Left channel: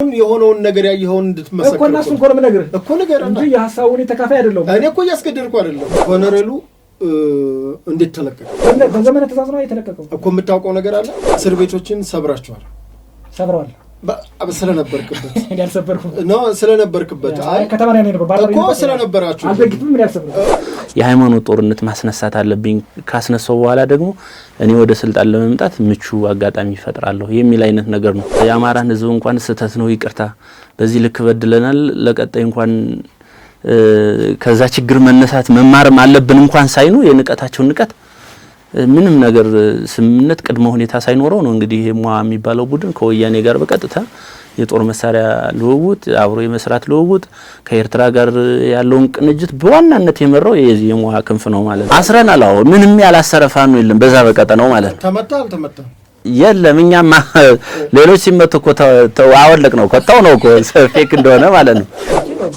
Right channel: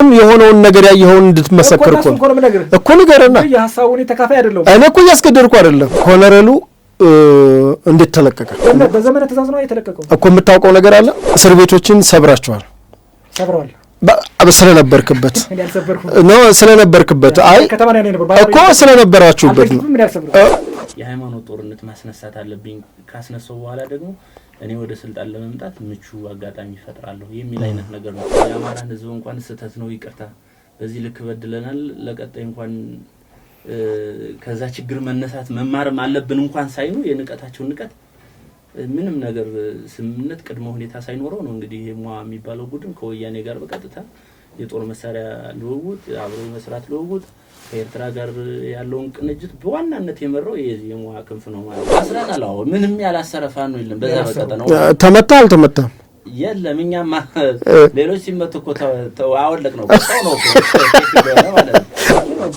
የሆነውን ነገር ያየኸውን እንድትመሰክር እኮ ንገረና የሐሳቡን ተካፋይ አይደለም እኔ እኮ ያስገደድኩ አይደለም ኮሎኔሉ እንዴት ተለቀቀ በዘመነ ተዛዝኖ የተለቀቀው እኮ የምታውቀው ነገር አለ እስር ቤቶችን ሰብራቸዋል ስለነበርክበት ነው ስለነበርክበት አይ እኮ ስለነበራችሁበት የሃይማኖት ጦርነት ማስነሳት አለብኝ ካስነሳው በኋላ ደግሞ እኔ ወደ ስልጣን ለመምጣት ምቹ አጋጣሚ ይፈጥራለሁ የሚል አይነት ነገር ነው። የአማራን ህዝብ እንኳን ስተት ነው ይቅርታ በዚህ ልክ በድለናል ለቀጣይ እንኳን ከዛ ችግር መነሳት መማርም አለብን እንኳን ሳይኑ የንቀታቸው ንቀት ምንም ነገር ስምነት ቅድመ ሁኔታ ሳይኖረው ነው እንግዲህ ሟ የሚባለው ቡድን ከወያኔ ጋር በቀጥታ የጦር መሳሪያ ልውውጥ አብሮ የመስራት ልውውጥ ከኤርትራ ጋር ያለውን ቅንጅት በዋናነት የመራው የሟ ክንፍ ነው ማለት ነው። አስረናል አዎ ምንም ያላሰረፋን ነው የለም በዛ በቀጠናው ማለት ነው። ተመታ የለም እኛማ ሌሎች ሲመቱ እኮ አወለቅ ነው ቆጣው ነው እኮ ፌክ እንደሆነ ማለት ነው።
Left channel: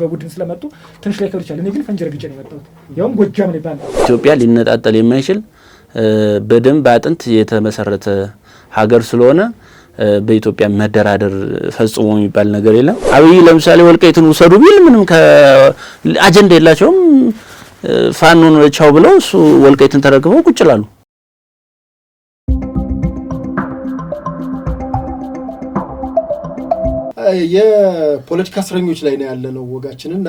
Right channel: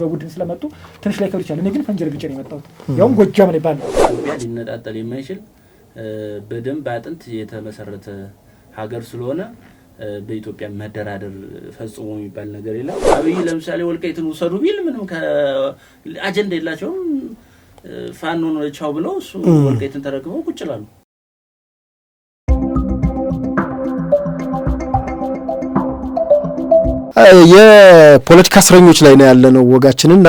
በቡድን ስለመጡ ትንሽ ላይ ከብቻ ለኔ ግን ፈንጀር ግጭ ነው የመጣው ያው ጎጃም ነው ይባላል። ኢትዮጵያ ሊነጣጠል የማይችል በደንብ አጥንት የተመሰረተ ሀገር ስለሆነ በኢትዮጵያ መደራደር ፈጽሞ የሚባል ነገር የለም። አብይ ለምሳሌ ወልቃይትን ወሰዱ ቢል ምንም ከአጀንዳ የላቸውም ፋኖን ቻው ብለው እሱ ወልቃይትን ተረክበው ቁጭ ይላሉ። የፖለቲካ እስረኞች ላይ ነው ያለነው ወጋችንና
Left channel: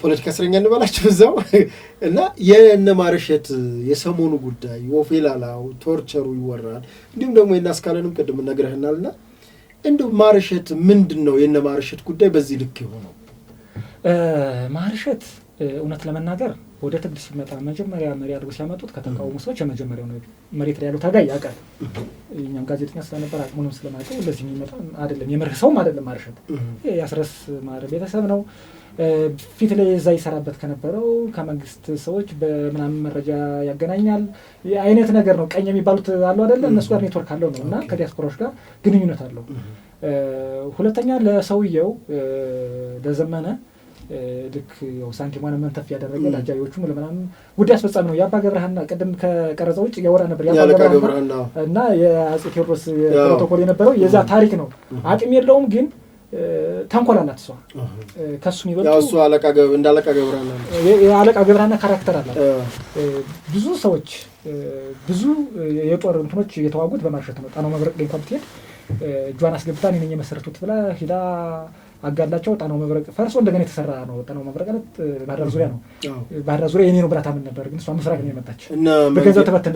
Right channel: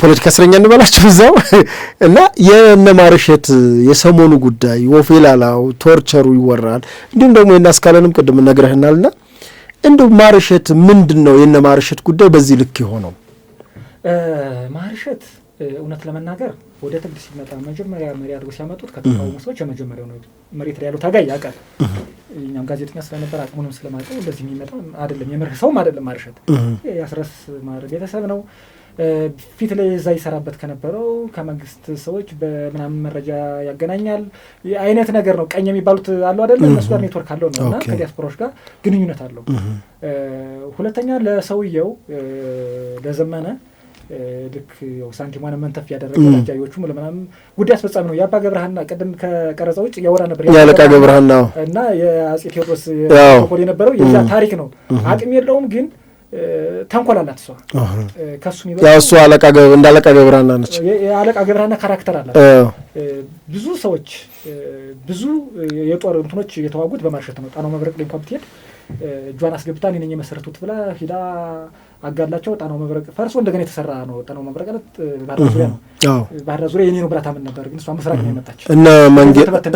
ፖለቲካ እስረኛ እንበላችሁ እዛው እና የነማርሸት የሰሞኑ ጉዳይ ወፌላላው ቶርቸሩ ይወራል። እንዲሁም ደግሞ የናስካለንም ቅድም ነግረህናልና እንደው ማርሸት ምንድነው የነማርሸት ጉዳይ በዚህ ልክ የሆነው? ማርሸት እውነት ለመናገር ወደ ትግል ሲመጣ መጀመሪያ መሪ አድርጎ ሲያመጡት ከተቃውሞ ሰዎች የመጀመሪያው ነው መሬት ላይ ያለው ታጋይ ያውቃል። እኛም ጋዜጠኛ ስለነበር አቅሙንም ስለማውቀው ለዚህ የሚመጣ አይደለም የመርህ ሰውም አይደለም ማርሸት ያስረስ ማር ቤተሰብ ነው። ፊት ላይ እዛ ይሰራበት ከነበረው ከመንግስት ሰዎች በምናምን መረጃ ያገናኛል አይነት ነገር ነው። ቀኝ የሚባሉት አለው አይደል እነሱ ጋር ኔትወርክ አለው ነውና ከዲያስፖራዎች ጋር ግንኙነት አለው። ሁለተኛ ለሰውየው ለዘመነ ልክ ያው ሳንቲማን መንተፍ ያደረገው አጃዮቹም ለምናምን ጉዳይ አስፈጻሚ ነው። የአባ ገብረሃና ቀደም ከቀረጸው ውጭ ያወራ ነበር ያለቃ ገብረሃና እና የአጼ ቴዎድሮስ ተኮል የነበረው የዛ ታሪክ ነው። አቅም የለውም ግን ተንኮላላት እሷ ከሱ ይበልጥ ያው እሷ እንዳለቃ ገብረሃና ነች። የአለቃ ገብረሃና ካራክተር አላት። ብዙ ሰዎች ብዙ የጦር እንትኖች የተዋጉት በማርሸት ነው። ጣናው መብረቅ ላይ እንኳን ብትሄድ ጇን አስገብታ እኔ ነኝ የመሰረቱት ብላ ሂዳ አጋላቸው ጣናው መብረቅ ፈርሶ እንደገና የተሰራ ነው። ጣናው መብረቅ ባህር ዙሪያ ነው። ባህር ዙሪያ የኔ ነው ብላ ታምን ነበር ግን እሷ መስራት ነው የመጣች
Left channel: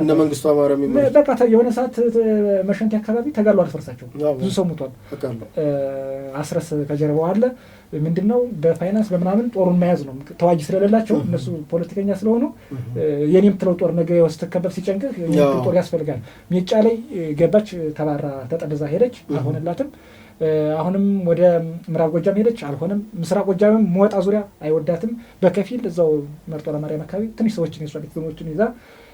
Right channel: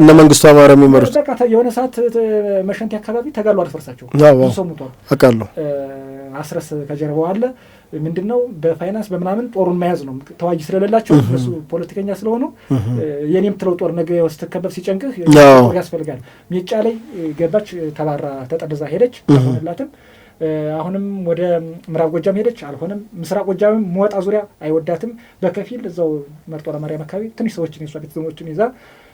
እና መንግስቱ አማረ የሚመሩት በቃ የሆነ ሰዓት መሸንቲ አካባቢ ተጋሉ አርፈርሳቸው ብዙ ሰው ሞቷል አውቃለሁ። አስረስ ከጀርባው አለ ምንድነው በፋይናንስ በመናምን ጦሩን መያዝ ነው። ተዋጊ ስለሌላቸው እነሱ ፖለቲከኛ ስለሆኑ የኔም ትለው ጦር ነገ ወስተከበብ ሲጨንቅህ ጦር ያስፈልጋል። ሜጫ ላይ ገባች ተባራ ተጠደዛ ሄደች አልሆነላትም። አሁንም ወደ ምዕራብ ጎጃም ሄደች አልሆነም። ምስራቅ ጎጃምም ሞጣ ዙሪያ አይወዳትም በከፊል እዛው መርጦ ለማርያም አካባቢ ትንሽ ሰዎችን የሷ ቤተሰቦችን ይዛ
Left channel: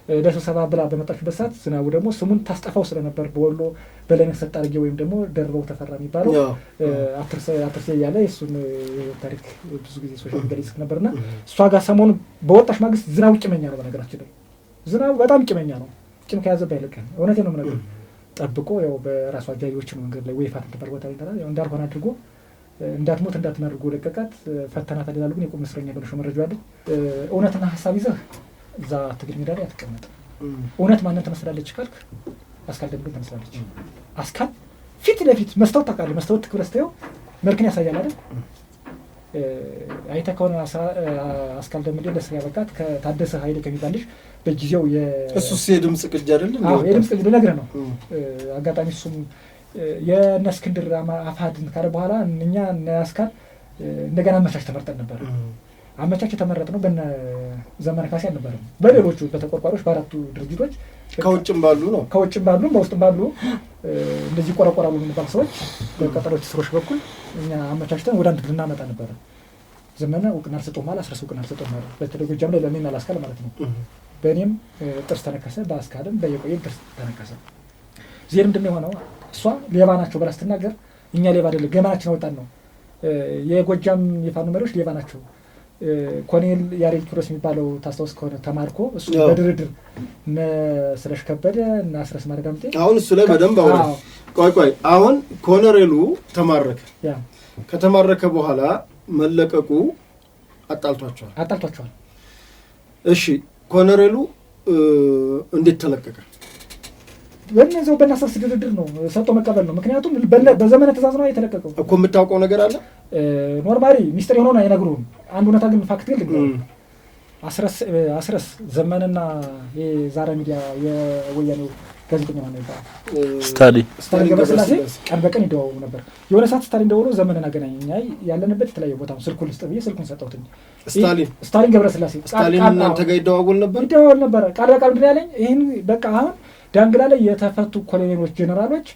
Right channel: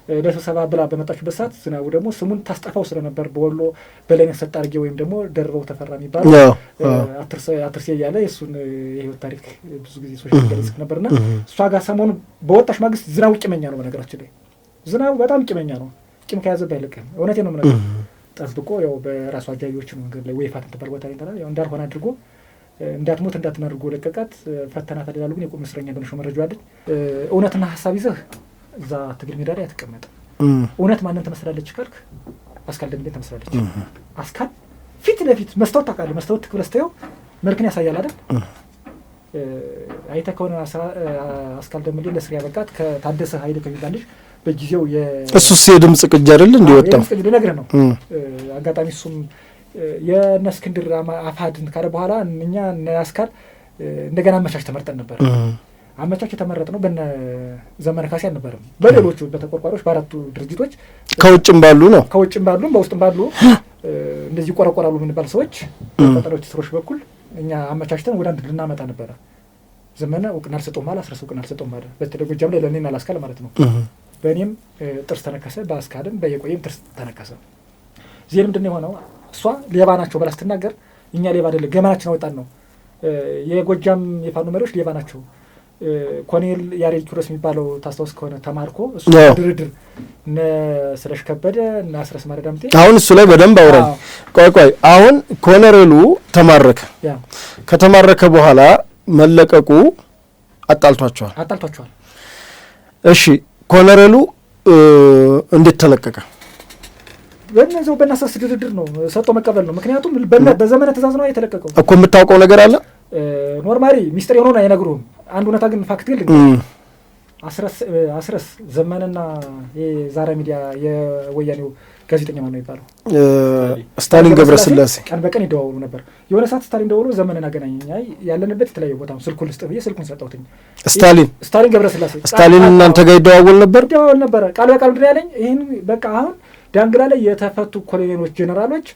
ለስብሰባ ብላ በመጣችበት ሰዓት ዝናቡ ደግሞ ስሙን ታስጠፋው ስለነበር በወሎ በላይነት ሰጣርጌ ወይም ደግሞ ደርበው ተፈራ የሚባል አትርሴ እያለ የእሱን የህይወት ታሪክ ብዙ ጊዜ ሶሻል ሚዲያ ይጽፍ ነበርና እሷ ጋር ሰሞኑ በወጣች ማግስት ዝናቡ ቂመኛ ነው። በነገራችን ላይ ዝናቡ በጣም ቂመኛ ነው። ቂም ከያዘብህ አይለቅህም። እውነቴን ነው የምነግርህ። ጠብቆ ያው በራሱ አጃቢዎች ነው መንገድ ላይ ወይፋት ተባር ቦታ ላይ ያው እንዳልሆነ አድርጎ እንዳትሞት እንዳትናድርጎ ለቀቃት ፈተናት ይላሉ። ግን የቆም እስረኛ በነሾ መረጃ አለ። እውነትና ሐሳብ ይዘህ እዛ ትግል ሜዳ ላይ አትቀመጥ። እውነት ማንን ትመስላለች ካልክ አስካል ደምቤን ትመስላለች። አስካል ፊት ለፊት መስታወት ታውቃለህ። መስታወት ትክክል አስተያየው መልክን ያሳያል አይደል? አይተህ ከሆነ አስካል ደምቤ ለስሪያ በቃት ከታደሰ ኃይል ከሚባልሽ በጊዜው እሱስ የድምጽ ቅጅ አይደል እንዲወጣው ልነግርህ ነው። አጋጣሚ እሱም የነስክንድር አፋድን ካለ በኋላ እኛ አስካል እንደገና አመቻች ተመርጠን ነበር። አመቻች የተመረጥ ነው በእነ ዘመነ ካሴ አልነበረም። በሌሎቹ በተቆርቋሪዎች በአራቱ ድርጅቶች ከውጭም ባሉ ነው ከውጭም ባሉ በውስጥም ባሉ እንደዚህ ቆራቆራሉ የሚባሉ ሰዎች በቀጠሮች ስሮች በኩል እኛ አመቻችተን ወደ አንድ ልናመጣ ነበረ። ዘመነ እውቅና አልሰጠውም ማለት አስረስ እውቅና አልሰጠውም ማለት በተለይ ጎጃም ላይ ለኔና ላስካል ማለት ነው። በእኔም ጥርስ ተነከሰ፣ በአስካልም በየቆየም ጥርስ ተነከሰ። ዜር ምንድነው የሆነው? እሷ ሌባ ናቸው ብላ ስትናገር እኛ ሌባ አይደለም ገመናችን አወጣን ነው። የጎጃም የፋኖ መሪዎች ሌባ ናቸው ኮሎኔል ያሬድ ኪሮስ የሚባለው ታስታውስ ከሆነ ተማርኮ እሱ ድርድር እነ ስለሽ ከበደ እና አስረስ ማረዳምጤ አሁን እሱ ላይ በደንብ አውረን ቆይ አሁን ኮሎኔሉ ተማረከ። ከተማረከ በኋላ መለቀቁ አጣልቷቸዋል። እሺ ኮሎኔሉ እንዴት ተለቀቀ? በእነዚያው በእናሳስ ድርድር ነው፣ ሰጥቶ መቀበል ነው። ምክንያቱም በዘመነ ትእዛዝ ነው የተለቀቀው እኮ። የምታውቀው ነገር አለ ኖርማሊ ሚስጥር የሆነውን አይነግሩህም። አንድ እውነታ ግን ፋክት ግን አስረስ ዘመንና የዛራ ሚዲያ የወያኔው ጋዜጠኛ ነው ይባላል ስታሊን ገብረስላሴ ቀን በቀን ይደዋወሉ ነበር። የሆነ ሰዓት ስታሊን ደውሎ ዘመንን አገናኘኝ፣ ያለንበት የተለያየ ቦታ ነው፣ ስልኩን ልስጥ ብዬ ስልኩን ሰጠሁትኝ። ስታሊን ገብረስላሴ ስታሊን እናንተ ጋር ይደዋወል ነበር ቃል በቃል ምንድን ያለኝ ይህን በቃ አሁን ዳንግላ ላይ የተፈቱ ኮሎኔሎች ጄኔራሎች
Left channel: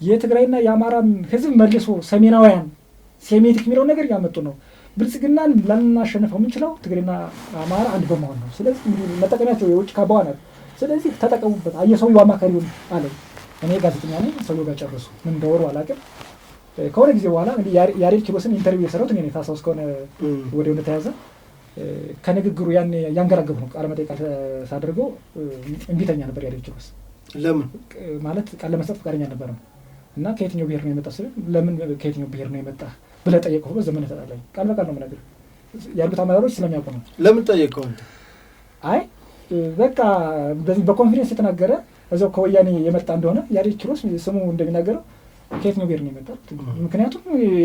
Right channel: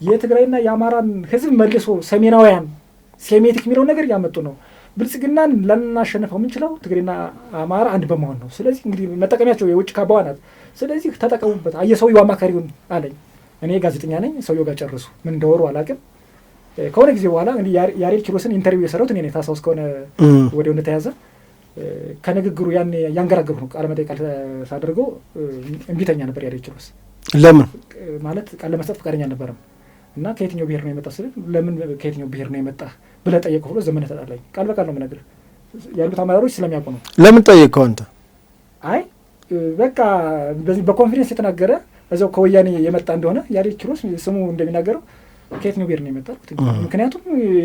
የትግራይና የአማራን ህዝብ መልሶ ሰሜናውያን ሴሜቲክ የሚለውን ነገር እያመጡ ነው። ብልጽግናን ላናሸንፈው የምንችለው ትግሬና አማራ አንድ በመሆን ነው። ስለዚህ እንግዲህ መጠቀሚያቸው የውጭ ካባዋ ናት። ስለዚህ ተጠቀሙበት። የሰውየው አማካሪ ሆን አለኝ። እኔ ጋዜጠኛ ነኝ። ሰውየው ጋር ጨርሱ ምን እንደወሩ አላውቅም። ከሆነ ጊዜ በኋላ እንግዲህ ያሬድ ኪሮስን ኢንተርቪው የሰራሁት እኔ ነኝ። ታስታውስ ከሆነ ወዲያው እንደተያዘ ከንግግሩ ያን ያንገራገብ ነው ቃለ መጠይቅ ሳደርገው እምቢተኛ ነበር ያሬድ ኪሮስ። ለምን ማለት ቃል ለመስጠት ፈቃደኛ አልነበረም። እና ከየትኛው ብሔር ነው የመጣው ስል ለምን ከየትኛው ብሔር ነው የመጣ ብለህ ጠየቀው ብሎ ዘመነ ተጣላኝ። ቃል በቃል ነው የምነግርህ፣ ያሉት አመራሮች ስለሚያውቁ ነው። ለምን ጠየቀው አንተ? አይ በቃ በዚህ በኮንፊደንስ የተናገረ እዛው ከወያኔ የመጣ እንደሆነ ያሬድ ኪሮስ ስሙ እንደሚናገረው ከየትኛው ብሔር ነው የመጣ? ምክንያቱም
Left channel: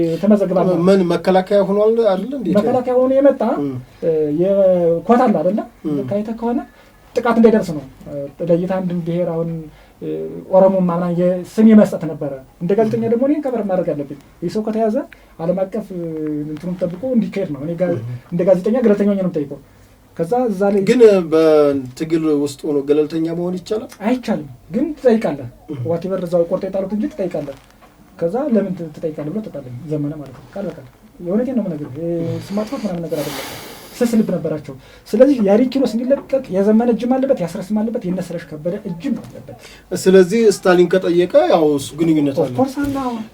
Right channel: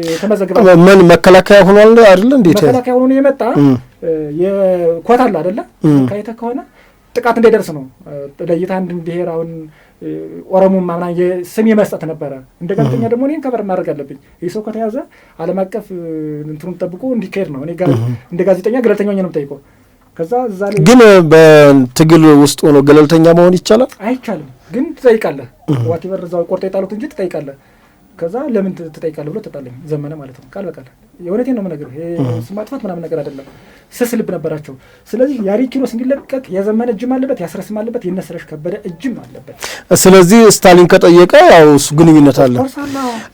የተመዘገበ ምን መከላከያ ሆኗል አይደል? እንዴት መከላከያ ሆኖ የመጣ የኳታ አለ አይደለ? ካይተ ከሆነ ጥቃት እንዳይደርስ ነው ለይታ አንድ ብሔር አሁን ኦሮሞ ማምና የስም የመስጠት ነበረ። እንደ ጋዜጠኛ ደግሞ እኔን ከበር ማድረግ አለብኝ። ይህ ሰው ከተያዘ ዓለም አቀፍ እንትኑን ጠብቆ እንዲካሄድ ነው። እኔ እንደ ጋዜጠኛ ገለልተኛ ነው የምጠይቀው። ከዛ እዛ ላይ ግን በትግል ውስጥ ሆኖ ገለልተኛ መሆን ይቻላል? አይቻልም። ግን ትጠይቃለህ። ዋቴቨር እዛው ቆርጦ የጣሉት እንጂ ትጠይቃለህ። ከዛ ለምን ትጠይቃለህ ብሎ ተጣለኝ ዘመነ ማለት ነው። ቃል በቃል የእውነቴን ነው የምነግርህ። ስም ማጥፋት ምናምን ነገር አይደለም። ስስ ልብ ነበራቸው። ስለዚህ ያሬድ ኪሮስ እንዲለቀቅ የዘመነ እጅም አለበት፣ ያስረስም አለበት፣ የነስረሽ ከበደ እጅም አለበት። ስለዚህ ስታሊን ከጠየቀ ያው እሱ ግንኙነት አለ።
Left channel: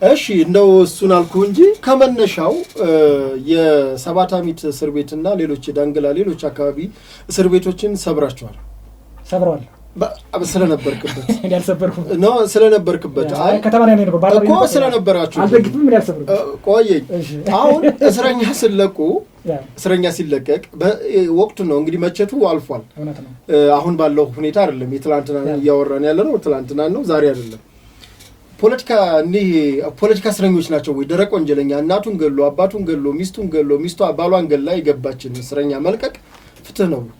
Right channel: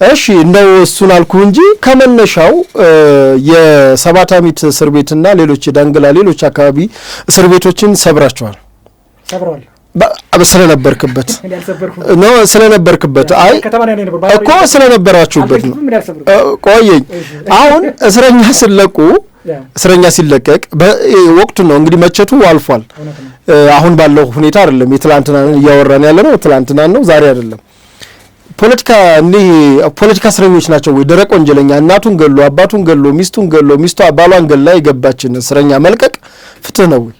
እሺ እንደው እሱን አልኩ እንጂ ከመነሻው የሰባት አሚት እስር ቤትና ሌሎች የዳንግላ ሌሎች አካባቢ እስር ቤቶችን ሰብረዋል ስለነበርክበት ነው ስለነበርክበት አይ እኮ ስለነበራችሁበት ቆየኝ። አሁን እስረኛ ሲለቀቅ ወቅቱ ነው እንግዲህ መቸቱ አልፏል። አሁን ባለው ሁኔታ አይደለም። የትላንትና እያወራን ያለ ነው ትላንትና ነው ዛሬ አይደለም። ፖለቲካ እስረኞች ናቸው ወይ? ደረቅ ወንጀለኛ እናቱን ገሎ አባቱን ገሎ ሚስቱን ገሎ ሚስቷ ባሏን ገላ የገባችን እስረኛ መልቀቅ ፍትህ ነው ወይ?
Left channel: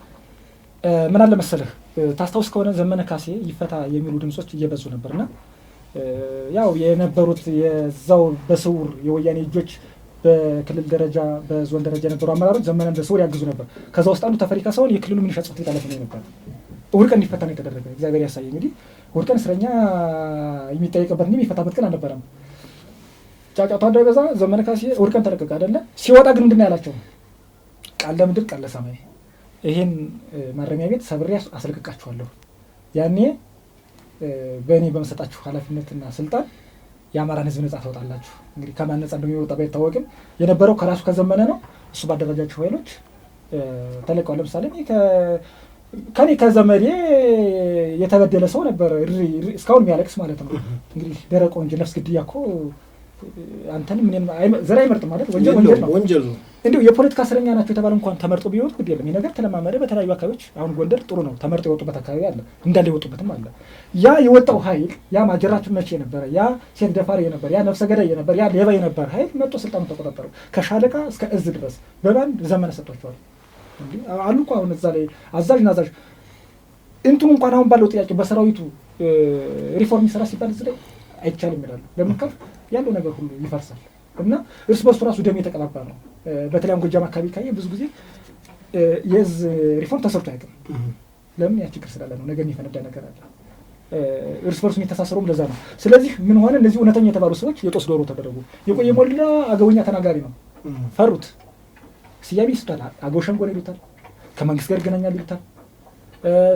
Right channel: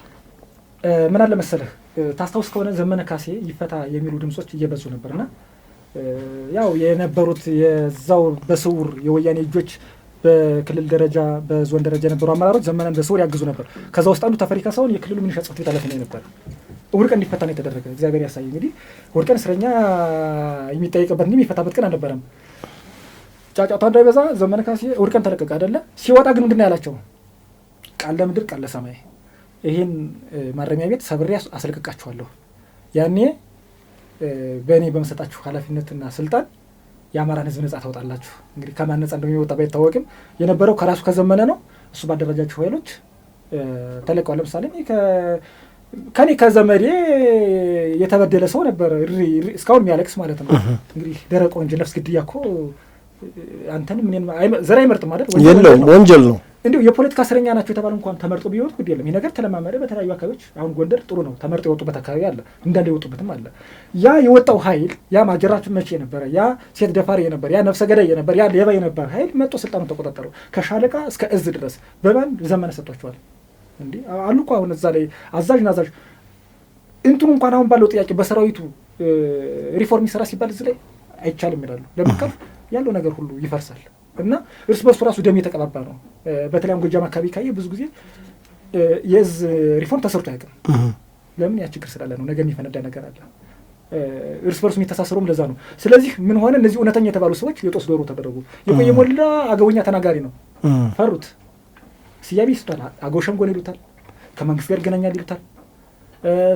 ምን አለ መሰለህ ታስታውስ ከሆነ ዘመነ ካሴ ይፈታ የሚሉ ድምጾች እየበዙ ነበርና ያው የነበሩት የዛው በስውር የወያኔ እጆች በክልል ደረጃ በዞን ደረጃ የነበሩ አመራሮች ዘመነን በስውር ያግዙ ነበር። ከዛ ውስጥ አንዱ ተፈሪ ካሳሁን የክልሉ ሚኒሻ ጽሕፈት ቤት ኃላፊ ነበር። እሑድ ቀን እንዲፈታ ነው የተደረገ። እግዚአብሔር ያሳይ። እንግዲህ እሑድ ቀን እስረኛ የሚጠየቅበት እንጂ የሚፈታበት ቀን አልነበረም። ጫጫታ እንዳይበዛ ዘመነ ካሴ እሑድ ቀን ተለቀቀ አይደለ? ሲወጣ ግን ምንድን ነው ያላቸው? ቃል ለምድር ቃል ለሰማይ ይሄን ማረሚያ ቤት ሰብሬ አስለቅቃችኋለሁ። ያኔ በእኔ በመሰጣችሁ ኃላፊነትና ስልጣን የአማራን ሕዝብ ነጻ ታወጣላችሁ። እንግዲህ ከማን ነጻ እንደሚወጣ ባይታወቅም የነበረው ከራሱ ከዘመነ ነው። እሱ ባደረጃቸው ኃይሎች ተለቀዋል። ለምሳሌ ከኔ ከዘመዴ የተበደለ ሰው ነበር እስካሁን የሚያለቅስ ማለት ነው። እንግዲህ ደረቅ ወንጀል ነፍስ ግድያ እኮ አንተንም እኔም ዘር አይመርጥም ማለት ወንጀል ነው። እንዲሁ የፖለቲካ እስረኛ ናቸው የተባለ እንኳን ተመርጦ ቢወጡ ግድ የለም። ይህ ነገር ተለማመደ። በተለያዩ አካባቢዎች አሁን ጎንደር ጥሩ ነው፣ ተመርጦ የወጡበት አካባቢ አለ፣ እንዳለ የወጡበትም አለ። ያ የወጣው ኃይል ያ ማጀራችን መቼ የነበረ ያ ሴት ደፋሪ የነበረ ያ ነፍሰ ገዳይ የነበረ ያ ሌባ የነበረ ኃይል መጥቶ ስልጣኑ ተቆጣጠሩ። ከሻለቃ እስከ እዝ ድረስ በባንድ ዘመነ ሰጥቷቸዋል። እንዴ አሉ እኮ አሁን እዛ ላይ አዛዥ ናዛዥ እንትኑ እንኳን አሁን ባለው ጥያቄ በሰራዊቱ ሪፎርም ይሰራ ሲባል እዚህ ላይ አይቻልም ይላሉ። ለምንካፍ ያለው ነገር ሁሉ ይፈርሳል እና እርስ በርሱ ራሱ ደም የተቀባባ ነው። በተለይም ጎጃም አካባቢ ካየ ብዙ ጊዜ የእዝ ሪፎርም ተሰርቶ አያውቅም። ለምን? ያ ችግር ስላለ ነው። ነገ የሚፈነዳ ነገር አለ። እርስ በርሱ የሚተሳሰሩም ለዛ ነው። ስለዚህ ምን ሆነ? እነዚህ እውነተኛ የተባሉ ሰዎች የጦስ ዶሮ ተደረጉ። የቆየ ሞላ አገውኛ ተናጋሪ ነው። ፈሩት። ስያሜ ይስጣል። አገው ሸንጎ ነው ይሉታል። ከመንግስት ጋር ይገናኛል ይሉታል።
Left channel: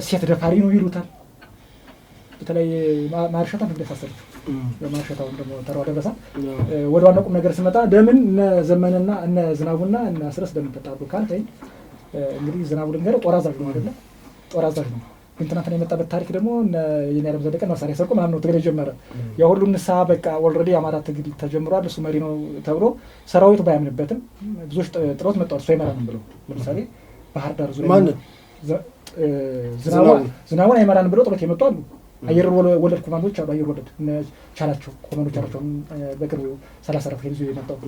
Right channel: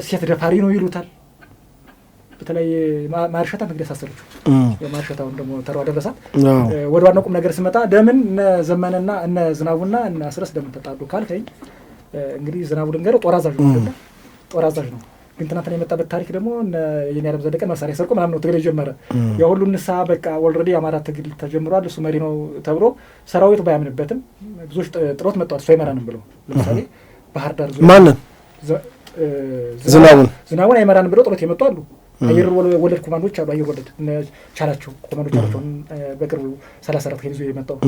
ሴት ደፋሪ ነው ይሉታል። በተለይ ማርሻታ እንግዲህ ያሳሰሩት የማርሸታውን ደግሞ ተራው ደረሳ። ወደ ዋናው ቁም ነገር ስመጣ ለምን እነ ዘመነና እነ ዝናቡና እነ አስረስ ለምን ተጣሉ ካልከኝ እንግዲህ ዝናቡ ልንገረው ጦር አዛዥ ነው። ግን ትናንትና የመጣበት ታሪክ ደግሞ የኔ ዓለም ዘለቀን መሳሪያ ሰርቆ ምናምን ነው ትግል የጀመረ። የሁሉ ንስሐ በቃ ኦልሬዲ አማራ ትግል ተጀምሯል፣ እሱ መሪ ነው ተብሎ ሰራዊቱ ባያምንበትም ብዙዎች ጥሎት መጥተዋል። እሱ አይመራንም ብሎ ለምሳሌ ባህር ዳር ዙሪያ ማንን ዝናቡን አይመራንም ብሎ ጥሎት የመጡ አሉ። አየር ወለድ ኮማንዶች አሉ። አየር ወለድ ቻላቸው ኮማንዶች ናቸው። በቅርቡ 34 ሄሊዞ የመጣው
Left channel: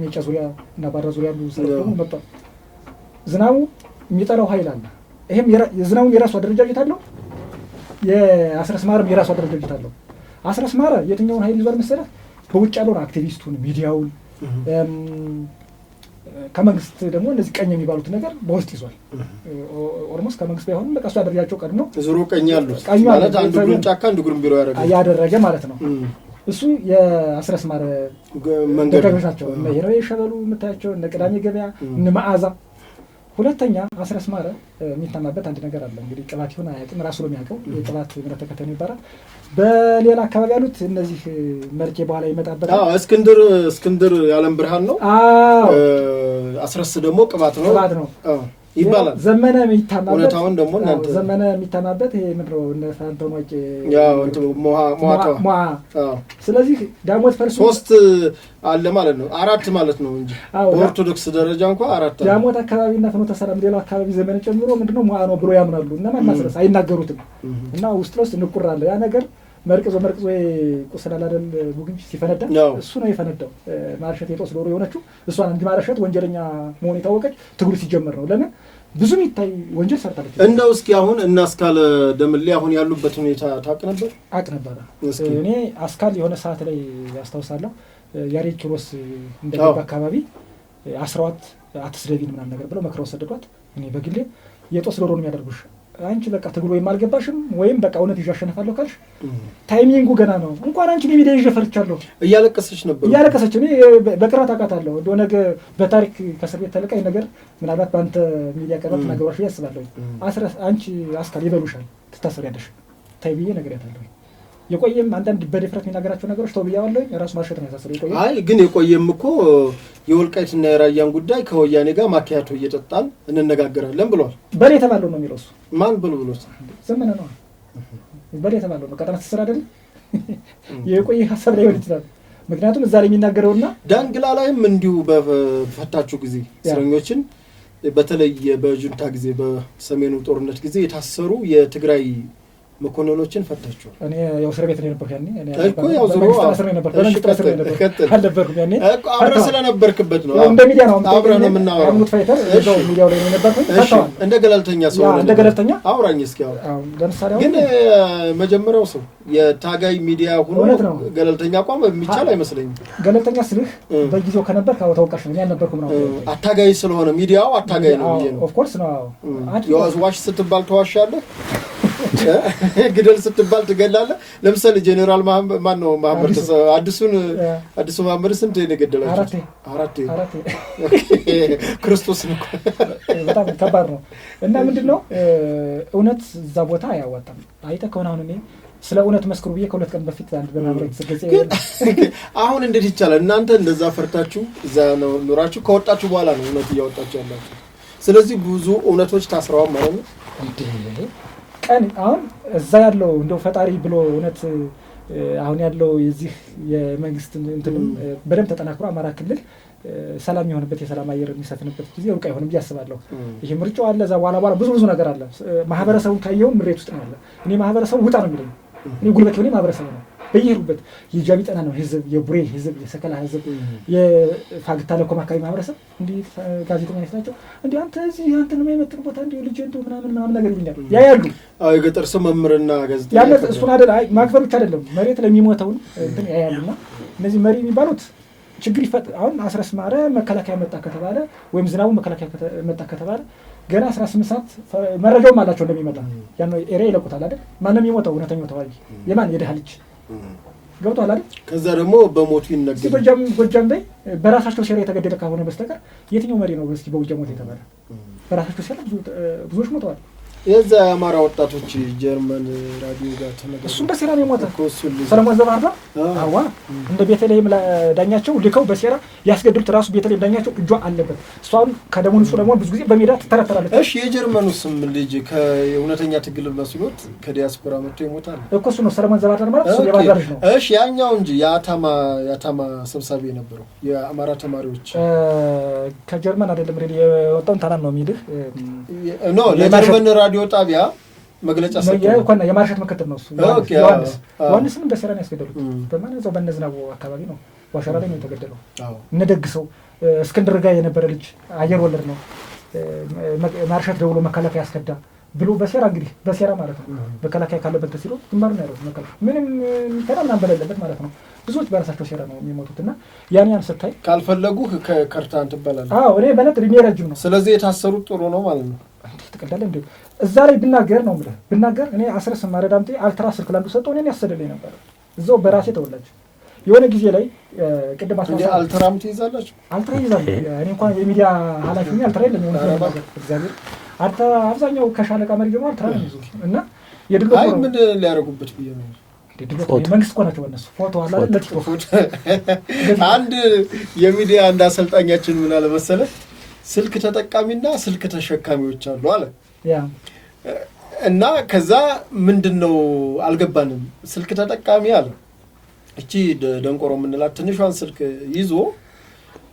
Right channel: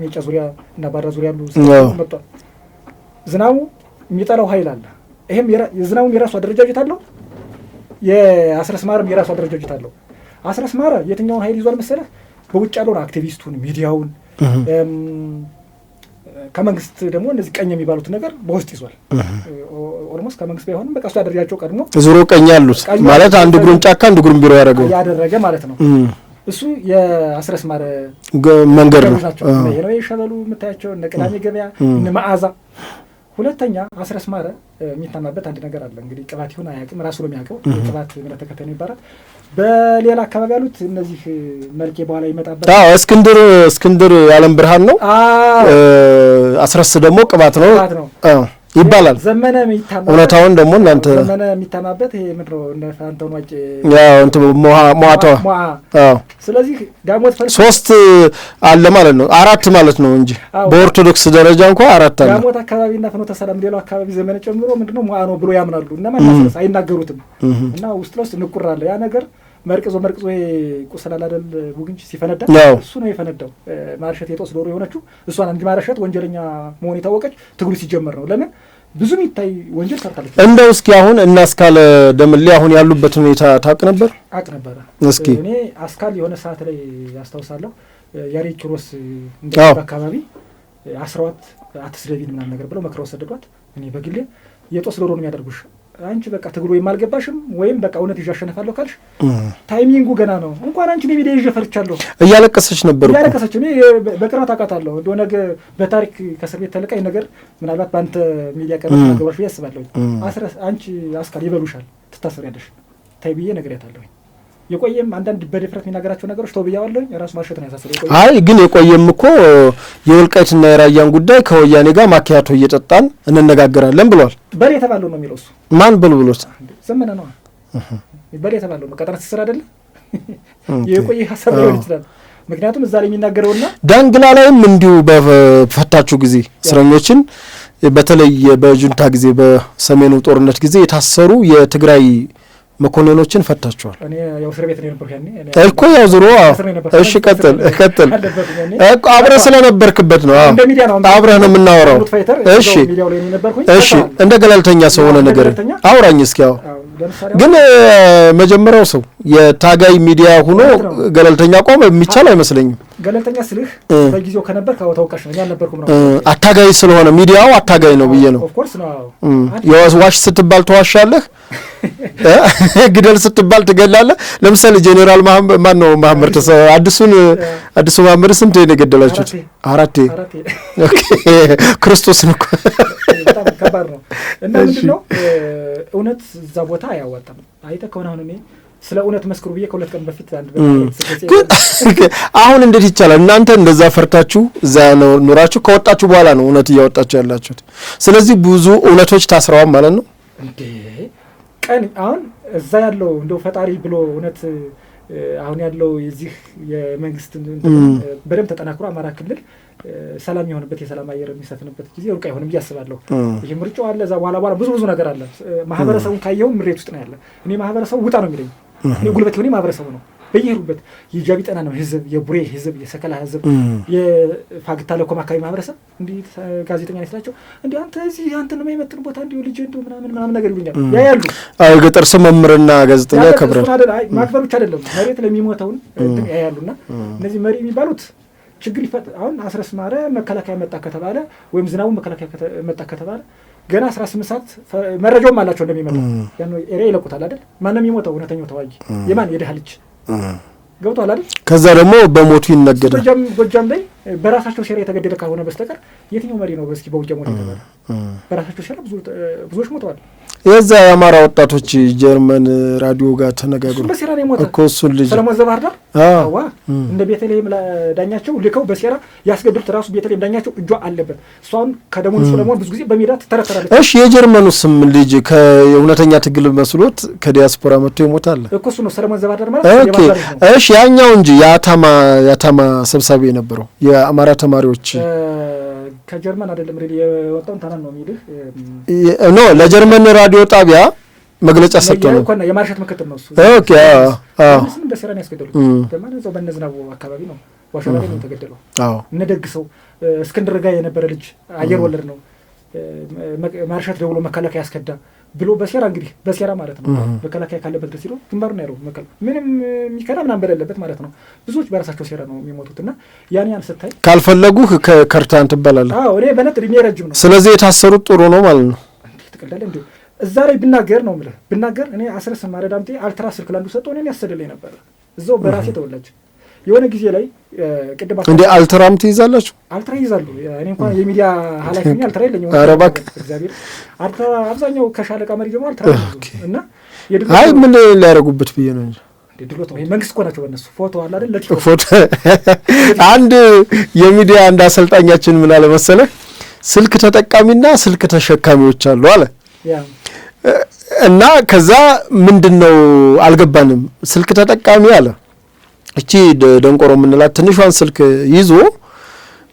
ሜጫ ዙሪያ እና ባህር ዳር ዙሪያ ያሉ መጥቷል። ዝናቡ የሚጠላው ኃይል አለ። ይሄም የዝናቡም የራሱ አደረጃጀት አለው፣ የአስረስ ማረም የራሱ አደረጃጀት አለው። አስረስ ማረ የትኛውን ኃይል ይዟል መሰለህ? በውጭ ያለውን አክቲቪስቱን፣ ሚዲያውን፣ ከመንግስት ደግሞ እነዚህ ቀኝ የሚባሉት ነገር በውስጥ ይዟል። ኦልሞስት ከመንግስት ባይሆንም በቃ እሱ ያደረጃቸው ቀድሞ ዙሮ ቀኝ ያሉት ማለት አንድ እግሩን ጫካ አንድ እግሩን ቢሮ ያደረገ ማለት ነው። እሱ የአስረስ ማረ መንገድ ነው። ናቸው የነዌ ሸበሉ የምታያቸው እነ ቅዳሜ ገበያ እነ መዓዛ። ሁለተኛ አስረስ ማረ የሚታማበት አንድ ነገር አለ። እንግዲህ ቅባት ይሁን አያውቅም፣ ራሱ ነው የሚያውቀው። ቅባት እምነት ተከታይ ነው ይባላል። በሌላ አካባቢ ያሉት እነዚህ መልኬ በኋላ ይመጣበት እስክንድር የዓለም ብርሃን ነው። አስረስ ደግሞ ቅባት ነው ይባላል። ዘመነ የሚታማበት እውነታውን ደግሞ እናንተ ዘመነ የሚታማበት ይሄ ምንድነው እነ ፋንታውን ዋቂ ያው እንት ሞአታ ስለዚህ ዳሞት ፈርስ 3 አለ ማለት ነው፣ 4 ማለት ነው እንጂ በኦርቶዶክስ ደረጃ እንኳን 4 አለ። ዳሞት አካባቢና ፍኖተ ሰላም ሌላው አካባቢ ዘመነ ጨምሮ ምንድነው ሞአ ነው ብሎ ያምናሉ እና ማናሰስ አይናገሩትም እና ውስጥ ለውስጥ ንቁር አለ። ያ ነገር መርቅዞ ቁስላል አይደል ቡግንጭ ሲፈነዳ እሱ ነው የፈነዳው። ማርሸት የጦስ ዶሮ የሆነችው እሷን እንጂ ማርሸት ወንጀለኛ መሆን የታወቀች ትግሉ ሲጀመር ነው። ለምን ብዙም ይታይ ወንጀል ሰርታለች። እንደው እስኪ አሁን እና አስካለ ደምሌ አሁን ያሉበት ሁኔታ ታውቅ ነበር? አውቅ ነበር። እስኪ እኔ አስካል የሆነ ሰዓት ላይ ያስታውሳለሁ ያሬድ ኪሮስ እንደዚህ አካባቢ 12 አትስደቢን ምናምን ነገር ብለው መክረው ሰደዷት። እኔ በግሌ የጦስ ዶሮ ነው የሚያደርጉሽ አንቺ በቃ ትግሉ የማልገባሽም ወይም በቃ እውነት ይዤ አሸነፋለሁ ካልሽ ታይሚንጉ ገና ነው። እንኳን አንቺ ለሚዲያ ይዤ ፈርቻለሁ። እያለቀሰች ነበር። እኔ በቅርበት አውቃታለሁ። እንደው ነገ በታሪክ ከእስር ቤት ተለቀኝ ነገር ምናልባት በአንተ ሚዲያ ቀርበሽ ነገሮች ያስባለሁ። አንቺ አስካል ይበሉሻል፣ ትታሰሪያለሽ ታይ ብዬ ነግሬያታለሁ። የቆየም አንዳንድ በድፍረት የሚናገራቸው ነገሮች ተውብያዋለሁ። ራሱ ማርሸት ነው ያሳሰረው። አይ ግን የቆየም እኮ የወልቃይትና የራያን ጉዳይ ከወያኔ ጋር ማኪያቶ እየጠጣን እንነጋገራለን ብሏል። በሌ የተባለው ነው የሚለው እሱ ማን ብሎት ዘመነ ነው። በሌ የተባለው ነው። ቀጠና ትስራ አይደለ የቆየ ሀሳብ ሊሆን ይችላል። ምክንያቱም እዛ ላይ የሚናገረውና ዳንግላ ላይም እንዲሁ በፈታችሁ ጊዜ እስረኞችን በተለይ በጁንታ ጊዜ በሰሜኑ ጦርነት ጊዜ የታሰሩ የትግራይ መኮንኖችን ፈታቸዋል። እኔ ያው እስር ቤት ነው የነበርኩ ያኔ እኮ ያው ዙሮ እሺ ቀጥል እኮ አብረህ ስለነበርክበት ነው። አብረህ ነው የምናወራው። እሺ እንደ ገለልተኛ ሰው ሆነ ነገር አውራኝ እስኪ። ያው ግን መጀመሪያው ሰው የታጋይ ሚዲያ ሆኖ ገለልተኛ ቆም የሚቻል አይመስለኝም። ገለልተኛ ስልህ በጊዜው ከነበር ታውቃሽ ነው ያልነበርኩም ነው። አታጋይ ስለሆነ ሚዲያው አታጋይ ነው ብዬ ነው። ኦፍ ኮርስ ነው። የዋሽ ስትባል ተዋሻለህ፣ ግደል ስትባል ትገላለህ። ለምሳሌ ጄኔራል መሐመድ አዲሱ መሐመድ ስንት ነው የገደላችሁት? 4 ኦኬ ክርስቶስን እኮ በጣም ከባድ ነው። እና ምንድነው እውነት እዛ ቦታ አያዋጣም። አይተህ ከሆነ አሁን እኔ ስለ እውነት መስክሩ ብዬ ከሁለት ቀን በፊት አንድ አሁን እንዴት ይቻላል? እናንተ እንደዛ ፈርታችሁ እዛ ኑራችሁ ከወጣችሁ በኋላ ነው እውነት እያወጣችሁ ያላችሁት። ስለዚህ ብዙ እውነቶች ታስረዋል ማለት ነው። ቀን አሁን እዛ ያለው እንደው ፈጣሪ ብሎ እውነት አሁን ያለው የዚህ የመንግስት በደንብ ተጠናክሮ አማራ ክልል ሰላም የሆነበት የሰላም አየር የሚሰፍንበት ጊዜ ሩቅ አይሆንም ብዬ አስባለሁ። ይሄ ምርጫው አለ፣ እዛ በኋላ ብዙ ነገር አለ። ማህበረሰቡን ካየው ምሬት ውስጥ ነው ያለ። እኔ ማህበረሰቡ ውጣ ነው የሚለኝ። እኔ ጉልበት ሆኔ ማህበረሰቡ ነው በየሄዱበት የጃቢ ጠና ነው ህዝብ፣ የቡሬ ህዝብ፣ የሰከላ ህዝብ፣ የፋግታ ለኮማ አካባቢ ማህበረሰብ እንዲህ ጋዜጠኛ ነስላቸው እንዲህ አንተ እዚህ አንተን የማይመጥን ቦታ እንዲህ ልጅ እንደው ምናምን ነገር ይሉኛል። ያያሉ ገጠር ሰው መምህርና ጋዜጠኛ ከብረን ማክበር ብቻ አይደለም መሬት ለሚሞተውን እንትን ያያሉና እነዚህ መሪ የሚባሉት ችግር አሁን አስረስ ማረ መከላከያ መጣ ከተባለ ወይም ዝናቡ መከላከያ መጣ ከተባለ ገና 18 ሰዓት መረጃውም አላቸው እንደሚመጣ ያን ኤሪያ ይለቁታል አይደል? ማን ነው የሚሞተው? እውነተኛው ተዋጊ የማን የደሃ ልጅ ገብቷል አይደል? ከዛ ደግሞ በሞቱ ይነገዳል። ጎጃም ላይ በራሳቸው ሴራ የተገደለ ካልሆነ በስተቀር የትኛው መሪ ነው እስኪ በጎጃም ወደ ተባለ በራሳቸው ሴራ ብዙዎች ሞተዋል። የዛ የአማራ ወጣቶች ጀርመን ራዲዮ ጋር ተነጋግረው እሱ በሴራ ነው የሞተው እኮ እሱን ልጅ ሰለሞን ዘባህር ዳር አዋ እንደ ቤተልሔም ዳኛቸው ልከው በሴራ ያስገድሉት። ራሱ ቤተልሔም ዳኛቸው እጇ አለበት። እሷን ከደሙ ንጹህ ለመሆን ብዙ ጊዜ በሜዳ ትተረተራለች። እሺ የጀርመኑ ስም ልጅ ከእውነተኛ ትግል መስሎት ከዲያስፖራ መጥቶ ይሞታል እኮ እሱ ነው ሰለሞን ዘባህር ዳር ማለት የባዛር ነው። እሺ ያኛው እንጂ የአታማ ሰብሳቢ የነበረው የአማራ ተማሪዎች ከጀርመን አይደለም ሬዲ የወጣው ታናም ነው የሚልህ ኖ ለጀርመን ራዲዮ ጣቢያ መግለጫ ሰጥቶ ነው እኮ የማርሸት ምክትል ነው እሱ። ኦኬ እሱም በሰራን ያስገደሉት በማን እዛው በነዝናቡ አካባቢ ነው ዋሻላ ላይ ነው የተገደለው። አዎ እነደግሰው እስክንድር ጋር የነበረ ልጅ አየር ወለድ ነው ማርሸት ደውሎ መከላከያ ያስከዳ ብሎ በሴራ እንግዲህ በሴራ ማለት ነው መከላከያ ካለበት በሲሎ ግንባር ነው ያለው መከላከያ ምንም የሚከራ ምናምን በሌለበት ማለት ነው። ብዙዎች በራሳቸው ሴራ ነው የሚሞቱትና ያን ስታይ ካልፈለጉህ ከርታን ትባላለህ። አዎ እኔ በነት እድሜ ረጅም ነው። ስለዚህ የታሰሩት ጥሩ ነው ማለት ነው። ትቀልዳለህ እንዴ? እዛ ላይ ብናገር ነው የምልህ ብናገር እኔ አስረስ ማረዳምጤ አልትራ ስልክ ላንዱ ሰጠው እኔን ያሰደልኝ ነበር እዛው በራሴ ተወላጅ የሆነ ጊዜ ላይ ቅድም እንዴ አልትራም ትይዛላችሁ? አልትራ ይዛሉ። እኔ እንኳን የሚዲያ ኃላፊ ነኝ አልትራ የለኝም። ኧረ እባክህ እግዚአብሔር አልትራ አብዛኛው ከሻለቃ መሪ ጀምሮ አልትራ ነው እና አይ ምን ሊያደርጉበት ብዬ ነው እንጂ መንግስት እኮ ናቸው በእነሱ ፎቶ አለ አይደል? ፎቶ አንድ የሚዲያ አንድ አሰልጣኛችን ምን አለ መሰለህ ስልክ ተጠቃሚና ስልክ ተሸካሚዎች አሉ አለ እና ከዛ ምንድነው አልገባንም። ስልክ ተጠቃሚ አለ እቺ ደንቆሮ የምንላት ትንሿን ስልክ ይዞ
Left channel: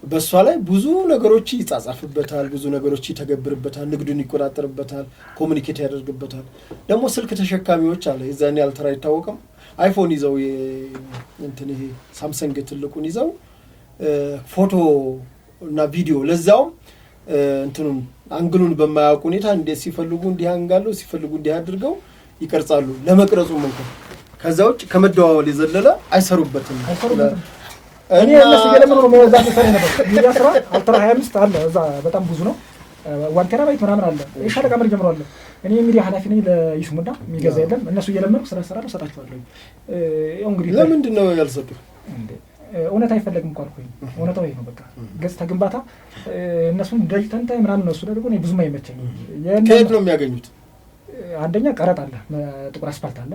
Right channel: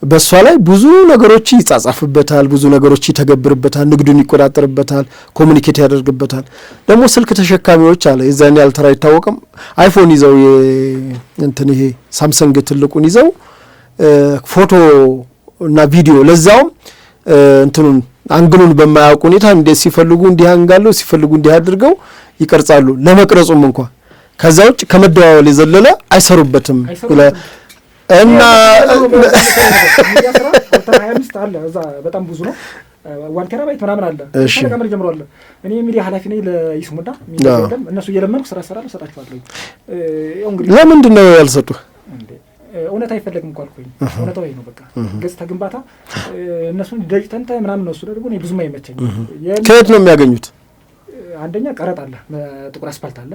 በሷ ላይ ብዙ ነገሮች ይጻጻፍበታል፣ ብዙ ነገሮች ይተገብርበታል፣ ንግዱን ይቆጣጠርበታል፣ ኮሙኒኬት ያደርግበታል። ደግሞ ስልክ ተሸካሚዎች አለ የዛኔ አልትራ አይታወቅም አይፎን ይዘው እንትን ይሄ ሳምሰንግ ትልቁን ይዘው ፎቶ እና ቪዲዮ ለዛው እንትኑን አንግሉን በማያውቁ ሁኔታ እንደ ሲፈልጉ እንዲህ አንጋሉ ሲፈልጉ እንዲህ አድርገው ይቀርጻሉ። ለመቅረጹም እንኳን ከዛ ውጭ ከመደዋወል የዘለለ አይሰሩበትም እና ሚያስራ አልትራ 25 አለ እዛ በጣም ብዙ ነው። 1 ቴራባይት ምናምን አለ ሻለቃ መሪ ጀምሮ አለ። እኔ ሚዲያ ኃላፊ ነኝ ለይስሙዳ ሚዲያ አይደለም እነሱ እየለመንኩ ስራ ነው ሰጣቸዋለሁ። እንግዲህ ለምንድን ነው ያልሰጡህ? እውነት አይፈለግም እንኳን አልኩኝ። እውነታው ይሄ ነው በቃ ገጽታ ግንባታ እነሱን ደጅተንተ ምናምን ነው እሱ ደግሞ እኔ ብዙም አይመቸኝም። ከየት ነው የሚያገኙት? አንደኛ ቀረጥ አለ ጥቁር አስፋልት አለ።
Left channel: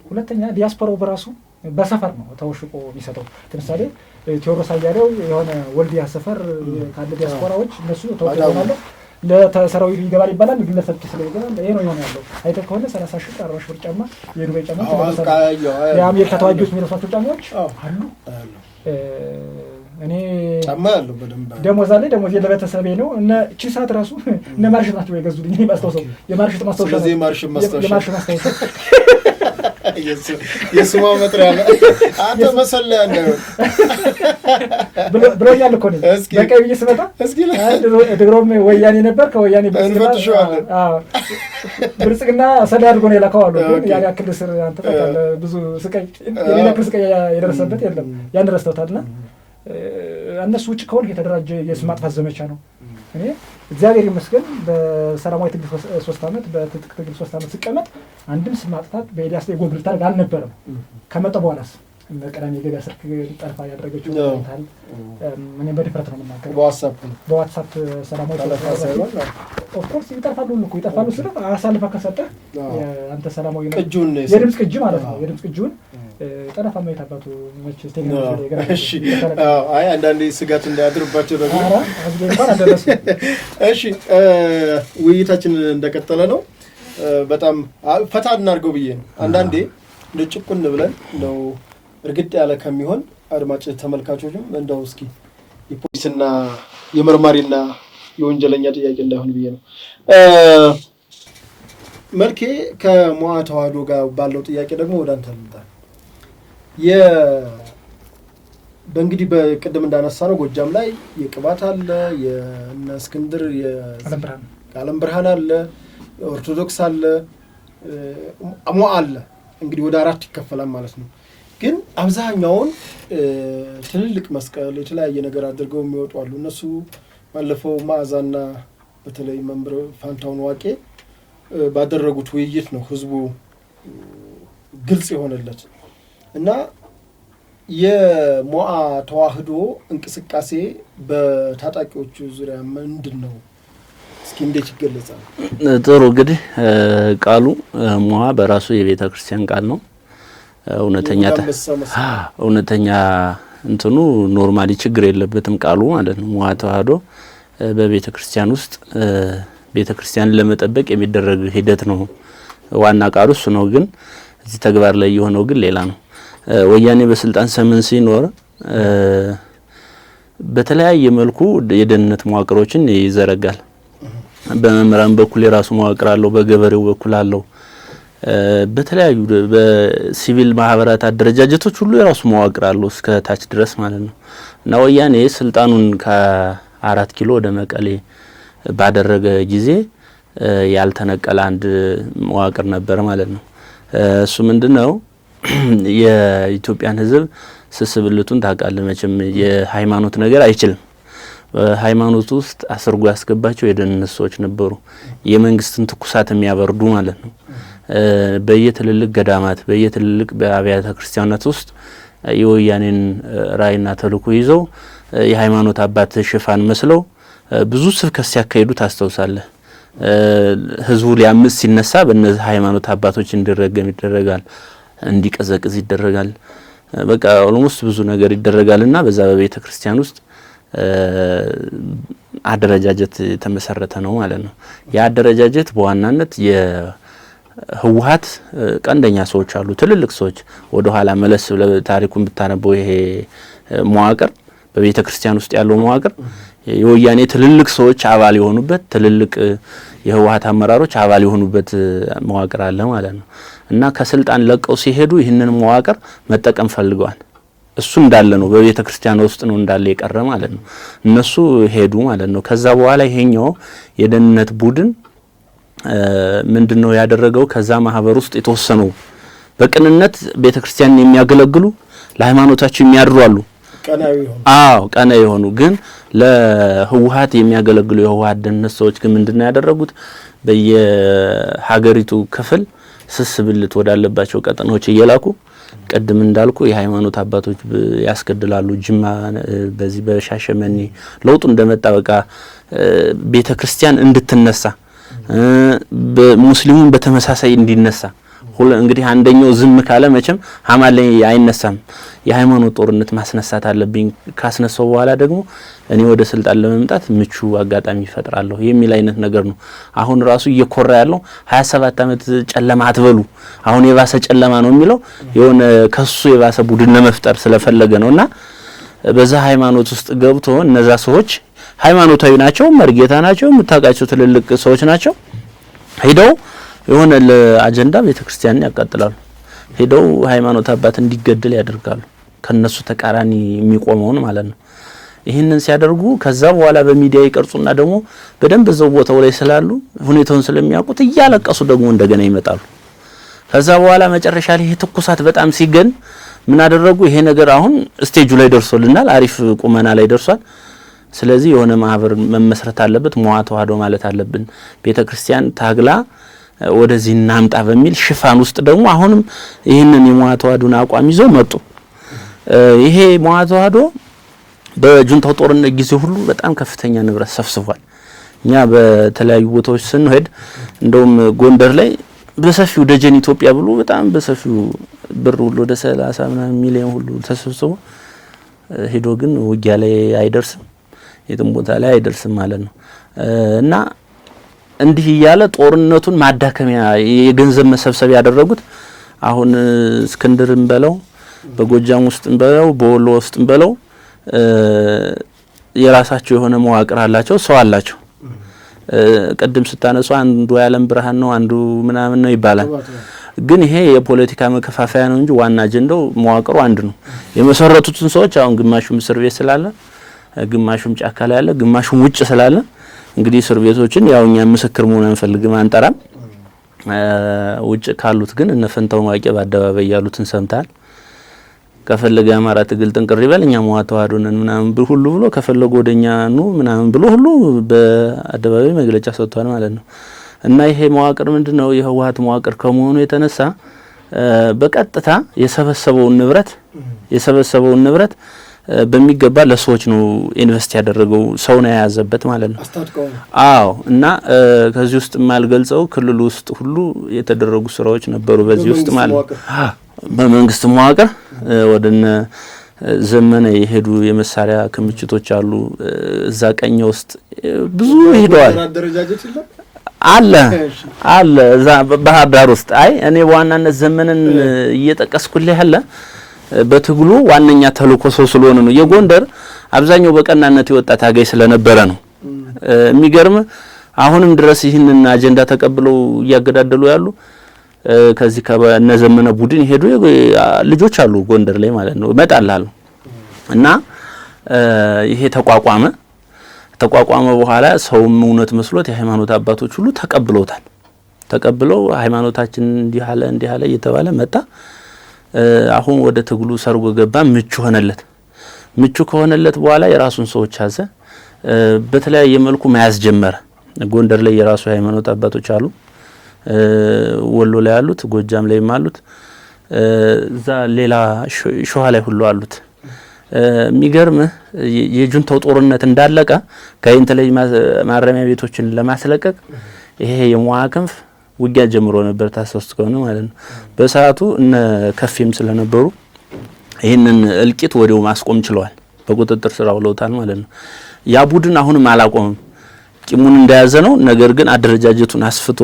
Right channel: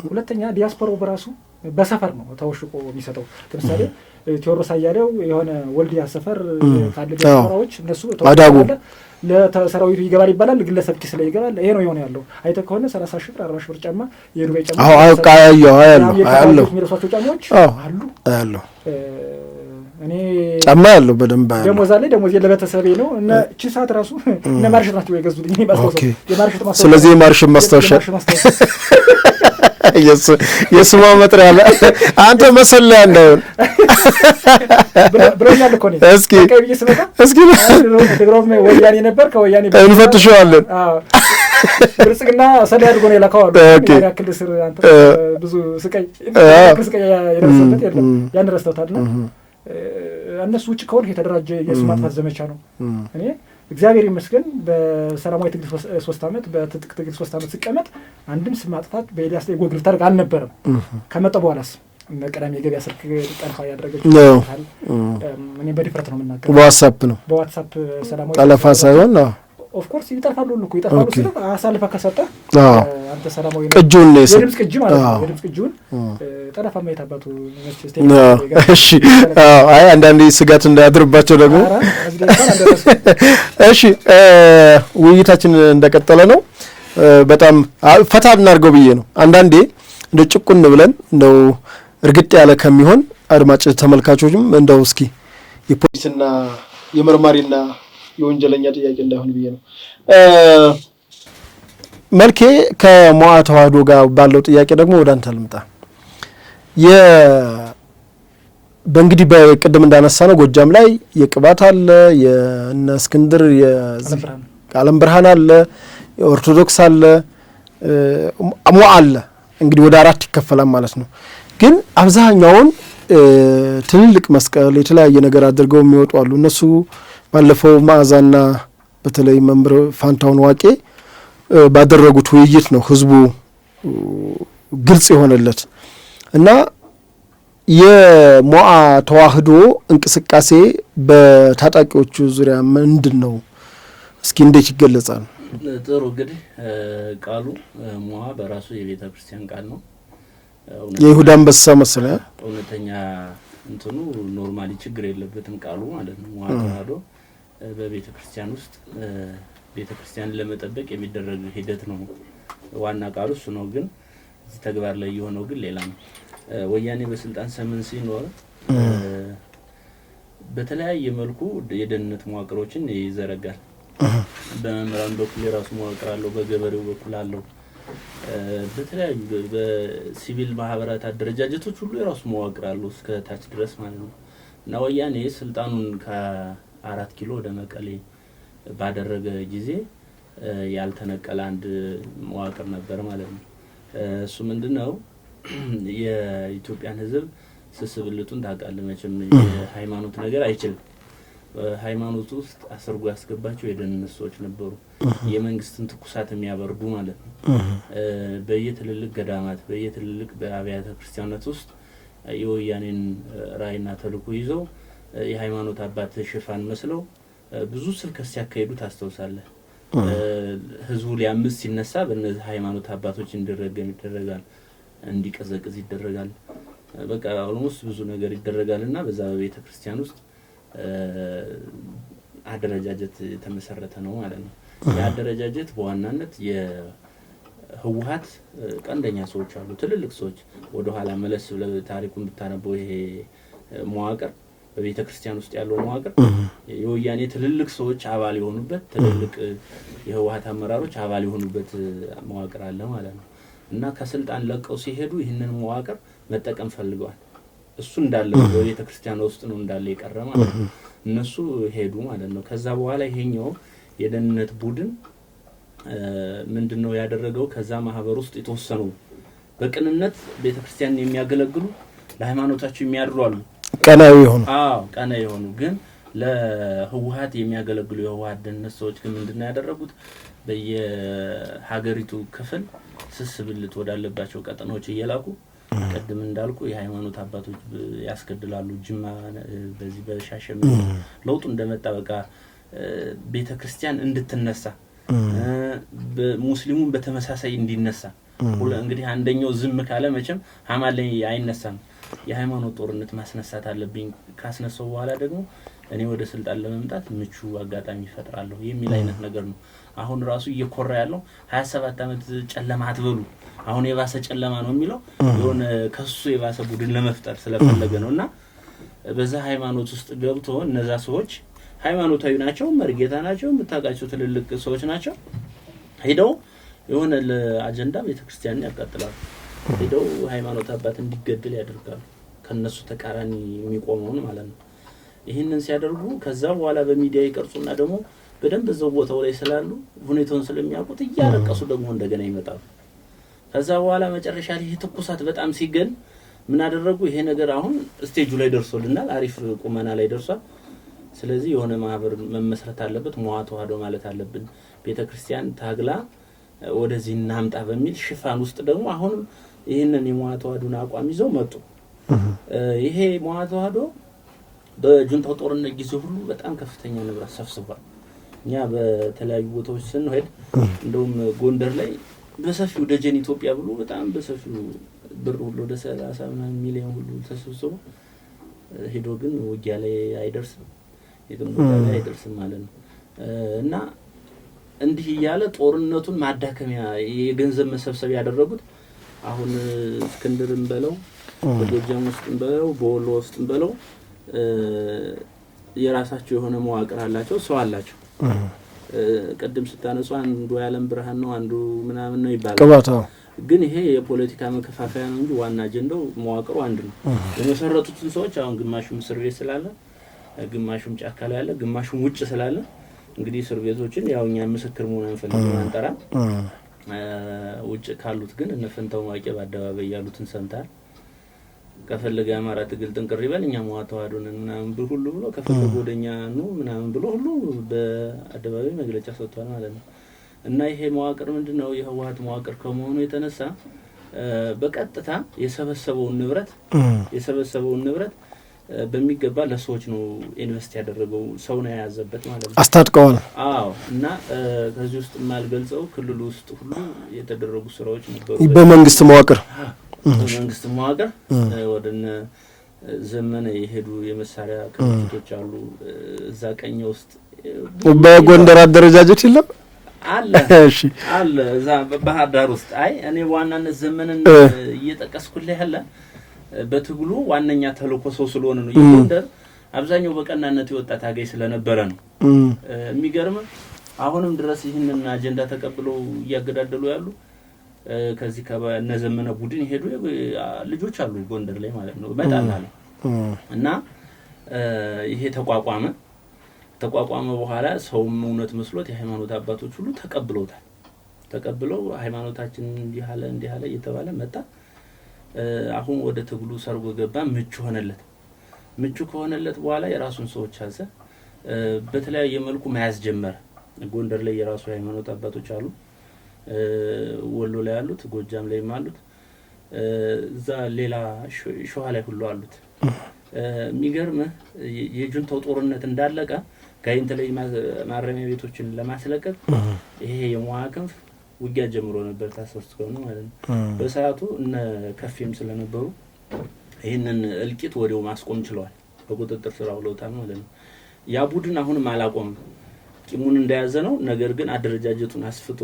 ሁለተኛ ዲያስፖራው በራሱ በሰፈር ነው ተወሽቆ የሚሰጠው። ለምሳሌ ቴዎድሮስ አያሌው የሆነ ወልዲያ ሰፈር ካለ ዲያስፖራዎች እነሱ ተወሽቆ ለሰራዊቱ ይገባል ይባላል፣ ግለሰብ ኪስ ላይ ይገባል። ይሄ ነው የሆነ ያለው። አይተህ ከሆነ 30 ሺህ 40 ሺህ ብር ጫማ የዱባይ ጫማ ያለው የሚረሷቸው ጫማዎች አሉ። እኔ ጫማ ያለው በደንብ ደሞዝ አለ። ደሞዝ ለቤተሰቤ ነው እና እቺ ሰዓት ራሱ እነ ማርሸት ናቸው የገዙልኝ ማስታወሻ የማርሸት ማስታወሻ። ስለዚህ የማርሸት ማስታወሻ የስማ መጥሪያ አለ። አንተ መሰለህ እንደው ብሎኛል እኮ ነው። እስኪ ከቀይ ስመጣ እስኪ ድሮም ወያኔ ነበር ከወያኔ እንፈትሸዋለን። ብልጽግና ሰዳ አድርጎ ነው የላከው አሉ። ያክል ስር አንተ ብዙ ስቃይ የደረሰበት የለም ያን ረስተውታልና እነሱ ውጭ ከሆነ የተደራጀ የስም ማጥፋት ዘመቻ ነው። እኔ እግዚአብሔር ይመስገን በሰላማዊ ትግል 3 ዓመት በትጥቅ ትግል 3 ዓመት ሲቀመጥ አንድም ስም ማጥፋት በዲያስ ላይ ጎግል ታርግ አልነበረም። ከመጣ በኋላስ ቀደም የገበያ ስልክ ጠልፋ ያደረገችው እኔ በዲፍረት ነው የምናገረው። በዋትስአፕ ሰላማዊ ጠለፋ ሳይሆን ኦፍ ኮርስ ይጠልፋሉ እኮ ይጠልፋሉ ሲል አሳልፈ ከሰጠ አንተ ሰላማዊ ቅጂውን ነው የድምጽ ቅጂ ማለት ነው። የድምጽ ቅጂውን ጠለፋ ማየት አባቱ እሺ አይ አንዳንዴ ስጋት እንዳያድርባቸው ደግሞ እሺ ውይይታችን እንደቀጠለ ነው። በጣም ፈታ እናድርገው ብዬ ነው። አንዳንዴ እንደ ጭቁን ብለን እንደው እርግጥ ያለ ከሚሆን አድማጭ ተመልካቾችም እንደው እስኪ የፖሊስና የመርማሪና የወንጀለኛ ጥያቄ እንዳይሆን ብዬ ነው። መልኬ ከሞዓ ተዋህዶ ጋር ባለው ጥያቄ ደግሞ ወደ አንተ ልምጣ። በእንግዲህ በቅድም እንዳነሳ ነው ጎጃም ላይ የቅባት አለ፣ የእነ እስክንድር የዓለም ብርሃን አለ፣ የኦርቶዶክስ አለ፣ ሞዓ አለ። እንግዲህ ወደ 4 ይከፈላል ማለት ነው። ግን አብዛኛውን ትልልቅ መስቀል የተለያየ ነገር አድርገው የሚወጡ አሉ። እነሱ ባለፈው መዓዛና በተለይ መምህር ፋንታውን ዋቄ ባደረጉት ውይይት ነው ህዝቡ ግልጽ የሆነለት እና የሞዓ ተዋህዶ እንቅስቃሴ በታጣቂዎቹ ዙሪያ ምንድን ነው? እስኪ እንዴት ይገለጻል? ጥሩ እንግዲህ ቃሉ ሞዓ በራሱ የቤተ ክርስቲያን ቃል ነው። የይሁዳ አንበሳ መሰለ እውነተኛ እንትኑ ኖርማሊ ችግር የለበትም ቃሉ ማለት ነው። ሞዓ ተዋህዶ በቤተ ክርስቲያን ውስጥ ቤተ ክርስቲያን ለመጠበቅ የሚደረግ ሂደት ነው። ዋና ቃሉ እሱ ነው። ግን እዚህ ተግባር ላይ የሆነው ግን ሌላ ነው። ወያኔ በስልጣን ዘመን ሲኖር በተለያየ መልኩ የደህንነት መዋቅሮችን ይዘረጋል። በመምህራን በኩል የራሱ መዋቅር አለው፣ በገበሬው በኩል አለው፣ በተለያዩ በሲቪል ማህበራት አደረጃጀቶች ሁሉ የራሱ መዋቅር አለው እስከ ታች ድረስ ማለት ነው። እና ወያኔ ስልጣኑን ከ4 ኪሎ ወደ መቀሌ ባደረገ ጊዜ ያልተነቀለ አንድ መዋቅር ነበር ማለት ነው። እሱ ምንድነው? የኢትዮጵያን ሕዝብ ስስብልቱን ታውቃለህ መቼም የሃይማኖት ነገር አይችልም። በሃይማኖት ውስጥ አስርጎ ያስገባቸው የደህንነት ሰዎች ነበሩ፣ የመንግስትን ትኩሳት የሚያበርዱ ማለት ነው። በየትልልቅ ገዳማት በየትልልቅ በአብያተ ክርስቲያናት ውስጥ የወያኔን ራዕይና ተልእኮ ይዘው የሃይማኖት አባት ሽፋን መስለው ብዙ ስብከት ሲያካሂዱ ታስተውሳለህ። ህዝቡ ሊያምጽ ሲነሳ በእነዚህ ሃይማኖት አባቶች እንዲረገም ይደረጋል፣ እንዲቀዘቅዝ ይደረጋል። በቃ ኦልሞስት ብዙ ነገር ይደረጋልና በዛ በቤተ ክርስቲያን ውስጥ አደረጃጀት የተመሰረተ ነው ማለት ነው። ያ አደረጃጀት በዋናነት የህወሓት ቀንደኛ ሰዎች አሉ፣ ትልልቅ ሰዎች። ወደ ኋላ መለስ ታሪኩን ብታነበው ይሄ መዋቅር በቤተ ክርስቲያን ውስጥ ያለው መዋቅር የወያኔ ትልልቅ ሰዎች አባል የሆኑበት፣ ትልልቅ የህወሓት አመራሮች አባል የሆኑበት መዋቅር አለ ማለት ነው። እና ከስልጣን ለቀው ሲሄዱ ይህንን መዋቅር መጠቀም ፈልገዋል። እሱ እንዳለ ነው፣ በቤተ ክርስቲያን ውስጥ ነው እንዳለ የቀረ ማለት ነው። እነሱ ሄዱ ማለት ነው። ከዛ በኋላ ይሄኛው የደህንነት ቡድን ምንድነው ያደረገው? ከዛ ማህበር ውስጥ የተወሰኑ በቅንነት ቤተ ክርስቲያንን የሚያገለግሉ ለሃይማኖታቸው የሚያድሩ አሉ፣ ቀናዊ የሆኑ ቀናዊ የሆኑ ግን ለህወሓት የሚያገለግሉ የህወሓት ደህንነት ሰዎች ግን ምንድነው ያደረጉት? በየሀገሪቱ ክፍል ስስብልት ወዳለባቸው ቀጠናዎች እየላኩ ቀድም እንዳልኩ የሃይማኖት አባቶች ያስገድላሉ። ጅማ በዚህ በሻሸመኔ ለውጡ እንደመጣ በቃ ቤተ ክርስቲያን እንድትነሳ በሙስሊሙን በተመሳሳይ እንዲነሳ እንግዲህ አንደኛው ዝም ካለ መቼም ሐማል ላይ አይነሳም። የሃይማኖት ጦርነት ማስነሳት አለብኝ፣ ካስነሳው በኋላ ደግሞ እኔ ወደ ስልጣን ለመምጣት ምቹ አጋጣሚ ይፈጥራለሁ የሚል አይነት ነገር ነው። አሁን ራሱ እየኮራ ያለው 27 አመት ጨለማ አትበሉ፣ አሁን የባሰ ጨለማ ነው የሚለው የሆነ ከሱ የባሰ ቡድን ለመፍጠር ስለፈለገ ነውና በዛ ሃይማኖት ውስጥ ገብቶ እነዛ ሰዎች ሃይማኖታዊ ናቸው፣ መርጌታ ናቸው፣ የምታውቃቸው ትልልቅ ሰዎች ናቸው። ሄደው የሆነ ለአጀንዳ ቤተክርስቲያንን ያቃጥላሉ። ሄደው ሃይማኖት አባት እንዲገደል ያደርጋሉ፣ ከነሱ ተቃራኒ የሚቆመውን ማለት ነው። ይህንን ሲያደርጉ ከዛ በኋላ በሚዲያ ይቀርጹና ደግሞ በደንብ እዛው ቦታው ላይ ስላሉ ሁኔታውን ስለሚያውቁት እያለቀሱ ደግሞ እንደገና ይመጣሉ። ከዛ በኋላ መጨረሻ ላይ ትኩሳት በጣም ሲገን ምን አደረጉ? ይሄ ነገር አሁን ስቴጁ ላይ ደርሶልናል፣ አሪፍ ቁመና ላይ ደርሷል። ስለዚህ የሆነ ማህበር መመስረት አለበት፣ ሞዓ ተዋህዶ ማለት አለብን፣ ቤተክርስቲያን ታግላ ወደዚህ እናምጣ በሚል ሽፋን ውስጥ ደግሞ አሁንም ይህንን የሞዓ ተዋህዶን አቋም ይዘው መጡ። ይሄ ሞዓ ተዋህዶ በጁንታው ጦርነት ጊዜ ሁሉ በጣም ከፍተኛ ንብረት ሰብስቧል። እኛ በተለያዩ ቦታዎች ስንሄድ እንደውም ጎንደር ላይ በሰፊው ደጀን ኢትዮጵያ ብሎ በጣም በሰፊው ብር ሁሉ ወደ 30 ሚሊዮን ሁሉ ተሰብስቦ ሄዶ ግን ውጊያ ላይ አይደርስም፣ የትም ቦታ ላይ አይደርስም ማለት ነው። እና እንዲህ ያለ ጦርነቱን ማዳከሚያ የገንዘብ መሰብሰብ ያደረጉት አሁን እስክንድርም በለው በጎጃም ውስጥም በለው በወሎ ውስጥም በለው የራሳቸው የሆነ መዋቅር አላቸው፣ ሰው አላቸው። ቀደም ስታነሱ አንዱ የዓለም ብርሃን ነው፣ አንዱ ምናምን ነው ይባላል። ግን ይሄ የፖለቲካ መከፋፈያ ነው እንጂ ዋና አጀንዳው መዋቅሩ አንድ ነው። የመሰረቱትን ሰዎች አሁን ግማሹም እስር ቤት ስላለ፣ ግማሹም ጫካ ላይ ያለ፣ ግማሹም ውጭ ስላለ እንግዲህ እስር ቤቶችን ያው እኛ ምስክር መሆን አንፈልግም አንጠራም። ውጭ ካሉት ግን እነ ፈንታው ማቄ በአደባባይ ያሉትን ሰምታል። ከፈለገ አማራ ትግል ጥንቅር ይበል እኛ ሞዓ ተዋህዶ ነን ምናምን ሁሉ ብሎ ከፈለገ ወደኛ ነው ምናምን ብሎ ሁሉ በአደባባይ መግለጫ ሰጥቷል ማለት ነው። እና ይሄ መዋቅር ምንድነው? የህወሓት መዋቅር ከመሆኑ የተነሳ በቀጥታ የሰበሰበውን ንብረት በሚገባ ለሰዎች ነው ኢንቨስት ያደረገው ሰው ነው የያዘበት ማለት ነው አስታጥቀው ነው አዎ እና ከዚህ ውስጥ ማልገልጸው ክልሉ ውስጥ ሁሉ የተደረጉ ስራዎች ነበሩ በመንግስት መዋቅር ወደነ ዘመነ የሄዱ የመሳሪያ ክምችቶች አሉ እዛ ቀኝ ውስጥ ብዙ በጎንደር አደረጃጀት ይለም አለ እዛ ባህር ዳር ውስጥ አይ እኔ በዋናነት ዘመነን እየጠቀስኩልህ ያለ በትግሉ ዋነኛ ተልኮ ሰው ስለሆነ ነው የጎንደር አብዛኛው በቀናነት የወጣ ታጋይ ስለነበረ ነው የሚገርም አሁንም ድረስ ይህንን አጀንዳ ተቀብለው እያገዳደሉ ያሉ ከዚህ ከነዘመነ ቡድን ሄዱ ልጆች አሉ ጎንደር ላይ ማለት ነው መጣላሉ እና ይሄ ተቋቋመ በኋላ ሰውም እውነት መስሎት የሃይማኖት አባቶች ሁሉ ተቀብለው ሃይማኖታችን እንዲህ አለ እየተባለ መጣ አሁን ወደ ትግሉ ሰርጎ ገባ ምቹ ከሆነለት በኋላ የራሱን ሰዎች ያዘ በተለያየ መልኩ መያዝ ጀመረ ጎንደር ላይ የራሱ ሃይማኖት አባቶች አሉ ወሎ ላይ አሉት ጎጃም ላይ አሉት እዛ ሌላ ሸዋ ላይ ሁሉ አሉት የሚገርም የጁንታው ጦርነት እንዳለቀ ጋይንት ላይ ማረሚያ ቤቶችን ለማስለቀቅ ይሄ የሟከንፍ ውጊያ ጀምሮ ነበር ታስወስት ከሆነ ማለት ነው በሰዓቱ እነ ከፍም ስለነበሩ ይሄንን እልቂት ወዲያው ማስቆም ችለዋል በቁጥጥር ስር አውለውታል ማለት ነው ያ ቡድን አሁንም አላቆመም ቂሙን እንደያዘ ነው ነገር ግን አደረጃጀቱን አስፍቶ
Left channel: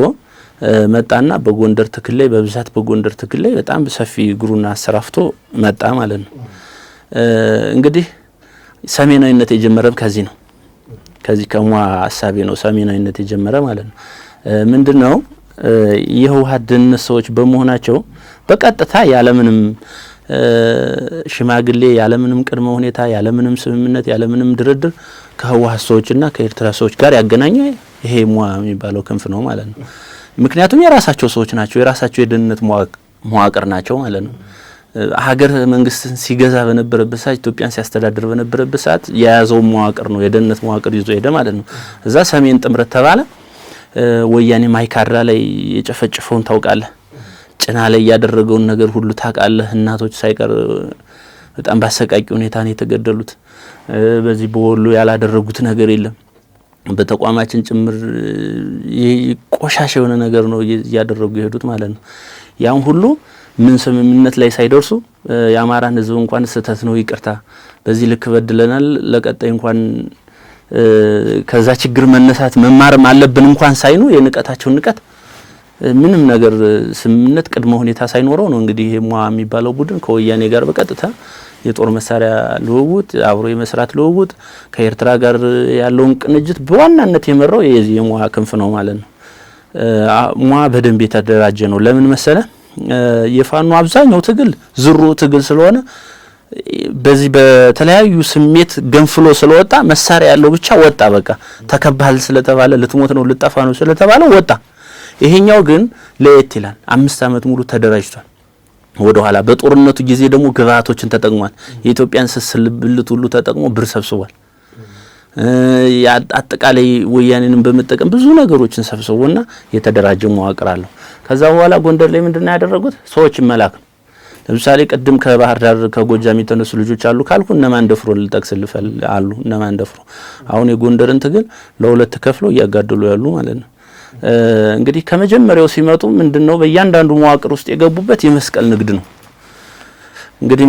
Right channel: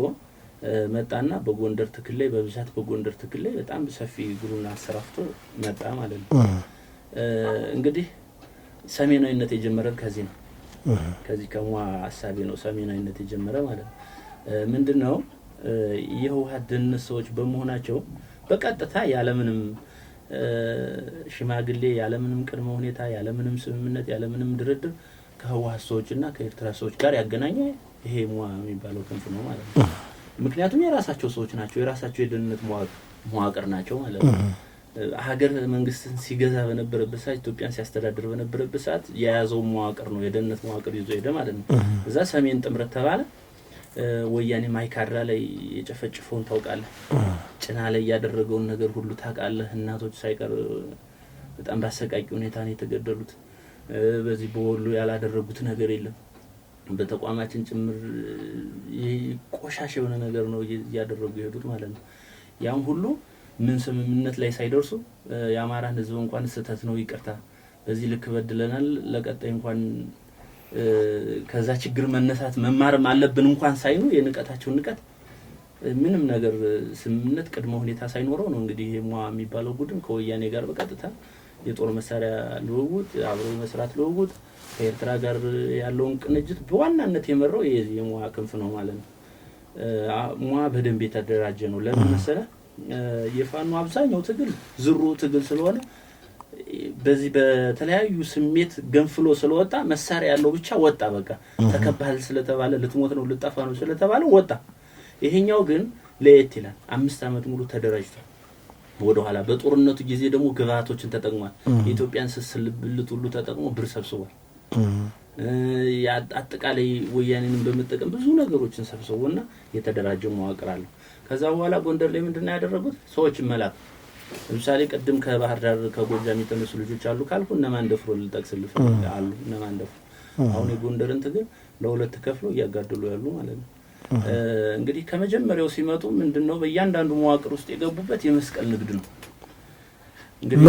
መጣና በጎንደር ትክል ላይ በብዛት በጎንደር ትክል ላይ በጣም ሰፊ ግሩና አሰራፍቶ መጣ ማለት ነው እንግዲህ ሰሜናዊነት የጀመረው ከዚህ ነው ከዚህ ከሟ ሐሳቤ ነው ሰሜናዊነት የጀመረ ማለት ነው ምንድነው የህወሓት ደህንነት ሰዎች በመሆናቸው በቀጥታ ያለምንም ሽማግሌ ያለምንም ቅድመ ሁኔታ ያለምንም ስምምነት ያለምንም ድርድር ከህወሓት ሰዎችና ከኤርትራ ሰዎች ጋር ያገናኘ ይሄ ሟ የሚባለው ክንፍ ነው ማለት ነው ምክንያቱም የራሳቸው ሰዎች ናቸው የራሳቸው የደህንነት መዋቅር ናቸው ማለት ነው ሀገር መንግስትን ሲገዛ በነበረበት ሰዓት ኢትዮጵያን ሲያስተዳድር በነበረበት ሰዓት የያዘው መዋቅር ነው የደህንነት መዋቅር ይዞ ሄደ ማለት ነው እዛ ሰሜን ጥምረት ተባለ ወያኔ ማይካድራ ላይ የጨፈጨፈውን ታውቃለህ ጭና ላይ ያደረገውን ነገር ሁሉ ታውቃለህ እናቶች ሳይቀር በጣም ባሰቃቂ ሁኔታ ነው የተገደሉት በዚህ በወሎ ያላደረጉት ነገር የለም በተቋማችን ጭምር ቆሻሻ የሆነ ነገር ነው ያደረጉ ይሄዱት ማለት ነው ያን ሁሉ ምን ስምምነት ላይ ሳይደርሱ የአማራን ህዝብ እንኳን ስተት ነው ይቅርታ በዚህ ልክ በድለናል ለቀጣይ እንኳን ከዛ ችግር መነሳት መማርም አለብን እንኳን ሳይኑ የንቀታቸው ንቀት ምንም ነገር ስምምነት ቅድመ ሁኔታ ሳይኖረው ነው እንግዲህ ይሄ ሟ የሚባለው ቡድን ከወያኔ ጋር በቀጥታ የጦር መሳሪያ ልውውጥ አብሮ የመስራት ልውውጥ ከኤርትራ ጋር ያለውን ቅንጅት በዋናነት የመራው የሟ ክንፍ ነው ማለት ነው ሟ በደንብ የተደራጀ ነው ለምን መሰለ የፋኖ አብዛኛው ትግል ዝሩ ትግል ስለሆነ በዚህ በተለያዩ ስሜት ገንፍሎ ስለወጣ መሳሪያ ያለው ብቻ ወጣ በቃ ተከባል ስለተባለ ልትሞት ነው ልጠፋ ነው ስለተባለ ወጣ ይሄኛው ግን ለየት ይላል 5 አመት ሙሉ ተደራጅቷል ወደ ኋላ በጦርነቱ ጊዜ ደግሞ ግብአቶችን ተጠቅሟል የኢትዮጵያን ስስልብልት ሁሉ ተጠቅሞ ብር ሰብስቧል አጠቃላይ ወያኔንም በመጠቀም ብዙ ነገሮችን ሰብስቦና የተደራጀ መዋቅር አለው ከዛ በኋላ ጎንደር ላይ ምንድነው ያደረጉት ሰዎች መላክ ለምሳሌ ቀድም ከባህር ዳር ከጎጃም የተነሱ ልጆች አሉ ካልኩ እነማን ደፍሮ ልጠቅስልህ አሉ እነማን ደፍሮ አሁን የጎንደርን ትግል ለሁለት ከፍለው ያጋደሉ ያሉ ማለት ነው እንግዲህ ከመጀመሪያው ሲመጡ ምንድነው በእያንዳንዱ መዋቅር ውስጥ የገቡበት የመስቀል ንግድ ነው እንግዲህ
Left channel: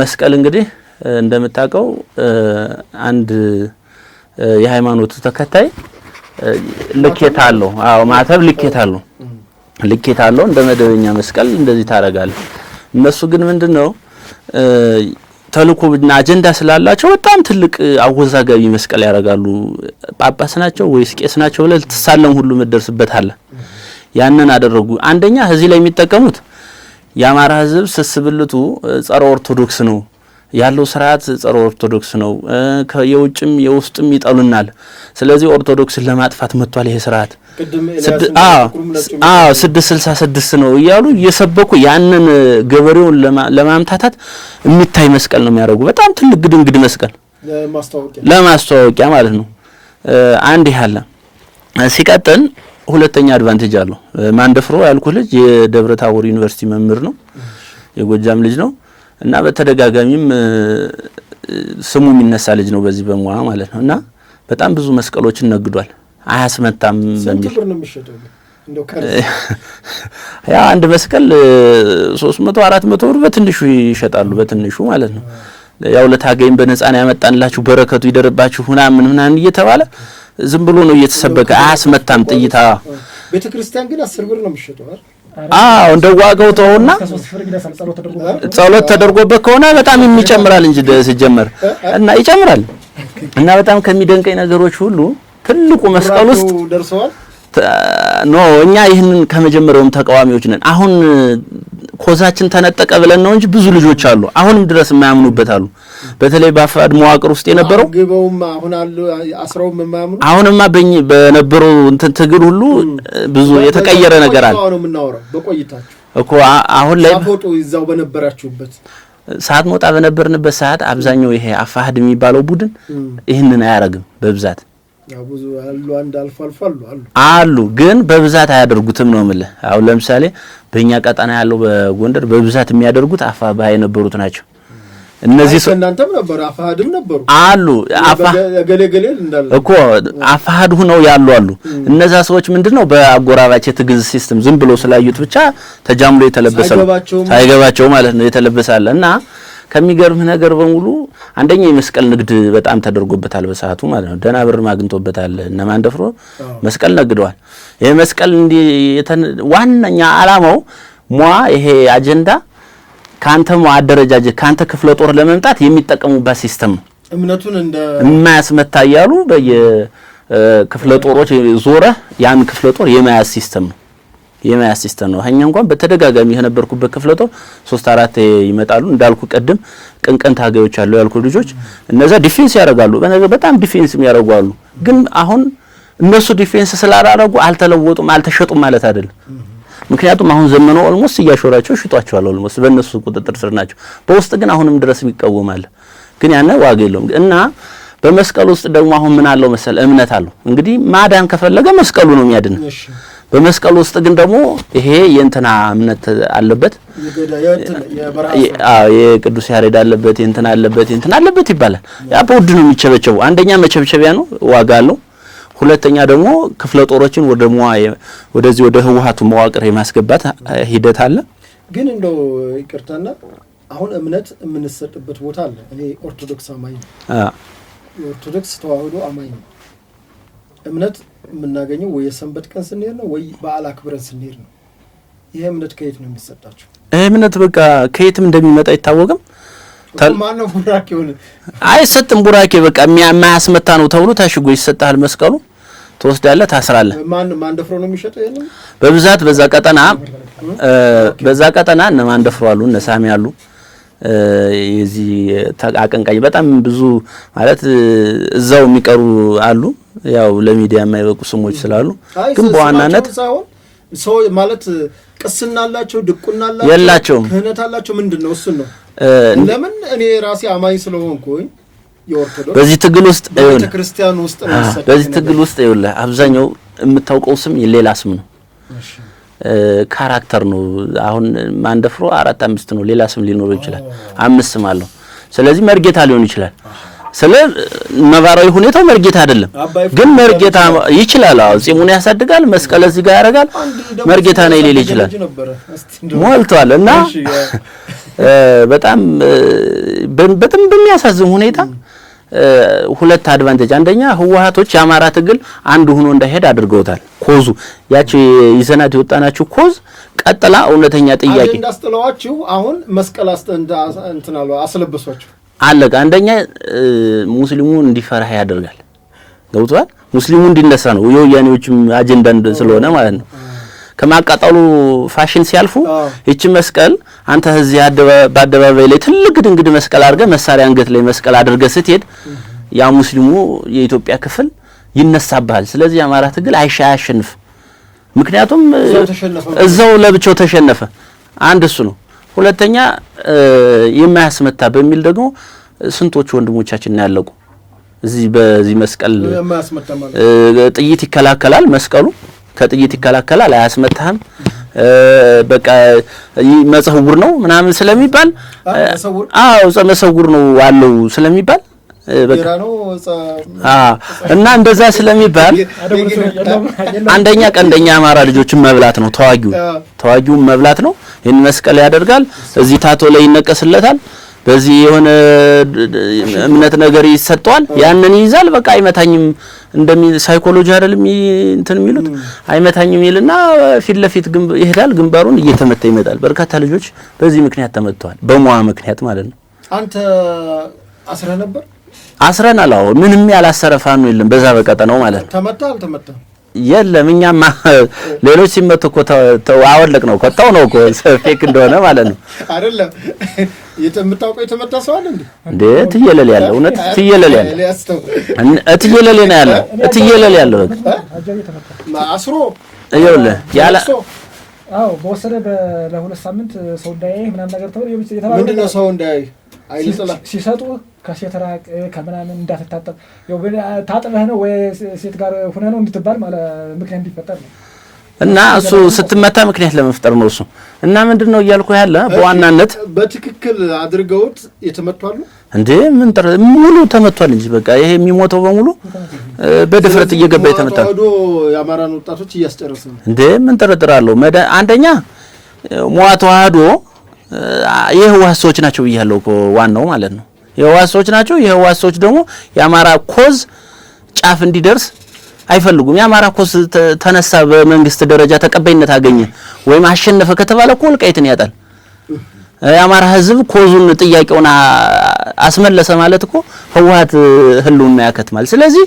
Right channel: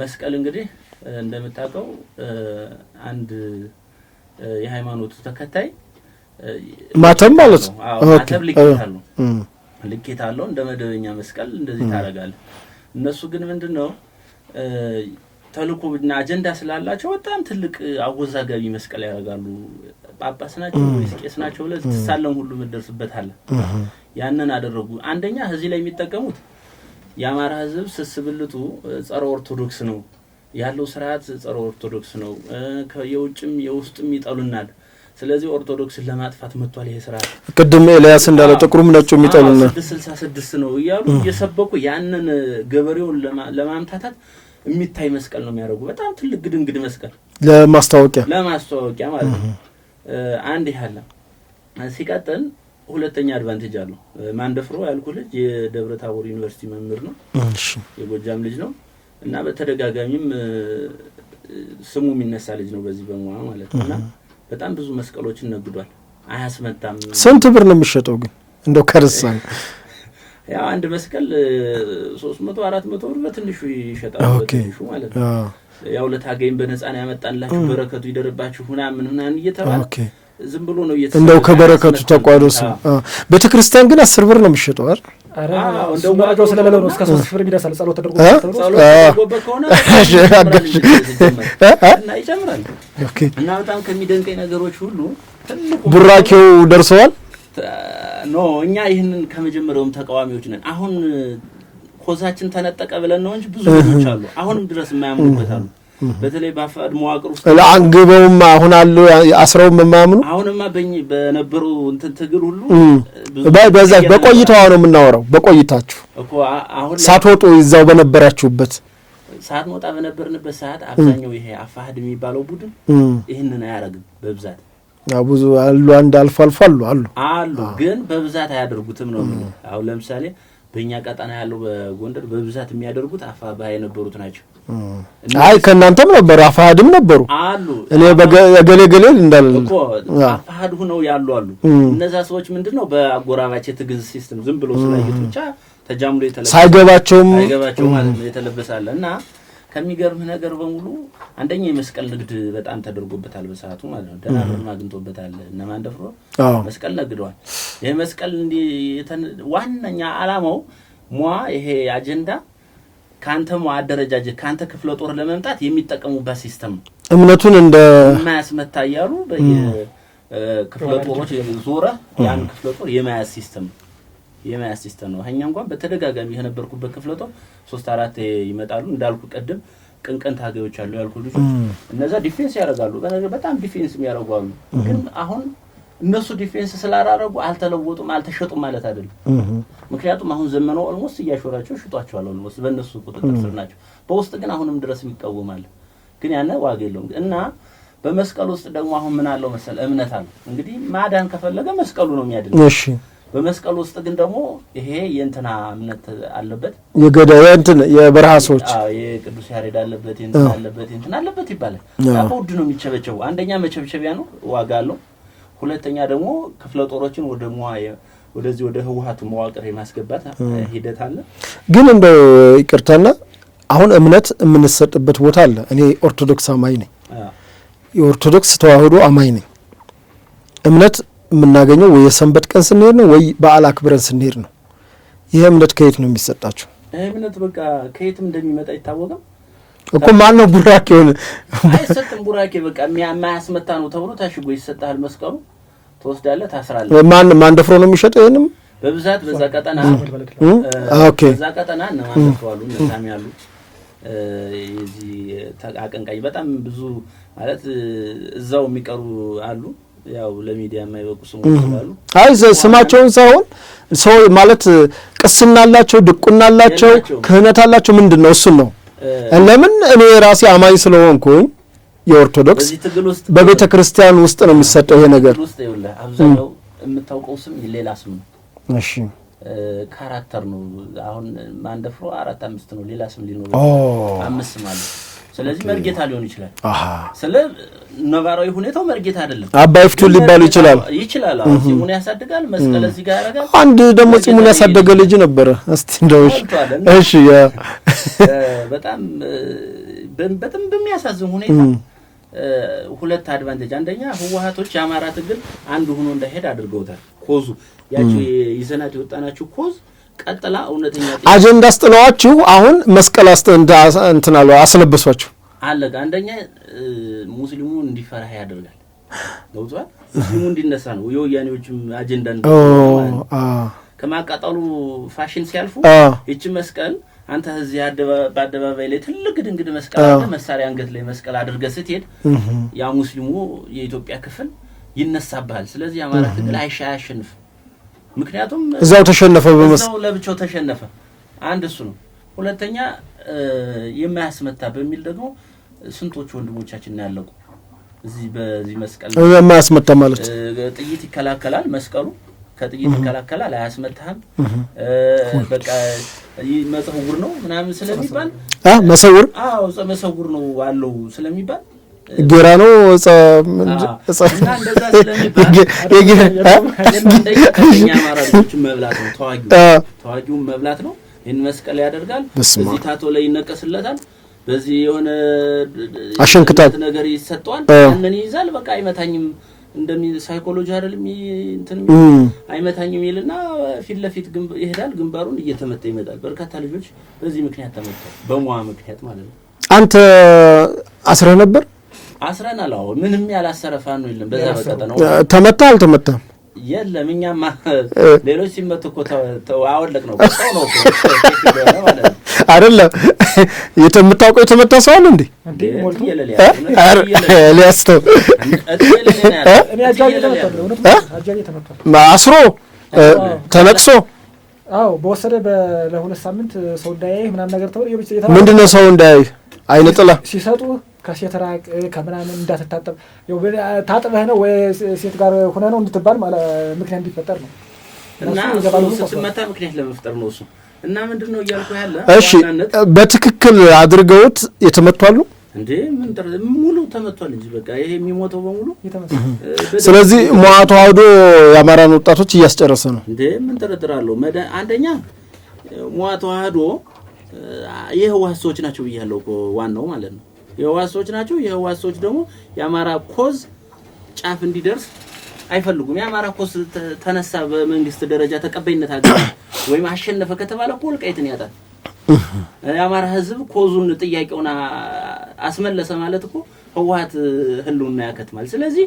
መስቀል እንግዲህ እንደምታውቀው አንድ የሃይማኖቱ ተከታይ ማተብ ልኬት አለው እንደ መደበኛ መስቀል እንደዚህ ታረጋለህ እነሱ ግን ምንድነው ተልኮና አጀንዳ ስላላቸው በጣም ትልቅ አወዛጋቢ መስቀል ያረጋሉ ጳጳስ ናቸው ወይስ ቄስ ናቸው ብለህ ተሳለም ሁሉ መደርስበት አለ ያንን አደረጉ አንደኛ እዚህ ላይ የሚጠቀሙት የአማራ ህዝብ ስስብልቱ ጸረ ኦርቶዶክስ ነው ያለው ስርዓት ጸረ ኦርቶዶክስ ነው የውጭም የውስጥም ይጠሉናል ስለዚህ ኦርቶዶክስን ለማጥፋት መጥቷል ይሄ ስርዓት ቅድም ኤልያስ እንደተጠቁሩም ነጭው የሚጠሉ 666 ነው ይያሉ እየሰበኩ ያንን ገበሬውን ለማምታታት የሚታይ መስቀል ነው የሚያደርጉ በጣም ትልቅ ግድንግድ መስቀል ለማስተዋወቂያ ማለት ነው አንድ ያለ ሲቀጥል ሁለተኛ አድቫንቴጅ አለው ማንደፍሮ ያልኩ ልጅ የደብረ ታቦር ዩኒቨርሲቲ መምህር ነው የጎጃም ልጅ ነው እና በተደጋጋሚም ስሙ የሚነሳ ልጅ ነው በዚህ በሙያ ማለት ነው። እና በጣም ብዙ መስቀሎችን ነግዷል። አያስመታም። ስንት ብር ነው የሚሸጠው ግን እንደው ከርስ? ያ አንድ መስቀል 300 400 ብር በትንሹ ይሸጣሉ። በትንሹ ማለት ነው። ያው ለታገይም በነፃ ነው ያመጣንላችሁ በረከቱ ይደርባችሁ ምናምን እየተባለ ዝም ብሎ ነው እየተሰበከ አያስመታም ጥይታ። ቤተክርስቲያን ግን 10 ብር ነው የሚሸጠው አይደል? እንደ ዋጋው ተውና ጸሎት ተደርጎበት ከሆነ በጣም ይጨምራል እንጂ ሲጀመር እና ይጨምራል። እና በጣም ከሚደንቀኝ ነገሮች ሁሉ ትልቁ መስቀል ውስጥ ደርሰዋል። እኛ ይህንን ከመጀመሪያውም ተቃዋሚዎች ነን። አሁን ኮዛችን ተነጠቀ ብለን ነው እንጂ ብዙ ልጆች አሉ አሁንም ድረስ የማያምኑበት አሉ። በተለይ በአፋድ መዋቅር ውስጥ የነበሩ አንግበውም አሁን አሉ አስረውም የማያምኑ አሁንማ በነበረው ትግል ሁሉ ብዙ የተቀየረ ነገር አለ። በቆይታው ነው የምናወራው። በቆይታችሁ እኮ አሁን ላይ ሳትወጡ እዛው በነበራችሁበት ሰዓት ሞጣ በነበርንበት ሰዓት አብዛኛው ይሄ አፋድ የሚባለው ቡድን ይህንን አያረግም በብዛት ብዙ አሉ አንድ አልፎ አሉ ግን በብዛት አያደርጉትም ነው የምልህ። አሁን ለምሳሌ በእኛ ቀጣና ያለው በጎንደር በብዛት የሚያደርጉት አፋባ የነበሩት ናቸው። እነዚህ ከናንተም ነበር አፋድም ነበሩ አሉ ገሌ እንዳለ እኮ አፋድ ሆነው ያሉ አሉ። እነዛ ሰዎች ምንድነው በአጎራባች የትግል ሲስተም ዝም ብሎ ስላዩት ብቻ ተጃምሎ ሳይገባቸው ማለት ነው የተለበሳለ እና ከሚገርምህ ነገር በሙሉ አንደኛ የመስቀል ንግድ በጣም ተደርጎበታል በሰዓቱ ማለት ነው። ደና ብር ማግንቶበታል። እነማን ደፍሮ መስቀል ነግደዋል። ይሄ መስቀል እንዲ ዋናኛ አላማው ይሄ አጀንዳ ካንተም አደረጃጀት ካንተ ክፍለ ጦር ለመምጣት የሚጠቀሙበት ሲስተም ነው። እምነቱን እንደ የማያስመታ ያሉ በየክፍለ ጦሮች ዞረ ያን ክፍለ ጦር የማያስ ሲስተም ነው። የማያስ ሲስተም ነው። እኛ እንኳን በተደጋጋሚ የነበርኩበት ክፍለ ጦር 3-4 ይመጣሉ። እንዳልኩ ቀደም ቅንቀን ታጋዮች አሉ ያልኩ ልጆች እነዛ ዲፌንስ ያደርጋሉ። በጣም ዲፌንስ የሚያደርጉ ግን አሁን እነሱ ዲፌንስ ስላላረጉ አልተለወጡም አልተሸጡም ማለት አይደለም። ምክንያቱም አሁን ዘመኑ ኦልሞስት እያሾራቸው ሽጧቸዋል። ኦልሞስት በእነሱ ቁጥጥር ስር ናቸው። በውስጥ ግን አሁንም ድረስ ይቃወማል። ግን ያነ ዋጋ የለውም። እና በመስቀል ውስጥ ደግሞ አሁን ምን አለው መሰል እምነት አለው። እንግዲህ ማዳን ከፈለገ መስቀሉ ነው የሚያድነው። በመስቀል ውስጥ ግን ደግሞ ይሄ የእንትና እምነት አለበት የበረሃሶች የቅዱስ ያሬድ አለበት የእንትና አለበት ይባላል። ያ በውድ ነው የሚቸበቸው። አንደኛ መቸብቸቢያ ነው ዋጋ አለው። ሁለተኛ ደግሞ ክፍለ ጦሮችን ወደዚህ ወደ ህወሓቱ መዋቅር የማስገባት ሂደት አለ። ግን እንደው ይቅርታና አሁን እምነት የምንሰጥበት ቦታ አለ። እኔ ኦርቶዶክስ አማኝ ነኝ። የኦርቶዶክስ ተዋህዶ አማኝ ነኝ። እምነት የምናገኘው ወይ የሰንበት ቀን ስንሄድ ነው ወይ በዓል አክብረን ስንሄድ ነው። ይሄ እምነት ከየት ነው የሚሰጣቸው? እምነት በቃ ከየትም እንደሚመጣ አይታወቅም። ማን ነው ቡራኬውን አይሰጥም። ቡራኬ በቃ የማያስመታ ነው ተብሎ ታሽጎ ይሰጣል። መስቀሉ ትወስዳለህ፣ ታስራለህ። ማን ደፍሮ ነው የሚሸጠው? ይሄንም በብዛት በዛ ቀጠና እነ ማን ደፍሮ አሉ፣ እነ ሳሚ አሉ። የዚህ አቀንቃኝ በጣም ብዙ ማለት እዛው የሚቀሩ አሉ። ያው ለሚዲያ የማይበቁ ስሞች ስላሉ ስማቸውን ሳይሆን ሰው ማለት ቅስና አላቸው፣ ድቁና አላቸው፣ ክህነት አላቸው። ምንድነው እሱን ነው ለምን እኔ ራሴ አማኝ ስለሆንኩኝ የኦርቶዶክስ በዚህ ትግል ውስጥ በቤተ ክርስቲያን ውስጥ ነው የሚሰጠው ይሄ ነገር። ትግል ውስጥ ይኸውልህ አብዛኛው የምታውቀው ስም የሌላ ስም ነው። እሺ ካራክተር ነው። አሁን ማንደፍሮ 4-5 ነው፣ ሌላ ስም ሊኖረው ይችላል። 5 ስም አለው። ስለዚህ መርጌታ ሊሆን ይችላል። ነባራዊ ሁኔታው መርጌታ አይደለም። ግን መርጌታ ይችላል። ጺሙን ያሳድጋል፣ መስቀል እዚህ ጋር ያደርጋል። አንድ ደግሞ ጺሙን ያሳደገ ልጅ ነበረ እስቲ እንደው ሞልቷል። እና በጣም በሚያሳዝን ሁኔታ ሁለት አድቫንቴጅ፣ አንደኛ ህወሓቶች የአማራ ትግል አንድ ሆኖ እንዳይሄድ አድርገውታል። ኮዙ ያቺ ይዘናት የወጣናችሁ ኮዝ ቀጥላ እውነተኛ ጥያቄ አጀንዳ አስጥለዋችሁ አሁን መስቀል እንትናሉ አስለበሷችሁ አለቀ። አንደኛ ሙስሊሙ እንዲፈራህ ያደርጋል። ገብቷል። ሙስሊሙ እንዲነሳ ነው የወያኔዎችም አጀንዳ እንደሰለሆነ ማለት ነው። ከማቃጠሉ ፋሽን ሲያልፉ እቺ መስቀል አንተ እዚህ በአደባባይ ላይ ትልቅ ድንግድ መስቀል አድርገህ መሳሪያ አንገት ላይ መስቀል አድርገህ ስትሄድ ያ ሙስሊሙ የኢትዮጵያ ክፍል ይነሳባል። ስለዚህ የአማራ ትግል አያሸንፍ። ምክንያቱም እዛው ለብቻው ተሸነፈ። አንድ እሱ ነው። ሁለተኛ የማያስመታ በሚል ደግሞ ስንቶች ወንድሞቻችን ያለቁ እዚህ በዚህ መስቀል የማያስመታ ማለት ጥይት ይከላከላል መስቀሉ ከጥይት ይከላከላል፣ አያስመታህም። በቃ መጽውር ነው ምናምን ስለሚባል መሰውር መሰውር ነው አለው ስለሚባል ጌራ ነው እና እንደዛ ስለሚባል አንደኛ ቀንደኛ አማራ ልጆችን መብላት ነው፣ ተዋጊውን መብላት ነው። ይህን መስቀል ያደርጋል፣ እዚህ ታቶ ላይ ይነቀስለታል፣ በዚህ የሆነ አሸንክታት ነገር ይሰጠዋል፣ ያንን ይይዛል። በቃ አይመታኝም ሳይኮሎጂ አይደለም እንትን አይመታኝም ይልና ፊት ለፊት ይሄዳል፣ ግንባሩን እየተመታ ይመጣል። በርካታ ልጆች በዚህ ምክንያት ተመተዋል፣ በሟ ምክንያት ማለት ነው። አንተ አስረ ነበር? አስረናል። አዎ ምንም ያላሰረ ፋኖ የለም በዛ በቀጠናው ማለት ነው። ተመታ አልተመታም? የለም እኛማ ሌሎች ሲመቱ እኮ አወለቅ ነው ቀጣው ነው እኮ ፌክ እንደሆነ ማለት ነው። አይደለም የምታውቀው የተመታ ሰው አለ እንዴ? እትየለል ያለው እውነት እትየለል ያለው አስሮ ተለቅሶ በወሰደ ለሁለት ሳምንት ሰው እንዳያይ ምናምን ነገር ተብሎ ምንድነው ሰው እንዳያይ አይነ ጥላ ሲሰጡ ከሴት ራቅ ከምናምን እንዳትታጠብ ያው ታጥበህ ነው ወይ ሴት ጋር ሆነ ነው እንድትባል ማለት ምክንያት እንዲፈጠር ነው። እና እሱ ስትመታ ምክንያት ለመፍጠር ነው እሱ። እና ምንድነው እያልኩ ያለ ዋናነት በትክክል አድርገውት የተመቷሉ እንዴ? ምን ሙሉ ተመቷል እንጂ በቃ ይሄ የሚሞተው በሙሉ ስለዚህ ተዋህዶ የአማራን ወጣቶች እያስጨረሰ ነው እንዴ? ምን ተረጥራለሁ። አንደኛ ተዋህዶ የህወሓት ሰዎች ናቸው ብያለሁ እኮ ዋናው ማለት ነው። የህወሓት ሰዎች ናቸው። የህወሓት ሰዎች ደግሞ የአማራ ኮዝ ጫፍ እንዲደርስ አይፈልጉም። የአማራ ኮዝ ተነሳ በመንግስት ደረጃ ተቀባይነት አገኘ ወይም አሸነፈ ከተባለ እኮ ወልቃይትን ያጣል። የአማራ ህዝብ ኮዙን ጥያቄውን አስመለሰ ማለት እኮ ህወሓት ህልውና ያከትማል። ስለዚህ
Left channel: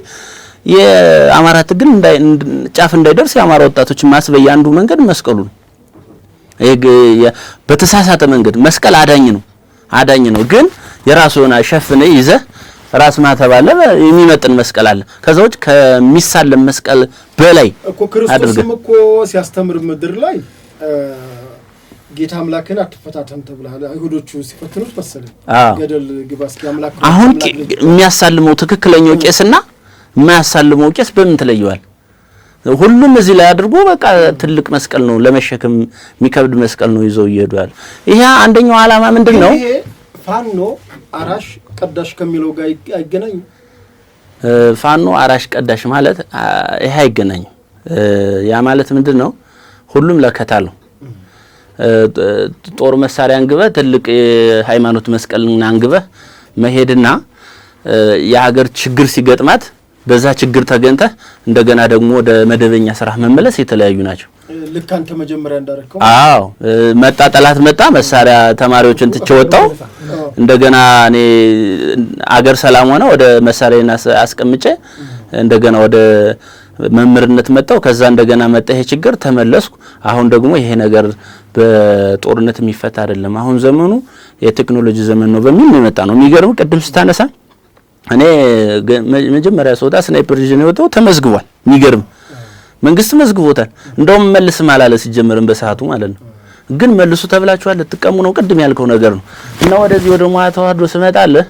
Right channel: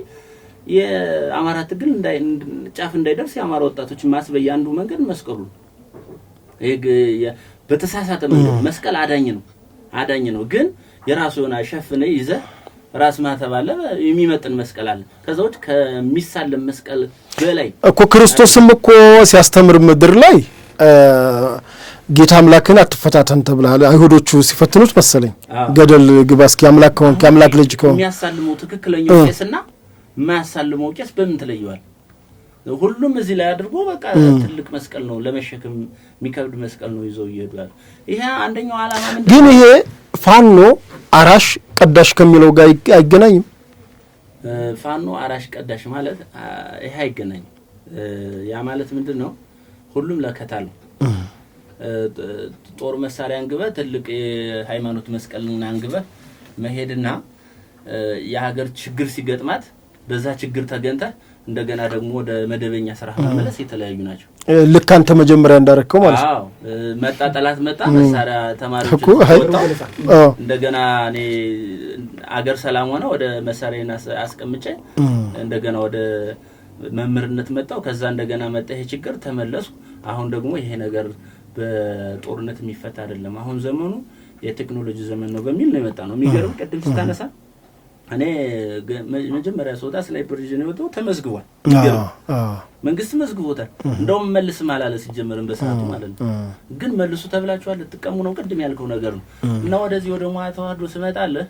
የአማራ ትግል ጫፍ እንዳይደርስ የአማራ ወጣቶችን ማስበያ አንዱ መንገድ መስቀሉ ነው። በተሳሳተ መንገድ መስቀል አዳኝ ነው ግን የራሱ የሆነ ሸፍነ ይዘህ ራስ ማተባለ የሚመጥን መስቀል አለ። ከዛውጭ ከሚሳለም መስቀል በላይ እኮ ክርስቶስም እኮ ሲያስተምር ምድር ላይ ጌታ አምላክን አትፈታተን ተብሏል። አይሁዶቹ ሲፈትኑት መሰለኝ ገደል ግባ እስኪ አምላክ ልጅ የሚያሳልመው ትክክለኛው ቄስና የማያሳልመው ቄስ በምን ተለየዋል? ሁሉም እዚህ ላይ አድርጎ በቃ ትልቅ መስቀል ነው፣ ለመሸከም የሚከብድ መስቀል ነው ይዘው ይሄዳል። ይሄ አንደኛው ዓላማ ምንድነው? ይሄ ፋኖ አራሽ ቀዳሽ ከሚለው ጋር አይገናኝም። ፋኖ አራሽ ቀዳሽ ማለት ይሄ አይገናኝም። ያ ማለት ምንድነው? ሁሉም ለከታለው ጦር መሳሪያ አንግበህ ትልቅ የሃይማኖት መስቀልና አንግበህ መሄድና የሀገር ችግር ሲገጥማት በዛ ችግር ተገንተህ እንደገና ደግሞ ወደ መደበኛ ስራ መመለስ የተለያዩ ናቸው። ልክ አንተ መጀመሪያ እንዳረከው ማለት መጣ ጠላት መጣ መሳሪያ ተማሪዎችን ትወጣው እንደገና እኔ አገር ሰላም ሆነ ወደ መሳሪያና አስቀምጬ እንደገና ወደ መምርነት መጣው። ከዛ እንደገና መጣ ይሄ ችግር ተመለስኩ። አሁን ደግሞ ይሄ ነገር በጦርነት የሚፈታ አይደለም፣ አሁን ዘመኑ የቴክኖሎጂ ዘመን ነው በሚል ነው የመጣ ነው። የሚገርም ቅድም ስታነሳ እኔ መጀመሪያ ሰውዳ ስናይፐር ቪዥን የወጣው ተመዝግቧል። የሚገርም መንግስት መዝግቦታል። እንደውም መልስ ማላለ ሲጀመርን በሰዓቱ ማለት ነው። ግን መልሱ ተብላችኋል ልትቀሙ ነው ቅድም ያልከው ነገር ነው። እና ወደዚህ ወደ ተዋህዶ ስመጣለህ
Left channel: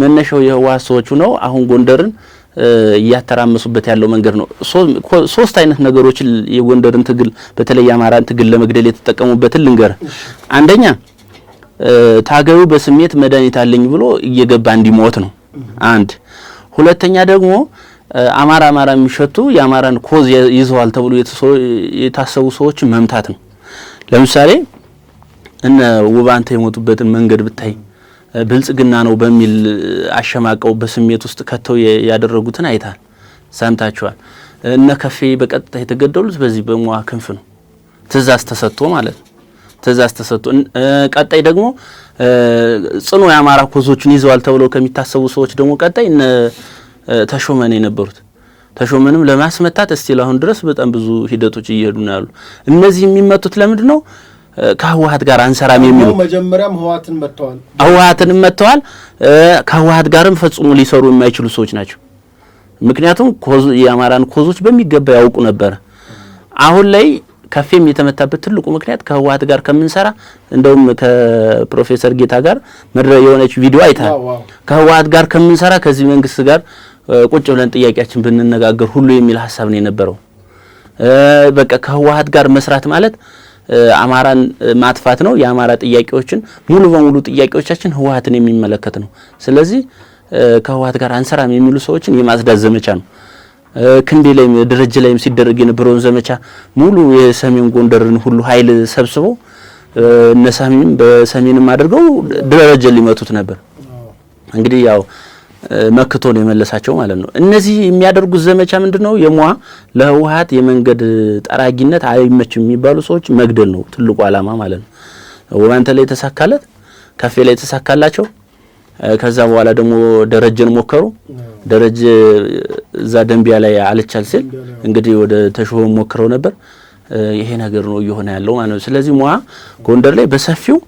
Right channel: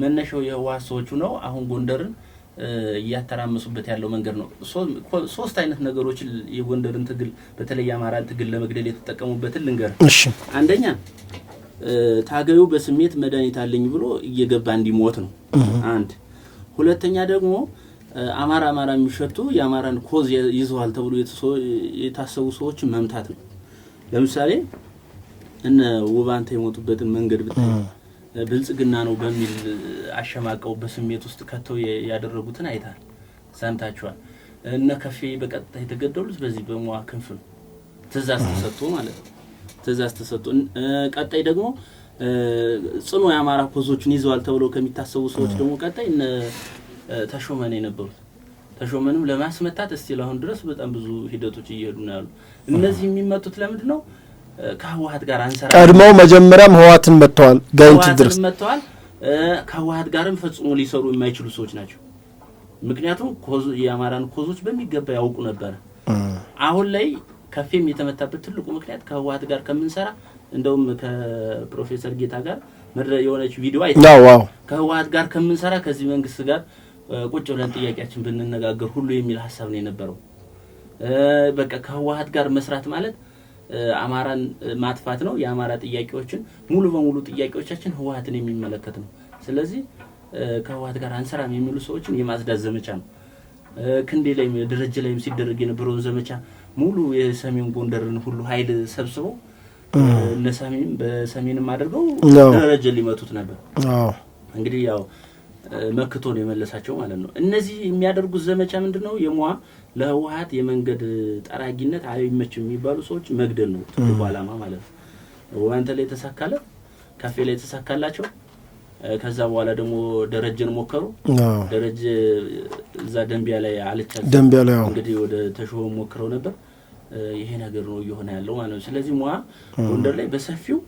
መነሻው የህወሓት ሰዎቹ ነው። አሁን ጎንደርን እያተራመሱበት ያለው መንገድ ነው። ሶስት አይነት ነገሮችን የጎንደርን ትግል በተለይ የአማራን ትግል ለመግደል የተጠቀሙበትን ልንገር። አንደኛ ታገዩ በስሜት መድኃኒት አለኝ ብሎ እየገባ እንዲሞት ነው አንድ። ሁለተኛ ደግሞ አማራ የሚሸቱ የአማራን ኮዝ ይዘዋል ተብሎ የታሰቡ ሰዎች መምታት ነው። ለምሳሌ እነ ውባንተ የሞቱበትን መንገድ ብታይ ብልጽግና ነው በሚል አሸማቀው በስሜት ውስጥ ከተው ያደረጉትን አይታል ሰምታችኋል። እነ ከፌ በቀጥታ የተገደሉት በዚህ በመዋ ክንፍ ነው። ትእዛዝ ተሰጥቶ ማለት ነው። ትእዛዝ ተሰጥቶ ቀጣይ ደግሞ ጽኑ የአማራ ኮዞችን ይዘዋል ተብሎ ከሚታሰቡ ሰዎች ደግሞ ቀጣይ እነ ተሾመን የነበሩት ተሾመንም ለማስመታት እስቲል አሁን ድረስ በጣም ብዙ ሂደቶች እየሄዱ ነው ያሉ። እነዚህ የሚመቱት ለምንድነው? ከህወሓት ጋር አንሰራ ነው። መጀመሪያም ህወሓትን መተዋል። ከህወሓት ጋርም ፈጽሞ ሊሰሩ የማይችሉ ሰዎች ናቸው። ምክንያቱም የአማራን ኮዞች በሚገባ ያውቁ ነበር። አሁን ላይ ከፌም የተመታበት ትልቁ ምክንያት ከህወሓት ጋር ከምንሰራ እንደውም ከፕሮፌሰር ጌታ ጋር የሆነች ቪዲዮ አይተናል። ከህወሓት ጋር ከምንሰራ ከዚህ መንግስት ጋር ቁጭ ብለን ጥያቄያችን ብንነጋገር ሁሉ የሚል ሐሳብ ነው የነበረው። በቃ ከህወሓት ጋር መስራት ማለት አማራን ማጥፋት ነው። የአማራ ጥያቄዎችን ሙሉ በሙሉ ጥያቄዎቻችን ህወሓትን የሚመለከት ነው። ስለዚህ ከህወሓት ጋር አንሰራም የሚሉ ሰዎችን የማጽዳት ዘመቻ ነው። ክንዴ ላይም ደረጃ ላይም ሲደረግ የነበረውን ዘመቻ ሙሉ የሰሜን ጎንደርን ሁሉ ኃይል ሰብስበው እነሳሚም በሰሜንም አድርገው ደረጃ ሊመቱት ነበር። እንግዲህ ያው መክቶ ነው የመለሳቸው ማለት ነው። እነዚህ የሚያደርጉት ዘመቻ ምንድነው? ለህወሓት የመንገድ ጠራጊነት አይመችም የሚባሉ ሰዎች መግደል ነው ትልቁ ዓላማ ማለት ነው። ወባንተ ላይ ተሳካለት፣ ከፌ ላይ ተሳካላቸው። ከዛ በኋላ ደግሞ ደረጀን ሞከሩ። ደረጀ እዛ ደንቢያ ላይ አልቻልም። እንግዲህ ወደ ተሾመ ሞክረው ነበር። ይሄ ነገር ነው እየሆነ ያለው ማለት ነው። ስለዚህ ጎንደር ላይ በሰፊው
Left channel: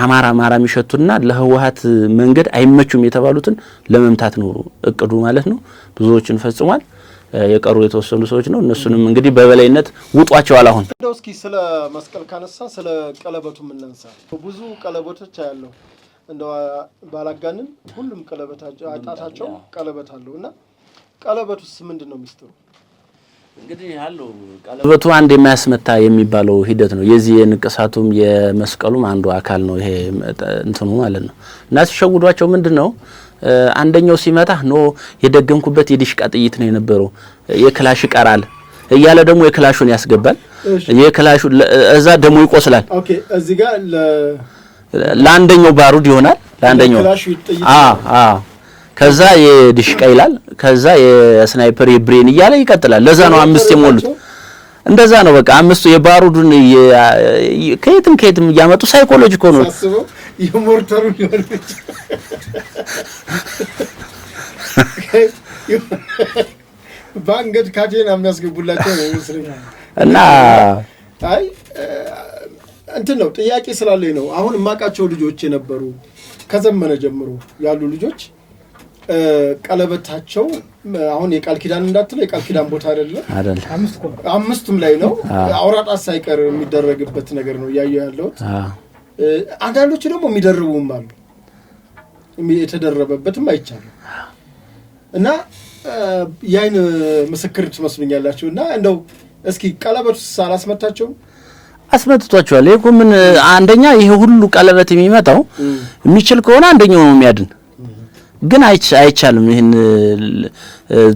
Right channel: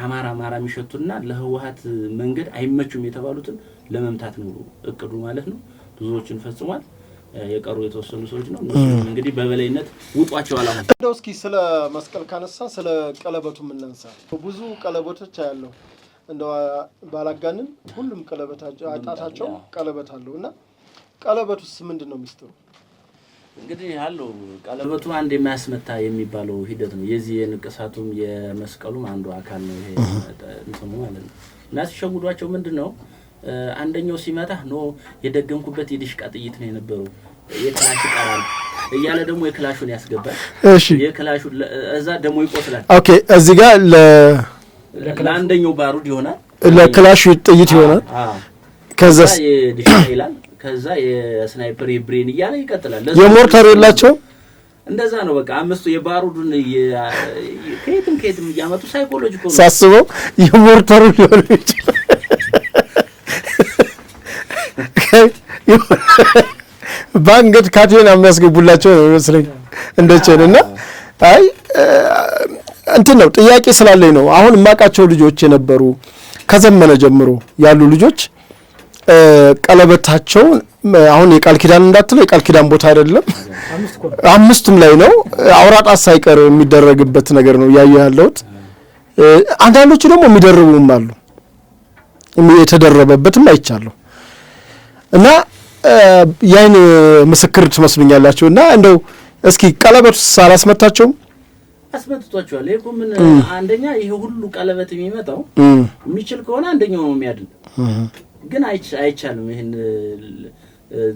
አማራ የሚሸቱና ለህወሓት መንገድ አይመቹም የተባሉትን ለመምታት ነው እቅዱ ማለት ነው። ብዙዎችን ፈጽሟል። የቀሩ የተወሰኑ ሰዎች ነው። እነሱንም እንግዲህ በበላይነት ውጧቸዋል። አሁን እንደው እስኪ ስለ መስቀል ካነሳ ስለ ቀለበቱ ምን እናንሳ? ብዙ ቀለበቶች ያለው እንደው ባላጋንን ሁሉም ቀለበታቸው አጣታቸው ቀለበት አለውና ቀለበቱስ ምንድነው ሚስጥሩ? እንግዲህ ያለው ቀለበቱ አንድ የሚያስመታ የሚባለው ሂደት ነው። የዚህ የንቅሳቱም የመስቀሉም አንዱ አካል ነው ይሄ እንትኑ ማለት ነው። እና ሲሸውዷቸው ምንድነው አንደኛው ሲመታ የደገምኩበት የዲሽቃ ጥይት ነው የነበረው የክላሽ ይቀራል እያለ ደግሞ የክላሹን ያስገባል። የክላሹ እዛ ደግሞ ይቆስላል። ኦኬ እዚህ ጋር ለአንደኛው ባሩድ ይሆናል፣ ለክላሹ ጥይት ይሆናል። ከዛ የዲሽቃ ይላል፣ ከዛ የስናይፐር የብሬን እያለ ይቀጥላል። ለዛው አምስቱ እንደዛ ነው። በቃ አምስቱ የባሩዱን ከየትም እያመጡ ሳይኮሎጂኮ ነው ሳስበው የሞርተሩ ሊሆን ይችላል። ባንገት ካቴና የሚያስገቡላቸው ነው መስለኝ እንደጨና አይ እንትን ነው ጥያቄ ስላለኝ ነው። አሁን ማቃቸው ልጆች የነበሩ ከዘመነ ጀምሮ ያሉ ልጆች ቀለበታቸው አሁን የቃል ኪዳን እንዳትለው የቃል ኪዳን ቦታ አይደለም፣ አምስቱም ላይ ነው አውራጣት ሳይቀር የሚደረግበት ነገር ነው ያያለሁት። አንዳንዶቹ ደግሞ የሚደርቡም አሉ፣ የተደረበበትም አይቻለሁ። እና ያይን ምስክር ትመስሉኛላችሁ። እና እንደው እስኪ ቀለበቱስ አላስመታቸውም? አስመትቷቸዋል። ይሄ ምን አንደኛ ይሄ ሁሉ ቀለበት የሚመጣው የሚችል ከሆነ አንደኛው ነው የሚያድን። ግን አይቻልም። ይሄን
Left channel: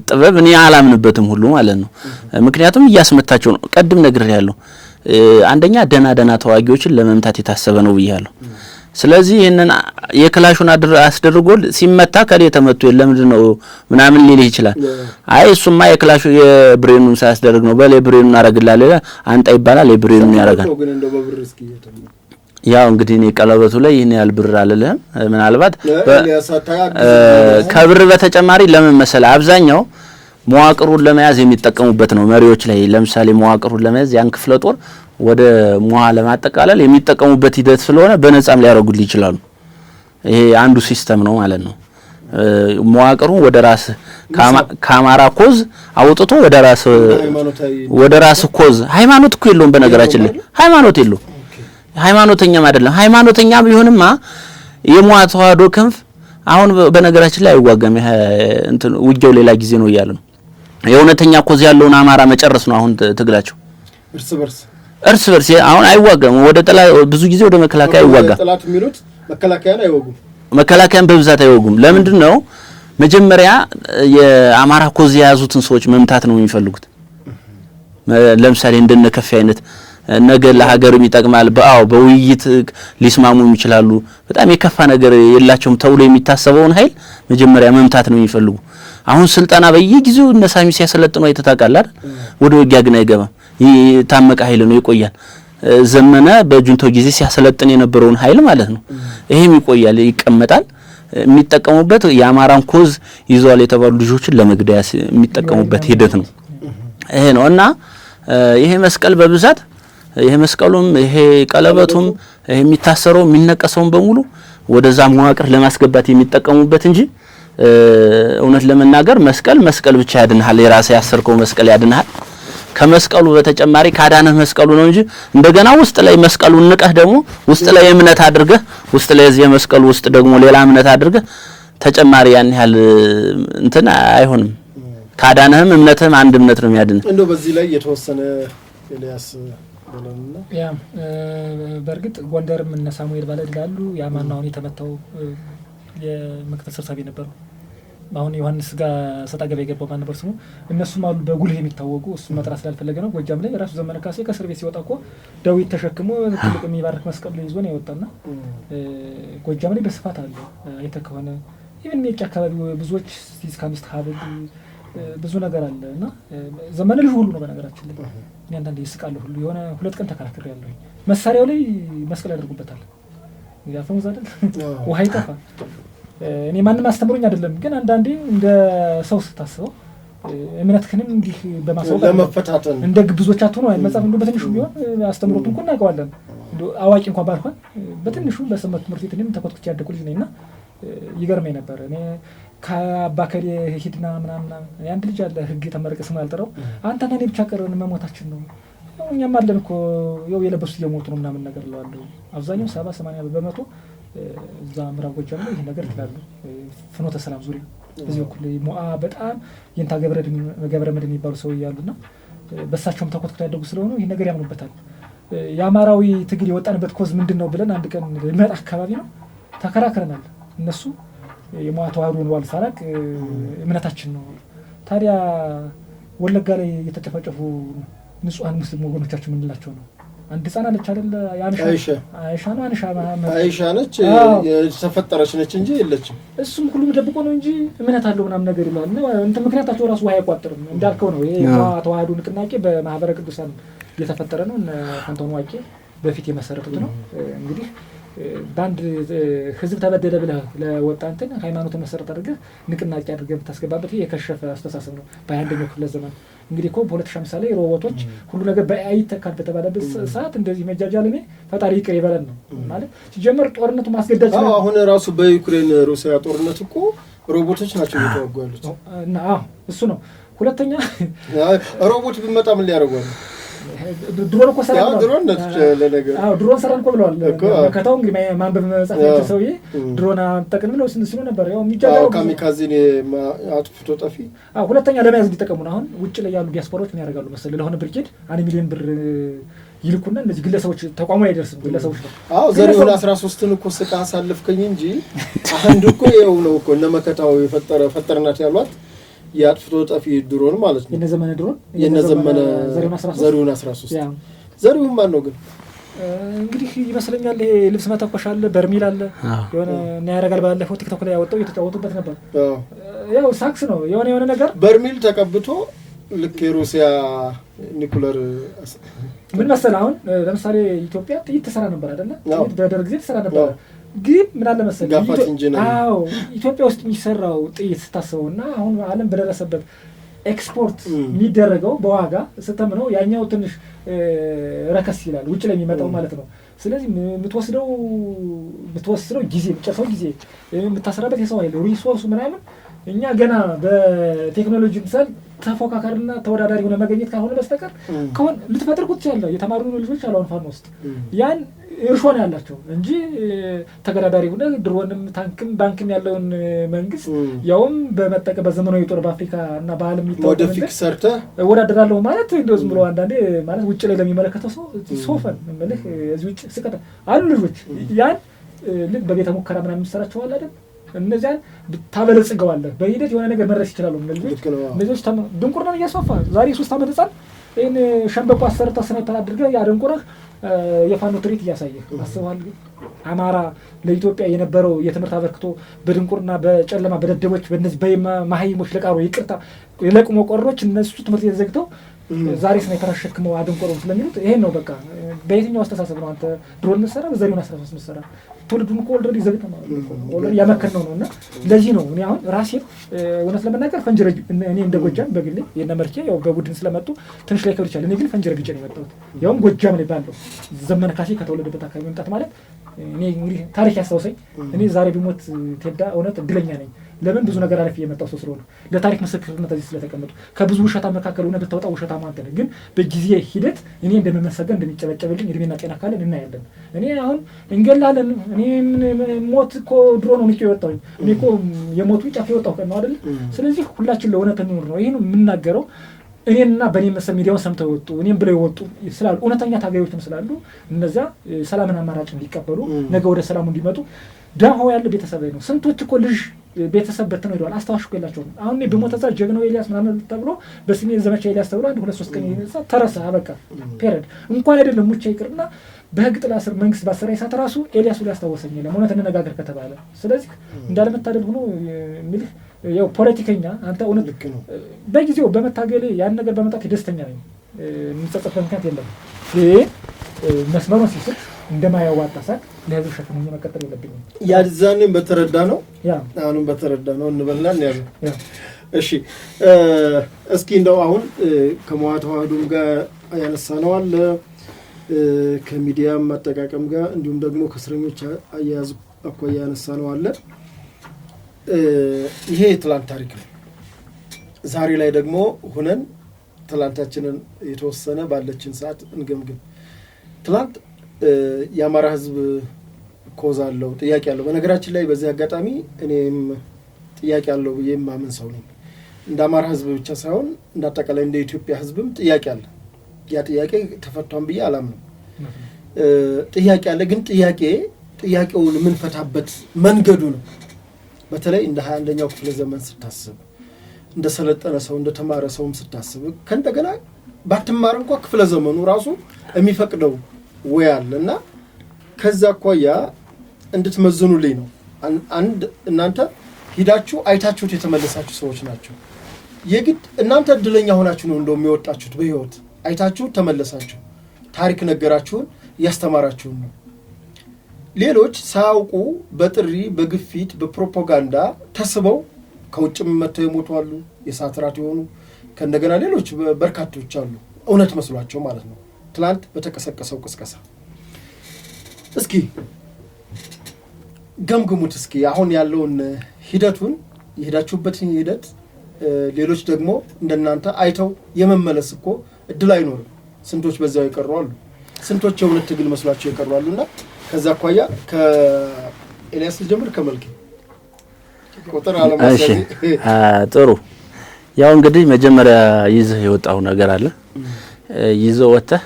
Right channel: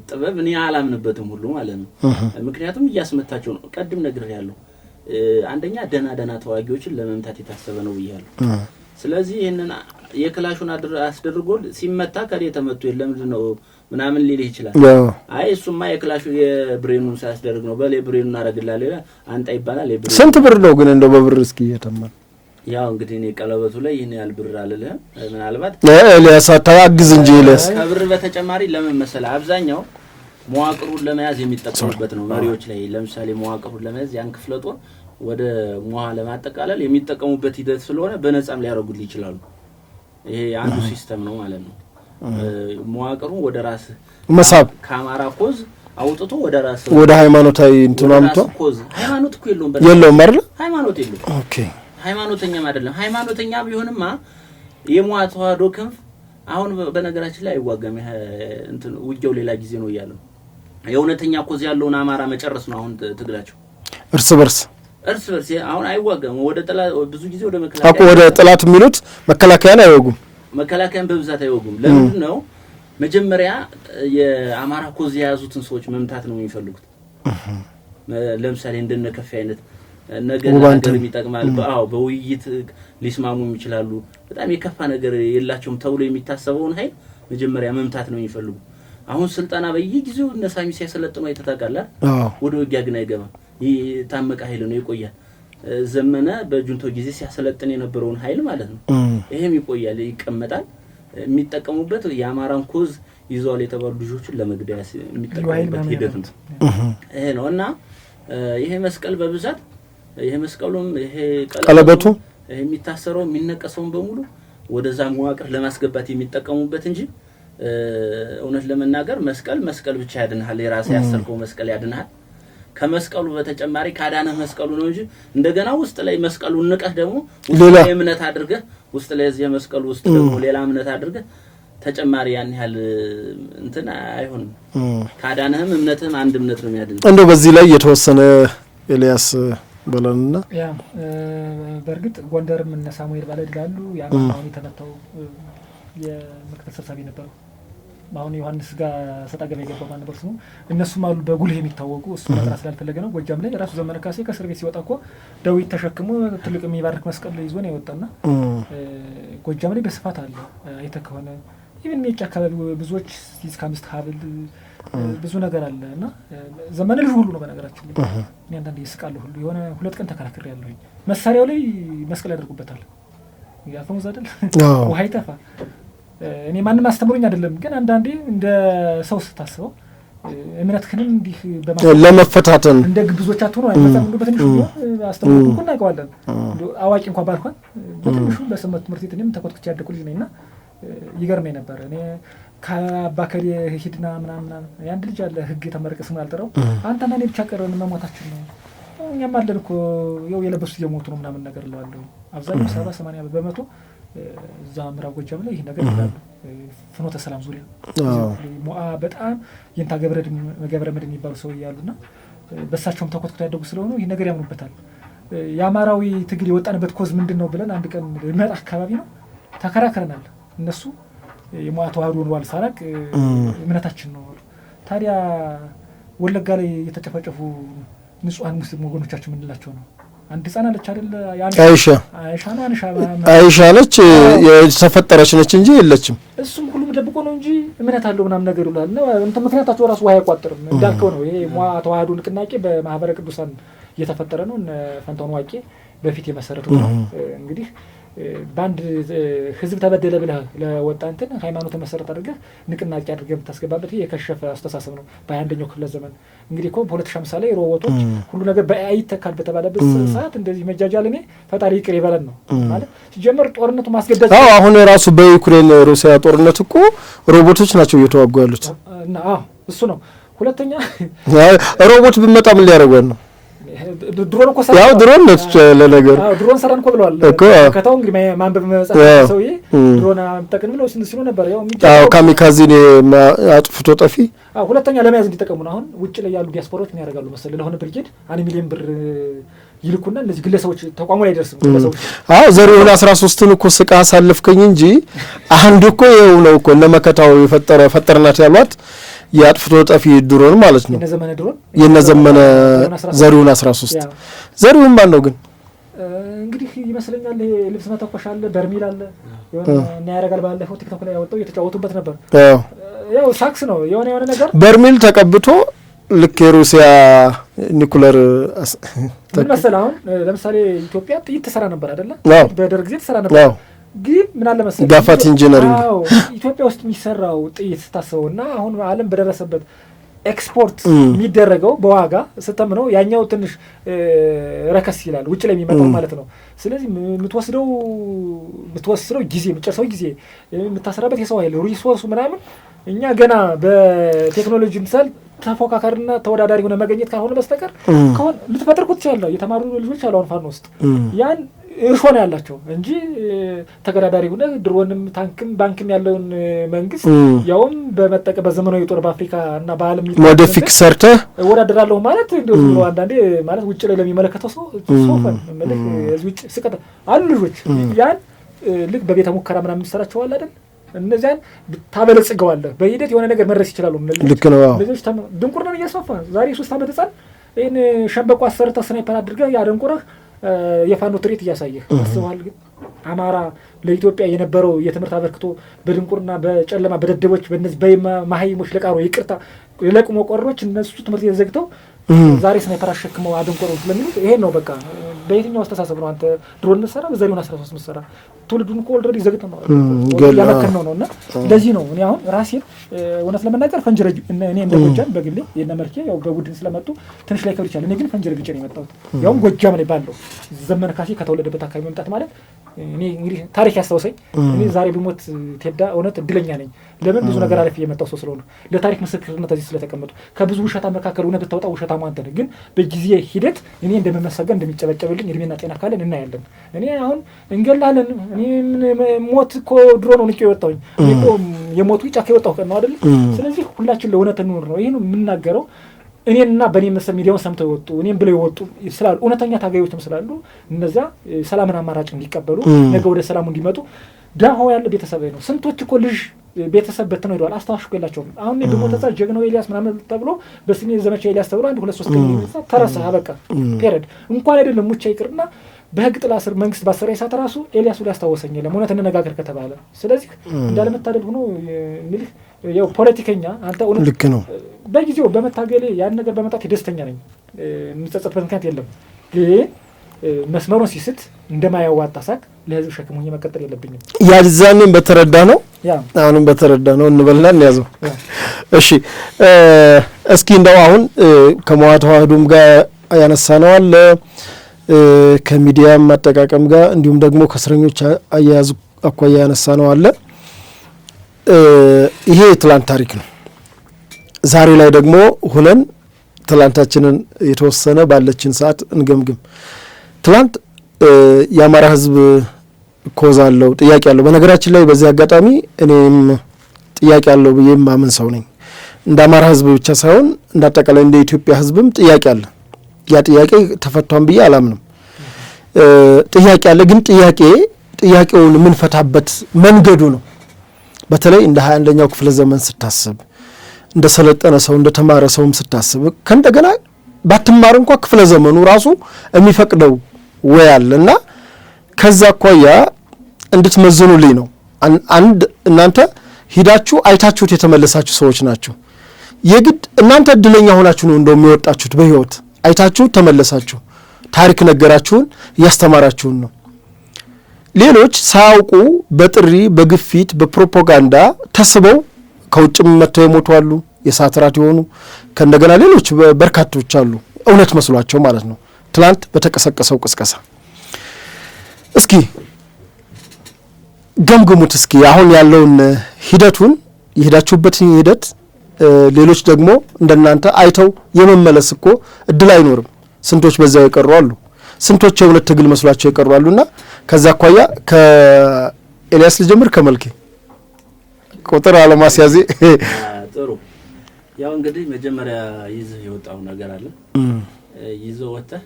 ጥበብ እኔ አላምንበትም ሁሉ ማለት ነው። ምክንያቱም እያስመታቸው ነው። ቀድም ነግሬያለሁ። አንደኛ ደና ተዋጊዎችን ለመምታት የታሰበ ነው ብያለሁ። ስለዚህ ይሄንን የክላሹን አስደርጎ ሲመታ ከሌ ተመቱ ለምንድን ነው ምናምን ሊል ይችላል። አይ እሱማ የክላሹ የብሬኑን ሳያስደርግ ነው። በለ ብሬኑን አረግላለ አንጣ ይባላል። የብሬኑ ስንት ብር ነው ግን እንደው በብር እስኪ የተማ ያው እንግዲህ እኔ ቀለበቱ ላይ ይሄን ያህል ብር አለልህም ምናልባት ለያሳታግዝ እንጂ ከብር በተጨማሪ ለምን መሰለ አብዛኛው መዋቅሩን ለመያዝ የሚጠቀሙበት ነው። መሪዎች ላይ ለምሳሌ መዋቅሩን ለመያዝ ያን ክፍለ ጦር ወደ ሟ ለማጠቃለል የሚጠቀሙበት ሂደት ስለሆነ በነጻም ሊያረጉል ይችላሉ። ይሄ አንዱ ሲስተም ነው ማለት ነው። መዋቅሩን ወደ ራስ ካማራ ኮዝ አውጥቶ ወደ ራስ ኮዝ ሃይማኖት እኮ የለውም በነገራችን ሃይማኖት የለውም። ኦኬ ሃይማኖተኛም አይደለም። ሃይማኖተኛም ቢሆንማ የሟ ተዋህዶ ክንፍ አሁን በነገራችን ላይ አይዋጋም። እንትን ውጊያው ሌላ ጊዜ ነው እያለ ነው። የእውነተኛ ኮዝ ያለውን አማራ መጨረስ ነው አሁን ትግላቸው። እርስ በርስ አሁን አይዋጋም። ወደ ጥላት ብዙ ጊዜ ወደ መከላከያ ወደ ጥላት የሚሉት መከላከያን አይወጉም። መከላከያን በብዛት አይወጉም። ለምንድን ነው? መጀመሪያ የአማራ ኮዝ የያዙትን ሰዎች መምታት ነው የሚፈልጉት። ለምሳሌ እንደነከፍ አይነት ነገ ለሀገር ይጠቅማል በውይይት ሊስማሙ ይችላሉ። በጣም የከፋ ነገር የላቸውም ተብሎ የሚታሰበውን ኃይል መጀመሪያ መምታት ነው የሚፈልጉ። አሁን ስልጣና በየጊዜው እነሳሚ ሲያሰለጥኑ አይተታቃል አይደል? ወደ ውጊያ ግን አይገባም። ታመቀ ኃይል ነው ይቆያል። ዘመነ በጁንታው ጊዜ ሲያሰለጥን የነበረውን ኃይል ማለት ነው። ይሄም ይቆያል፣ ይቀመጣል። የሚጠቀሙበት የአማራን ኮዝ ይዟል የተባሉ ልጆችን ለመግደያ የሚጠቀሙበት ሂደት ነው። ይሄ ነው እና ይሄ መስቀል በብዛት ይሄ መስቀሉም ይሄ ቀለበቱም ይሄ የሚታሰረው የሚነቀሰው በሙሉ ወደዛ መዋቅር ለማስገባት የሚጠቀሙበት እንጂ እውነት ለመናገር መስቀል ብቻ ያድንሃል። የራስ ያሰርከው መስቀል ያድንሃል። ከመስቀሉ በተጨማሪ ካዳነህ መስቀሉ ነው እንጂ እንደገና ውስጥ ላይ መስቀሉን ንቀህ ደግሞ ውስጥ ላይ እምነት አድርገህ ውስጥ ላይ እዚህ መስቀሉ ውስጥ ደግሞ ሌላ እምነት አድርገህ ተጨማሪ ያን ያህል እንትን አይሆንም። ካዳነህም እምነትህም አንድ እምነት ነው የሚያድን። እንደው በዚህ ላይ የተወሰነ ኤልያስ በለንና ያ በእርግጥ ጎንደርም እነ ሳሙኤል ባለድላሉ ያማናውን የተመታው የምክትል ሰብሳቢ ነበሩ። አሁን ዮሐንስ ጋር ሰጣ ገበያ የገባው ማን ነበር ስሙ? እነሱም አሉ በጉልህ የሚታወቁ። እሱ መጥራት ስላልፈለገ ነው። ጎጃም ላይ ራሱ ዘመነ ካሴ ከእስር ቤት ሲወጣ እኮ ዳዊት ተሸክሞ ትልቅ የሚባርክ መስቀል ይዞ ነው የወጣና ጎጃም ላይ በስፋት አለ። አይተህ ከሆነ ኢቭን ሜጫ አካባቢ ብዙዎች እስከ 5 ሀብል ብዙ ነገር አለ እና ዘመነ ልጅ ሁሉ ነው በነገራችን ላይ እኔ አንዳንዴ ይስቃለሁ ሁሉ የሆነ 2 ቀን ተከራክሬ ያለሁኝ መሳሪያው ላይ መስቀል ያደርጉበታል። ያፈሙዝ አይደል ውሃ ይጠፋ። እኔ ማንም አስተምሮኝ አይደለም፣ ግን አንዳንዴ እንደ ሰው ስታስበው እምነትህንም እንዲህ ለመፈታተን እንደ ግብዞች አትሆኑ አይመጣም። እንደው በትንሹ አስተምሮት እንኳን እናውቀዋለን። እንደው አዋቂ እንኳን ባልሆን በትንሹ በሰንበት ትምህርት ቤት እኔም ተኮትኩቼ ያደኩ ልጅ ነኝና ይገርመኝ ነበር። እኔ ከአባከሪ ሂድና ምናምን አንድ ልጅ አለ ህግ የተመረቀ ስሙ ያልጠራው አንተ ማን ብቻ ቀረን መሞታችን ነው እኛም አለን እኮ ያው የለበሱት እየሞቱ ነው ምናምን ነገር እለዋለሁ። አብዛኛው 70-80 በመቶ እዛ ምዕራብ ጎጃም ላይ ይሄ ነገር ይላሉ። ፍኖተ ሰላም ዙሪያ ሞአ በጣም የንታ ገብረ መድን የሚባሉ ሰው ያሉና በሳቸውም ተኮትኩተው ያደጉ ስለሆነ ይሄ ነገር ያምኑበታል። የአማራዊ ትግል የወጣንበት ኮዝ ምንድነው ብለን አንድ ቀን መጣ አካባቢ ነው ተከራክረናል። እነሱ የሞአ ተዋህዶን ዋል ሳላቅ እምነታችን ነው። ታዲያ ወለጋ ላይ የተጨፈጨፉ ንጹሃን ሙስሊም ወገኖቻችን ምን እንላቸው ነው? አንድ ህፃን አለች አይደል? አይሻ ነች የተፈጠረች ነች እንጂ የለችም። እሱም ሁሉም ደብቆ ነው እንጂ እምነት አለው ምናምን ነገር ይላል ነው እንት ምክንያታቸው ራሱ ውሃ አይቋጥርም እንዳልከው ነው። ይሄ ተዋህዶ ንቅናቄ በማህበረ ቅዱሳን እየተፈጠረ ነው። እነ ፋንታውን ዋቄ በፊት የመሰረቱት ነው። እንግዲህ ባንድ ህዝብ ተበደለ ብለህ ለወጣ እንትን ሃይማኖት መሰረት አድርገህ ንቅናቄ አድርገህ የምታስገባበት የከሸፈ አስተሳሰብ ነው። በ21ኛው ክፍለ ዘመን እንግዲህ እኮ በ2050 ላይ ሮቦቶች ሁሉ ነገር በአይ ተካል በተባለበት ሰዓት እንደዚህ መጃጃል እኔ ፈጣሪ ይቅር ይበለን ነው ማለት ሲጀመር ጦርነቱ ማስገደድ ነው። አሁን ራሱ በዩክሬን ሩሲያ ጦርነት እኮ ሮቦቶች ናቸው እየተዋጉ ያሉት እና እሱ ነው። ሁለተኛ ሮቦት ቢመጣ ምን ሊያደርገን ነው? ድሮን እኮ ሰራ ያው ድሮን ነው ለነገሩ ድሮን ሰራን እኮ ብለዋል ከተው እንግዲህ ማንበብ መጻፍ ሰውዬ ድሮን አጠቅም ብለው ሲሉ ነበር። ያው ካሚካዚ አጥፍቶ ጠፊ ሁለተኛ ለመያዝ እንዲጠቀሙ ነው። አሁን ውጭ ላይ ያሉ ዲያስፖራዎች ምን ያደርጋሉ መሰለህ? ለሆነ ብርጌድ 1 ሚሊዮን ብር ይልኩና እነዚህ ግለሰቦች ተቋሙ ላይ ደርሰው ግለሰቦች ዘሪሁን 13ን እኮ ስቃ አሳልፍከኝ እንጂ አንድ እኮ ይኸው ነው እኮ እነ መከታው ፈጠርናት ያሏት የአጥፍቶ ጠፊ ድሮን ማለት ነው። የነዘመነ ዘሪሁን 13 ዘሪሁን ማን ነው ግን? እንግዲህ ይመስለኛል ይሄ ልብስ መተኮሽ አለ፣ በርሚል አለ የሆነ እና ያረጋል። ባለፈው ቲክቶክ ላይ ያወጣው እየተጫወቱበት ነበር። ያው ሳክስ ነው የሆነ ነገር በርሚል ተቀብቶ ልክ የሩሲያ ኒኩለር ምን መሰለህ አሁን ለምሳሌ ኢትዮጵያ ጥይት ተሰራ ነበር አይደለ? በደርግ ጊዜ ተሰራ ነበር። ግን ምን አለ መሰለህ ጋፋት ኢንጂነሪንግ ኢትዮጵያ ውስጥ የሚሰራው ጥይት ስታስበውና አሁን ዓለም በደረሰበት ኤክስፖርት የሚደረገው በዋጋ ስተምነው ያኛው ትንሽ ረከስ ይላል ውጭ ላይ የሚመጣው ማለት ነው። ስለዚህ የምትወስደው ጊዜ የምትጨርሰው ጊዜ የምታሰራበት የሰው ኃይል ሪሶርሱ ምናምን እኛ ገና በቴክኖሎጂ ምሳሌ ተፎካካሪና ተወዳዳሪ ሆነ መገኘት ካልሆነ በስተቀር ከሆነ ልትፈጥር ቁጥ ይችላል። የተማሩ ልጆች አሉ አሁን ፋኖ ውስጥ ያን እርሾ ነው ያላቸው እንጂ ተገዳዳሪ ሆነ ድሮንም ታንክም ባንክም ያለውን መንግስት ያውም በመጠቀም በዘመናዊ ጦር በአፍሪካ እና በዓለም ሞዲፊክ ሰርተህ እወዳደራለሁ ማለት እንደዚህ ነው። አንዳንዴ ማለት ውጭ ላይ ለሚመለከተው ሰው ሶፈን ማለት እዚህ ውጭ ስቀታ አሉ ልጆች ያን ልክ በቤተ ሙከራ ምናምን የሚሰራቸው አለ አይደል? እነዚያን ታበለጽገዋለህ በሂደት የሆነ ነገር መድረስ ይችላሉ። ልክ ነው። ልጆች ድንቁር ነው እያስፋፋ ዛሬ 3 ዓመት ህጻን ይሄን ሸምበቆ አሰርተህ ስናይፐር አድርገህ ያደንቁረህ የፋኖ ትርኢት እያሳየህ አስበዋል። ግን አማራ ለኢትዮጵያ የነበረው የትምህርት አበርክቶ በድንቁርና በጨለማ በደደቦች በእነዚህ በማሃይሞች ለቃሮ ይቅርታ ለቁሞ ቆሮች እነሱ ትምህርት የተዘግተው ዛሬ ስናይፐር አሸክመው አደንቁረው ስለሚሉት ይሄን ነው በቃ። በየትኛው አስተሳሰብ ነው አንተ ድሮን መስራ በዘሪሁን 13 መስራ ትውልዱን እኮ ኦልሬዲ ዘግተው ነው ለመከር ነው እና ለዚህ ነው እኔ አሁን ራሴ እውነት ለመናገር ፈንጅረጅ እኔ እንደ ጎጃም በግሌ የነ መርኬ ያው በቡድን ስለመጡ ትንሽ ላይ ከብቻ እኔ ግን ፈንጅረግጬ ነው የመጣሁት። ያው ጎጃም ላይ ባለው ዘመነ ካሴ ከተወለደበት አካባቢ መምጣት ማለት እኔ እንግዲህ ታሪክ ያስታውሰኝ። እኔ ዛሬ ብሞት ቴዳ እውነት እድለኛ ነኝ። ለምን ብዙ ነገር አለፍ የመጣው ሰው ስለሆነ ለታሪክ ምስክርነት እዚህ ስለተቀመጡ ከብዙ ውሸታ መካከል ሆነ ብታወጣው ውሸታ ማንተ ነው። ግን በጊዜ ሂደት እኔ እንደምመሰገን እንደሚጨበጨብልኝ እድሜና ጤና ካለን እናያለን። እኔ አሁን እንገላለን እኔ ሞት እኮ ድሮ ነው ንቄ የወጣሁኝ እኔ እኮ የሞቱ ጫፍ የወጣሁ ቀን ነው አይደል? ስለዚህ ሁላችን ለእውነት እንኖር ነው ይሄን የምናገረው። እኔና በእኔ መሰል ሚዲያውን ሰምተው ይወጡ እኔም ብለው ይወጡ ስላሉ እውነተኛ ታጋዮችም ስላሉ እነዛ ሰላምን አማራጭ እንዲቀበሉ ነገ ወደ ሰላሙ እንዲመጡ ዳሆ ያለ ቤተሰብ ነው። ስንቶች እኮ ልጅ ቤተሰብ በተነው ይደዋል አስተዋሽ ገላቸው አሁን እኔ በሞተዛ ጀግናው ኤልያስ ምናምን ተብሎ በስሜ ዘመቻው ኤልያስ ተብሎ 1-2-3 ቀን ይነሳ ተረሳ በቃ ፔሬድ እንኳን አይደለም ሙቻ ይቅርና በህግ ጥላ ስር መንግስት ባሰራይ ሰዓት ራሱ ኤልያስ ሁሉ ያስታወሰኝ የለም እውነት እንነጋገር ከተባለ። ስለዚህ እንዳለመታደል ሆኖ እንግዲህ ያው ፖለቲከኛ አንተ እውነት ልክ ነው በጊዜው በመታገሌ ያን ነገር በመጣት ደስተኛ ነኝ። እንጸጸት ምክንያት የለም። ይሄ መስመሩን ሲስት እንደማያዋጣ ሳቅ ለህዝብ ሸክም መቀጠል የለብኝም። ያዛኔም በተረዳ ነው አሁንም በተረዳ ነው እንበልና እንያዘው። እሺ እስኪ እንደው አሁን ከመዋዕለ ተዋሕዶም ጋር ያነሳነው አለ ከሚዲያም አጠቃቀም ጋር እንዲሁም ደግሞ ከእስረኞች አያያዝ አኳያ ያነሳነው አለ። ይሄ የትላንት ታሪክ ነው። ዛሬ ላይ ደግሞ ሆነን ትላንታችንን የተወሰነ ባለችን ሰዓት እንገምግም። ትላንት የአማራ ህዝብ ኮዝ አለው ጥያቄ አለው። በነገራችን ላይ በዚህ አጋጣሚ እኔም ጥያቄ አለው ብዬ ማምን ሰው ነኝ። እንደ አማራ ህዝብ ብቻ ሳይሆን እንደ አጠቃላይ እንደ ኢትዮጵያ ህዝብም ጥያቄ አለ። ያ ጥያቄ ተፈቷን ብዬ አላምንም። ጥያቄ አለ፣ ግን ጥያቄውን የምንፈታበት መንገዱ ነው። በተለይ እንደ 21ኛው ክፍለ ዘመን ስታስብ እንደ ሰለጠነ ሰው እንደ ተማረ ሰውም ስታስብ ከእንደገና ባትማር እንኳን ክፍለ ዘመኑ ራሱ የሚፈቅደው ወይ አለና ከዛ አኳያ እንድትመዝኑልኝ ነው። አንድ እናንተ ሂዳችሁ አይታችሁት የተመለሳችሁ ሰዎች ናችሁ። የግድ እናንተ እድለኛ ሆናችሁ ነው እንደው የሚወጣችሁት በህይወት አይታችሁ ተመለሳችሁ። ታሪክ ነገራችሁን ያስተማራችሁን ነው። ሌሎች ሳያውቁ በጥሪ በግፊት በፕሮፓጋንዳ ተስበው ከውጭም መጥተው የሞቱ አሉ። የሰዓት ራት የሆኑ ከእንደገና ሌሎች በርካቶች አሉ እውነት መስሏቸው ማለት ነው። ትላንት በተቀሰቀሰው ቅስቀሳ እስኪ ገምግሙት። እስኪ አሁን ያለውን ሂደቱን የሄዳችሁበትን ሂደት ሌሎች ደግሞ እንደናንተ አይተው የመመለስ እኮ እድል አይኖርም። ስንቶች በዛው የቀሩ አሉ። ስንቶች የእውነት ትግል መስሏቸው የቀሩ አሉና ከዛ አኳያ ከኤልያስ ልጀምር። ከመልኬ ቁጥር አለማስያዜ ጥሩ። ያው እንግዲህ መጀመሪያ ይዘህ የወጣው ነገር አለ። ይዘው ወጥተህ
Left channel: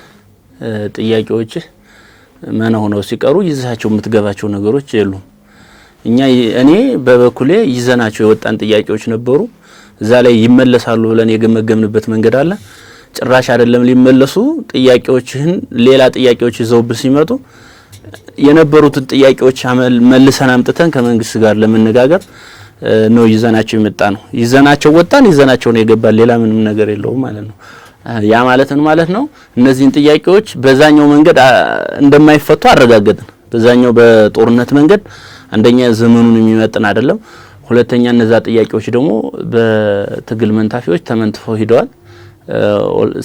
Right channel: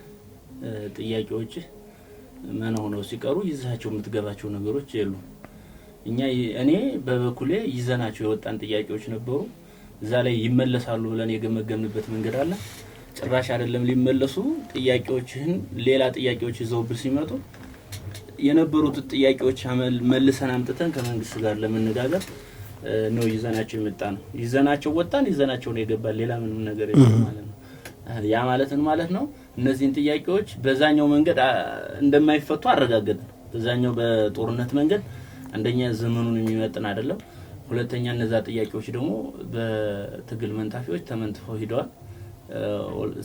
ጥያቄዎች ማን ሆነው ሲቀሩ ይዘሃቸው የምትገባቸው ነገሮች የሉም። እኔ በበኩሌ ይዘናቸው የወጣን ጥያቄዎች ነበሩ። እዛ ላይ ይመለሳሉ ብለን የገመገምንበት መንገድ አለ። ጭራሽ አይደለም ሊመለሱ ጥያቄዎችህን ሌላ ጥያቄዎች ይዘውብህ ሲመጡ የነበሩትን ጥያቄዎች መልሰን አምጥተን ከመንግስት ጋር ለመነጋገር ነው ይዘናቸው የመጣ ነው። ይዘናቸው ወጣን፣ ይዘናቸው ነው የገባን። ሌላ ምንም ነገር የለውም ማለት ነው። ያ ማለት ነው እነዚህን ጥያቄዎች በዛኛው መንገድ እንደማይፈቱ አረጋገጥን። በዛኛው በጦርነት መንገድ አንደኛ ዘመኑን የሚመጥን አይደለም፣ ሁለተኛ እነዛ ጥያቄዎች ደግሞ በትግል መንታፊዎች ተመንትፈው ሂደዋል።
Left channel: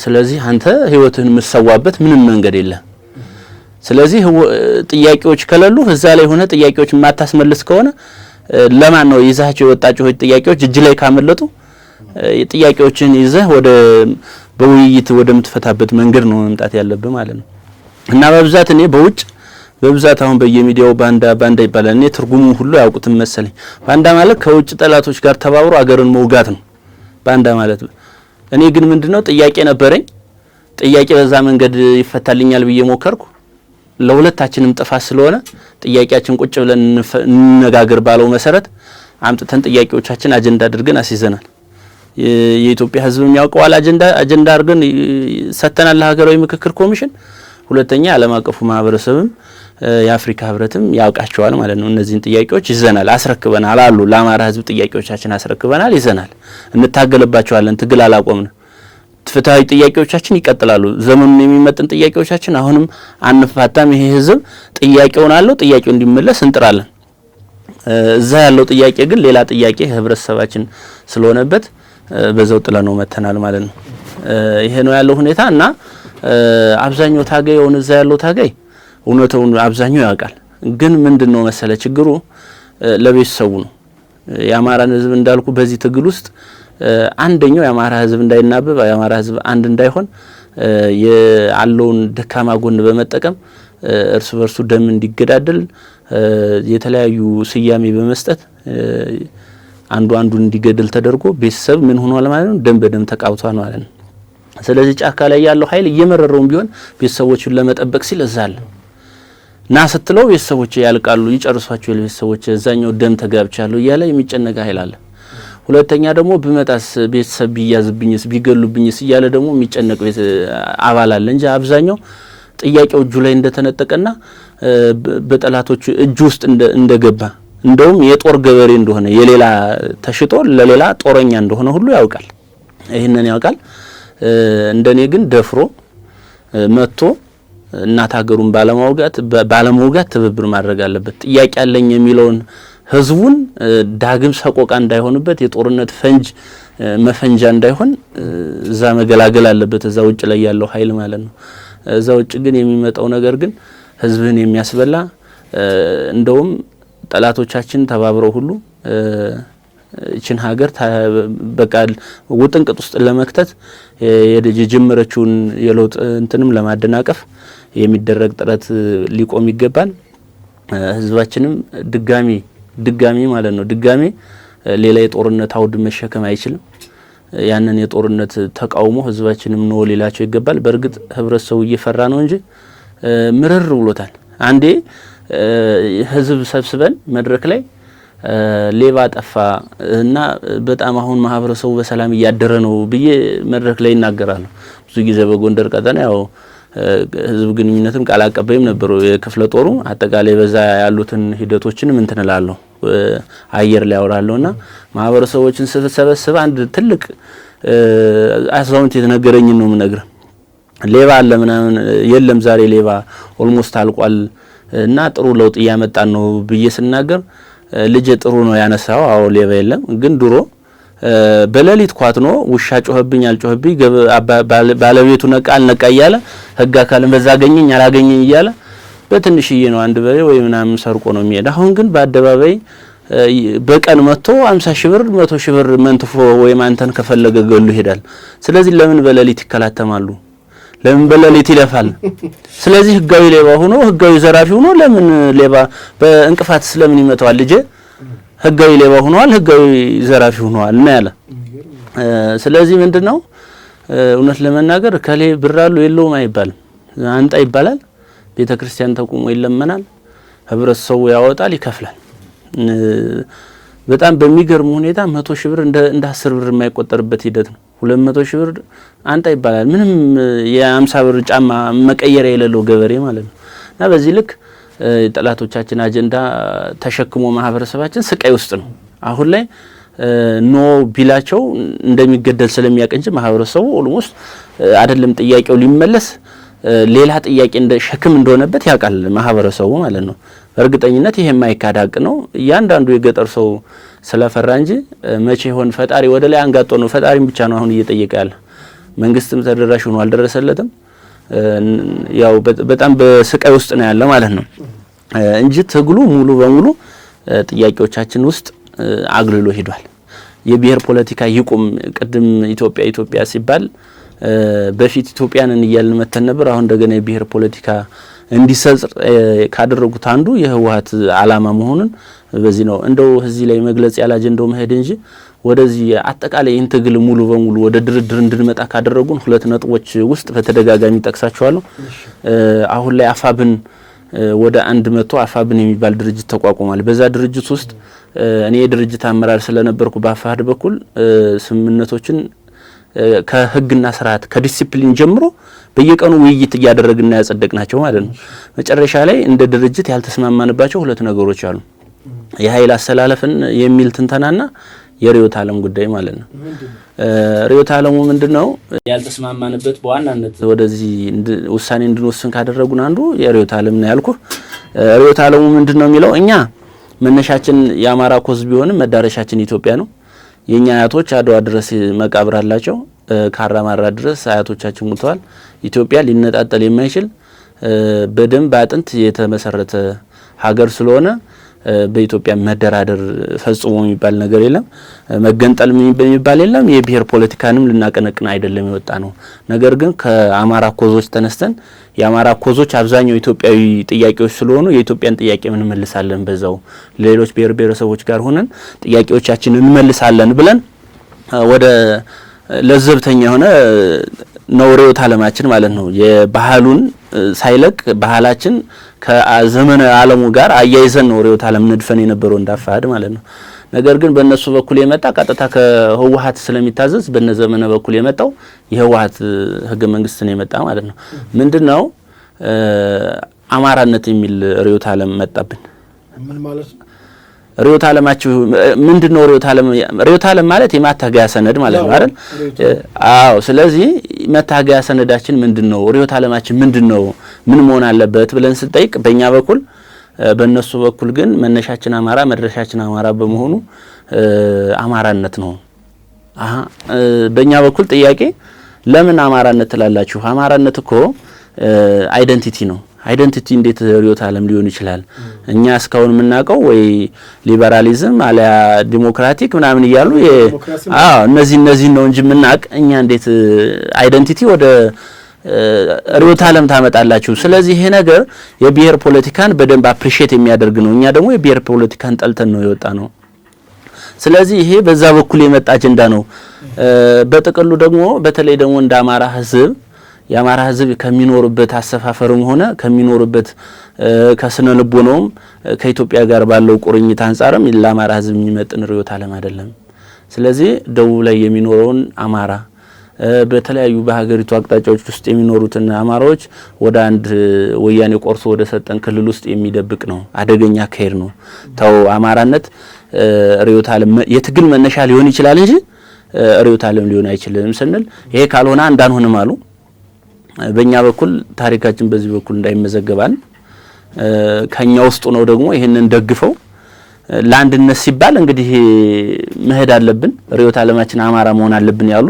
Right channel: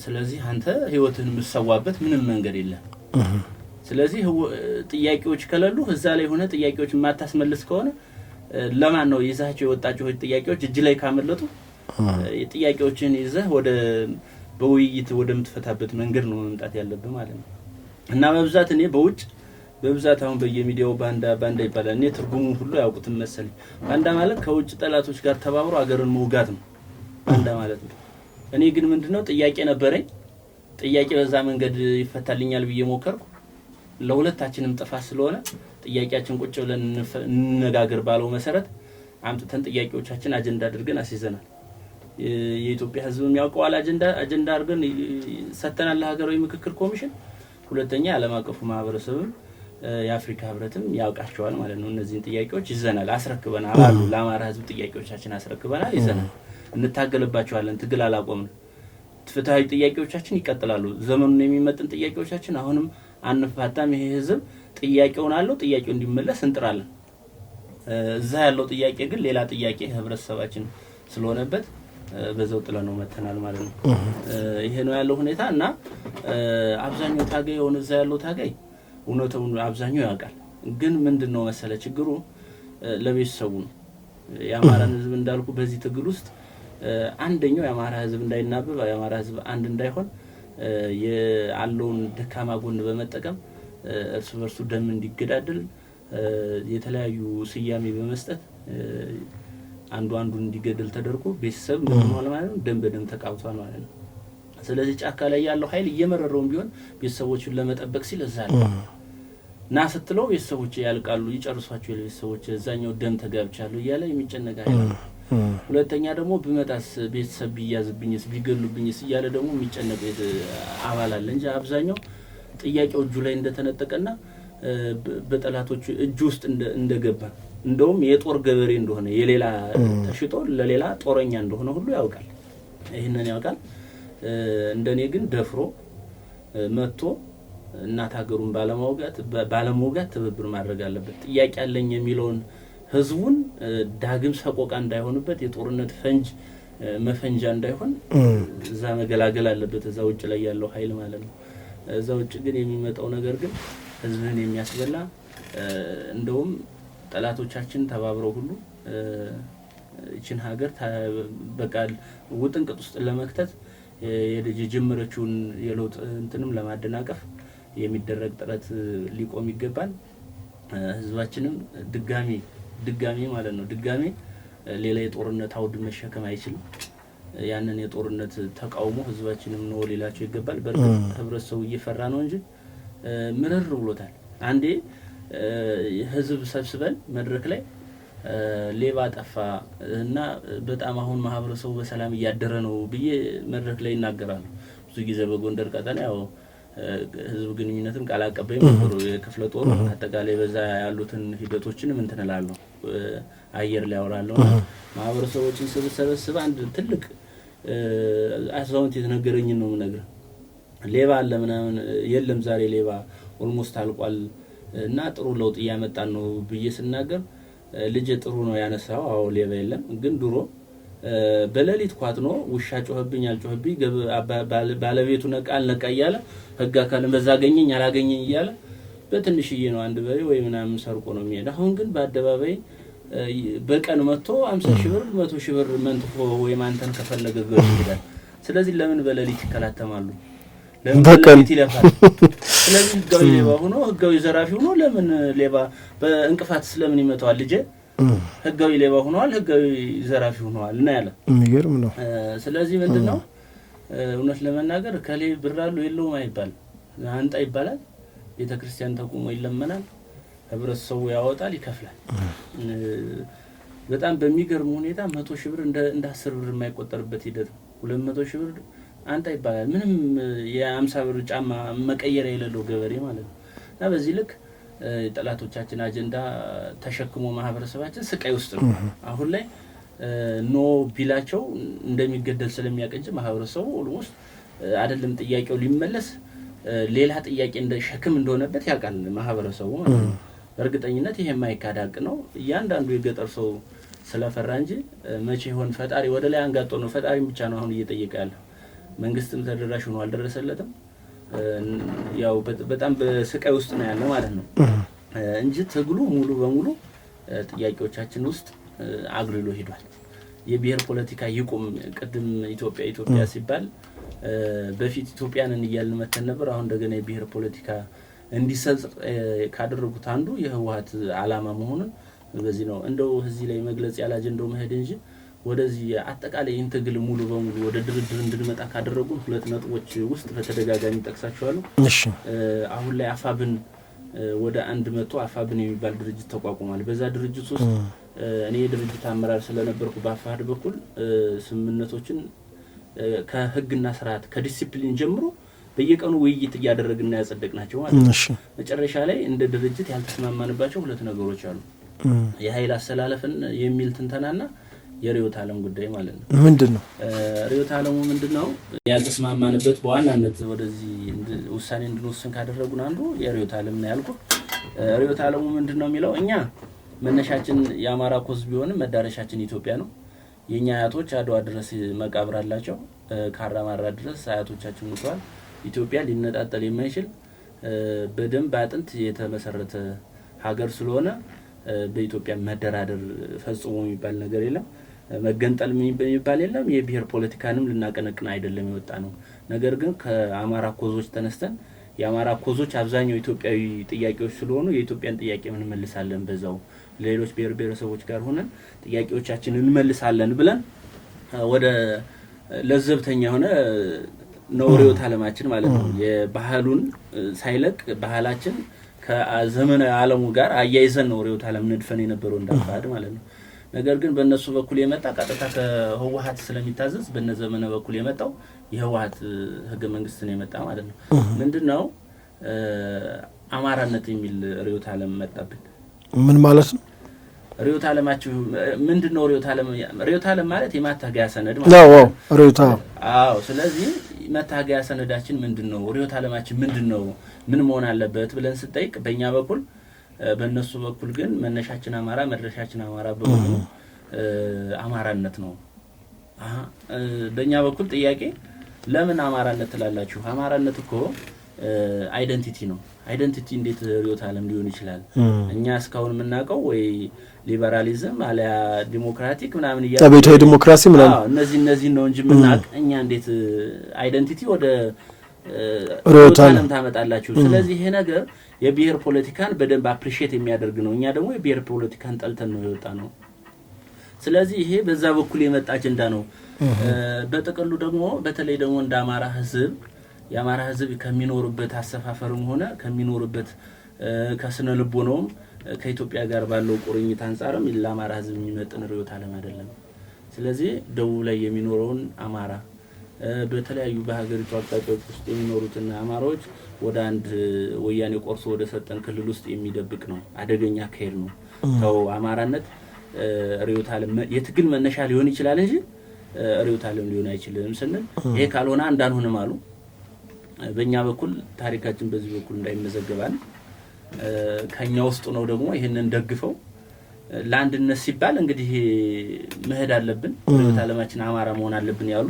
ስለዚህ አንተ ህይወትህን የምትሰዋበት ምንም መንገድ የለም። ስለዚህ ጥያቄዎች ከሌሉ እዛ ላይ ሆነ ጥያቄዎች ማታስመልስ ከሆነ ለማን ነው ይዛቸው የወጣቸው ጥያቄዎች እጅ ላይ ካመለጡ ጥያቄዎችን ይዘህ ወደ በውይይት ወደምትፈታበት መንገድ ነው መምጣት ያለብህ ማለት ነው። እና በብዛት እኔ በብዛት አሁን በየሚዲያው ባንዳ ይባላል። እኔ ትርጉሙ ሁሉ ያውቁትም መሰለኝ። ባንዳ ማለት ከውጭ ጠላቶች ጋር ተባብሮ አገርን መውጋት ነው ባንዳ ማለት። እኔ ግን ምንድነው ጥያቄ ነበረኝ። ጥያቄ በዛ መንገድ ይፈታልኛል ብዬ ሞከርኩ። ለሁለታችንም ጥፋት ስለሆነ ጥያቄያችን ቁጭ ብለን እንነጋገር ባለው መሰረት አምጥተን ጥያቄዎቻችን አጀንዳ አድርገን አስይዘናል። የኢትዮጵያ ህዝብ የሚያውቀዋል አጀንዳ አድርገን ሰተናል ለሀገራዊ ምክክር ኮሚሽን። ሁለተኛ ዓለም አቀፉ ማህበረሰብም የአፍሪካ ህብረትም ያውቃቸዋል ማለት ነው። እነዚህን ጥያቄዎች ይዘናል፣ አስረክበናል አሉ። ለአማራ ህዝብ ጥያቄዎቻችን አስረክበናል፣ ይዘናል፣ እንታገልባቸዋለን። ትግል አላቆምን። ፍትሃዊ ጥያቄዎቻችን ይቀጥላሉ። ዘመኑን የሚመጥን ጥያቄዎቻችን አሁንም አንፋታም። ይሄ ህዝብ ጥያቄውን አለው፣ ጥያቄው እንዲመለስ እንጥራለን። እዛ ያለው ጥያቄ ግን ሌላ ጥያቄ ህብረተሰባችን ስለሆነበት በዛው ጥለ ነው መተናል ማለት ነው። ይሄ ነው ያለው ሁኔታ እና አብዛኛው ታጋይ ሆነ እዛ ያለው ታጋይ እውነቱን አብዛኛው ያውቃል። ግን ምንድነው መሰለ ችግሩ ለቤተሰቡ ነው። የአማራን ህዝብ እንዳልኩ በዚህ ትግል ውስጥ አንደኛው የአማራ ህዝብ እንዳይናበብ የአማራ ህዝብ አንድ እንዳይሆን ያለውን ደካማ ጎን በመጠቀም እርስ በርሱ ደም እንዲገዳደል የተለያዩ ስያሜ በመስጠት አንዱ አንዱን እንዲገደል ተደርጎ ቤተሰብ ምን ሆኗል ማለት ነው ደም በደም ተቃውቷል ማለት ነው። ስለዚህ ጫካ ላይ ያለው ኃይል እየመረረውም ቢሆን ቤተሰቦቹን ለመጠበቅ ሲል እዛል ና ስትለው ቤተሰቦች ያልቃሉ ይጨርሷቸው ቤተሰቦች እዛኛው ደም ተጋብቻለሁ እያለ የሚጨነቅ ኃይል አለ። ሁለተኛ ደግሞ በመጣስ ቤተሰብ ቢያዝብኝስ ቢገሉብኝስ እያለ ደግሞ የሚጨነቅ አባል አለ እንጂ አብዛኛው ጥያቄው እጁ ላይ እንደተነጠቀና በጠላቶቹ እጁ ውስጥ እንደገባ እንደውም የጦር ገበሬ እንደሆነ የሌላ ተሽጦ ለሌላ ጦረኛ እንደሆነ ሁሉ ያውቃል። ይሄንን ያውቃል። እንደኔ ግን ደፍሮ መጥቶ እናት ሀገሩን ባለመውጋት ትብብር ማድረግ አለበት። ጥያቄ ያለኝ የሚለውን ህዝቡን ዳግም ሰቆቃ እንዳይሆንበት የጦርነት ፈንጅ መፈንጃ እንዳይሆን እዛ መገላገል አለበት እዛ ውጭ ላይ ያለው ኃይል ማለት ነው። እዛ ውጭ ግን የሚመጣው ነገር ግን ህዝብን የሚያስበላ እንደውም ጠላቶቻችን ተባብረው ሁሉ እቺን ሀገር በቃ ውጥንቅጥ ውስጥ ለመክተት የጀመረችውን የለውጥ እንትንም ለማደናቀፍ የሚደረግ ጥረት ሊቆም ይገባል። ህዝባችንም ድጋሚ ማለት ነው ድጋሚ ሌላ የጦርነት አውድ መሸከም አይችልም። ያንን የጦርነት ተቃውሞ ህዝባችንም ነው ሊላቸው ይገባል። በእርግጥ ህብረተሰቡ እየፈራ ነው እንጂ ምርር ብሎታል። አንዴ ህዝብ ሰብስበን መድረክ ላይ ሌባ ጠፋ እና በጣም አሁን ማህበረሰቡ በሰላም እያደረ ነው ብዬ መድረክ ላይ ይናገራሉ። ብዙ ጊዜ በጎንደር ቀጠና ያው ህዝብ ግንኙነትም ቃል አቀባይም ነበሩ የክፍለ ጦሩ አጠቃላይ በዛ ያሉትን ሂደቶችንም እንትንላለሁ አየር ላይ አወራለሁና ማህበረሰቦችን ሰበሰበ አንድ ትልቅ አዛውንት የተነገረኝ ነው የምነግርህ። ሌባ አለ ምናምን የለም ዛሬ ሌባ ኦልሞስት አልቋል እና ጥሩ ለውጥ እያመጣን ነው ብዬ ስናገር ልጅ ጥሩ ነው ያነሳው አዎ ሌባ የለም ግን ድሮ በሌሊት ኳትኖ ውሻ ጮህብኝ አልጮህብኝ ባለቤቱ ነቃ አልነቃ እያለ ህግ አካልን በዛ አገኘኝ አላገኘኝ እያለ በትንሽዬ ነው አንድ በሬ ወይ ምናምን ሰርቆ ነው የሚሄድ። አሁን ግን በአደባባይ በቀን መጥቶ 50 ሺህ ብር 100 ሺህ ብር መንትፎ ወይ ማንተን ከፈለገ ገሉ ይሄዳል። ስለዚህ ለምን በሌሊት ይከላተማሉ? ለምን በሌሊት ይለፋል? ስለዚህ ህጋዊ ሌባ ሆኖ ህጋዊ ዘራፊ ሆኖ ለምን ሌባ በእንቅፋት ስለምን ይመጣዋል? ልጅ ህጋዊ ሌባ ሆኗል፣ ህጋዊ ዘራፊ ሆኗል እና ያለ የሚገርም ነው። ስለዚህ ምንድነው እውነት ለመናገር ከሌ ብራሉ የለውም አይባልም፣ አንጣ ይባላል። ቤተክርስቲያን ተቆሞ ይለመናል፣ ህብረተሰቡ ያወጣል፣ ይከፍላል። በጣም በሚገርም ሁኔታ 100 ሺህ ብር እንደ 10 ብር የማይቆጠርበት ሂደት ነው። 200 ሺህ ብር አንጣ ይባላል። ምንም የ50 ብር ጫማ መቀየሪያ የሌለው ገበሬ ማለት ነው። እና በዚህ ልክ ጠላቶቻችን አጀንዳ ተሸክሞ ማህበረሰባችን ስቃይ ውስጥ ነው። አሁን ላይ ኖ ቢላቸው እንደሚገደል ስለሚያቀንጅ ማህበረሰቡ ኦልሞስት አይደለም ጥያቄው ሊመለስ ሌላ ጥያቄ እንደ ሸክም እንደሆነበት ያውቃል ማህበረሰቡ ማለት ነው። በእርግጠኝነት ይሄ የማይካድ ሀቅ ነው። እያንዳንዱ የገጠር ሰው ስለፈራ እንጂ መቼ ይሆን ፈጣሪ ወደ ላይ አንጋጦ ነው ፈጣሪም ብቻ ነው አሁን እየጠየቀ ያለ። መንግስትም ተደራሽ ሆኖ አልደረሰለትም። ያው በጣም በስቃይ ውስጥ ነው ያለ ማለት ነው እንጂ ትግሉ ሙሉ በሙሉ ጥያቄዎቻችን ውስጥ አግልሎ ሄዷል። የብሔር ፖለቲካ ይቁም። ቅድም ኢትዮጵያ ሲባል በፊት ኢትዮጵያንን እያልን መተን ነበር። አሁን እንደገና የብሔር ፖለቲካ እንዲሰጽ ካደረጉት አንዱ የህወሓት አላማ መሆኑን በዚህ ነው እንደው እዚህ ላይ መግለጽ ያለ አጀንዳው መሄድ እንጂ ወደዚህ አጠቃላይ ኢንተግል ሙሉ በሙሉ ወደ ድርድር እንድንመጣ ካደረጉን ሁለት ነጥቦች ውስጥ በተደጋጋሚ ጠቅሳቸዋለሁ። አሁን ላይ አፋብን ወደ 100 አፋብን የሚባል ድርጅት ተቋቁሟል። በዛ ድርጅት ውስጥ እኔ የድርጅት አመራር ስለነበርኩ በአፋድ በኩል ስምምነቶችን ከህግና ስርዓት ከዲሲፕሊን ጀምሮ በየቀኑ ውይይት እያደረግና ያጸደቅናቸው ማለት ነው። መጨረሻ ላይ እንደ ድርጅት ያልተስማማንባቸው ሁለት ነገሮች አሉ። የኃይል አሰላለፍን የሚል ትንተናና የሪዮት ዓለም ጉዳይ ማለት ነው። ምንድነው ሪዮት ዓለሙ ምንድነው? ያልተስማማንበት በዋናነት ወደዚህ ውሳኔ እንድንወስን ካደረጉን አንዱ የሪዮት ዓለም ነው ያልኩ። ሪዮት ዓለሙ ምንድነው የሚለው እኛ መነሻችን የአማራ ኮዝ ቢሆንም መዳረሻችን ኢትዮጵያ ነው። የኛ አያቶች አድዋ ድረስ መቃብር አላቸው። ካራማራ ድረስ አያቶቻችን ሞተዋል። ኢትዮጵያ ሊነጣጠል የማይችል በደም በአጥንት የተመሰረተ ሀገር ስለሆነ በኢትዮጵያ መደራደር ፈጽሞ የሚባል ነገር የለም። መገንጠል የሚባል የለም። የብሔር ፖለቲካንም ልናቀነቅን አይደለም የወጣ ነው። ነገር ግን ከአማራ ኮዞች ተነስተን የአማራ ኮዞች አብዛኛው ኢትዮጵያዊ ጥያቄዎች ስለሆኑ የኢትዮጵያን ጥያቄ እንመልሳለን፣ በዛው ሌሎች ብሔር ብሔረሰቦች ጋር ሆነን ጥያቄዎቻችንን እንመልሳለን ብለን ወደ ለዘብተኛ የሆነ ነው ርዕዮተ ዓለማችን ማለት ነው። የባህሉን ሳይለቅ ባህላችን ከዘመነ ዓለሙ ጋር አያይዘን ነው ርዕዮተ ዓለም ነድፈን የነበረው እንዳፋድ ማለት ነው። ነገር ግን በእነሱ በኩል የመጣ ቀጥታ ከህወሓት ስለሚታዘዝ በነዘመነ በኩል የመጣው የህወሓት ህገ መንግስት ነው የመጣ ማለት ነው። ምንድነው አማራነት የሚል ርዕዮተ ዓለም መጣብን። ምን ማለት ነው? ርዕዮተ ዓለማችሁ ምንድነው? ርዕዮተ ዓለም ማለት የማታገያ ሰነድ ማለት ነው። አዎ። ስለዚህ መታገያ ሰነዳችን ምንድነው? ርዕዮተ ዓለማችን ምንድነው? ምን መሆን አለበት ብለን ስንጠይቅ በእኛ በኩል በእነሱ በኩል ግን መነሻችን አማራ መድረሻችን አማራ በመሆኑ አማራነት ነው። በእኛ በኩል ጥያቄ ለምን አማራነት ትላላችሁ? አማራነት እኮ አይደንቲቲ ነው። አይደንቲቲ እንዴት ርዕዮተ ዓለም ሊሆን ይችላል? እኛ እስካሁን የምናውቀው ወይ ሊበራሊዝም አለያ ዲሞክራቲክ ምናምን ይያሉ እነዚህ ነው እንጂ የምናውቅ እኛ እንዴት አይደንቲቲ ወደ ርዕዮተ ዓለም ታመጣላችሁ? ስለዚህ ይሄ ነገር የብሔር ፖለቲካን በደንብ አፕሪሺየት የሚያደርግ ነው። እኛ ደግሞ የብሔር ፖለቲካን ጠልተን ነው የወጣ ነው። ስለዚህ ይሄ በዛ በኩል የመጣ አጀንዳ ነው። በጥቅሉ ደግሞ በተለይ ደግሞ እንደ አማራ ህዝብ የአማራ ህዝብ ከሚኖርበት አሰፋፈርም ሆነ ከሚኖርበት ከስነ ልቦናውም ከኢትዮጵያ ጋር ባለው ቁርኝት አንጻርም ለአማራ ህዝብ የሚመጥን ርዕዮተ ዓለም አይደለም። ስለዚህ ደቡብ ላይ የሚኖረውን አማራ በተለያዩ በሀገሪቱ አቅጣጫዎች ውስጥ የሚኖሩትን አማራዎች ወደ አንድ ወያኔ ቆርሶ ወደ ሰጠን ክልል ውስጥ የሚደብቅ ነው። አደገኛ አካሄድ ነው። ተው አማራነት ርዕዮተ ዓለም የትግል መነሻ ሊሆን ይችላል እንጂ ርዕዮተ ዓለም ሊሆን አይችልም ስንል ይሄ ካልሆነ እንዳንሆንም አሉ። በእኛ በኩል ታሪካችን በዚህ በኩል እንዳይመዘገባል ከኛ ውስጥ ነው ደግሞ ይሄንን ደግፈው ለአንድነት ሲባል እንግዲህ መሄድ አለብን ርዕዮተ ዓለማችን አማራ መሆን አለብን ያሉ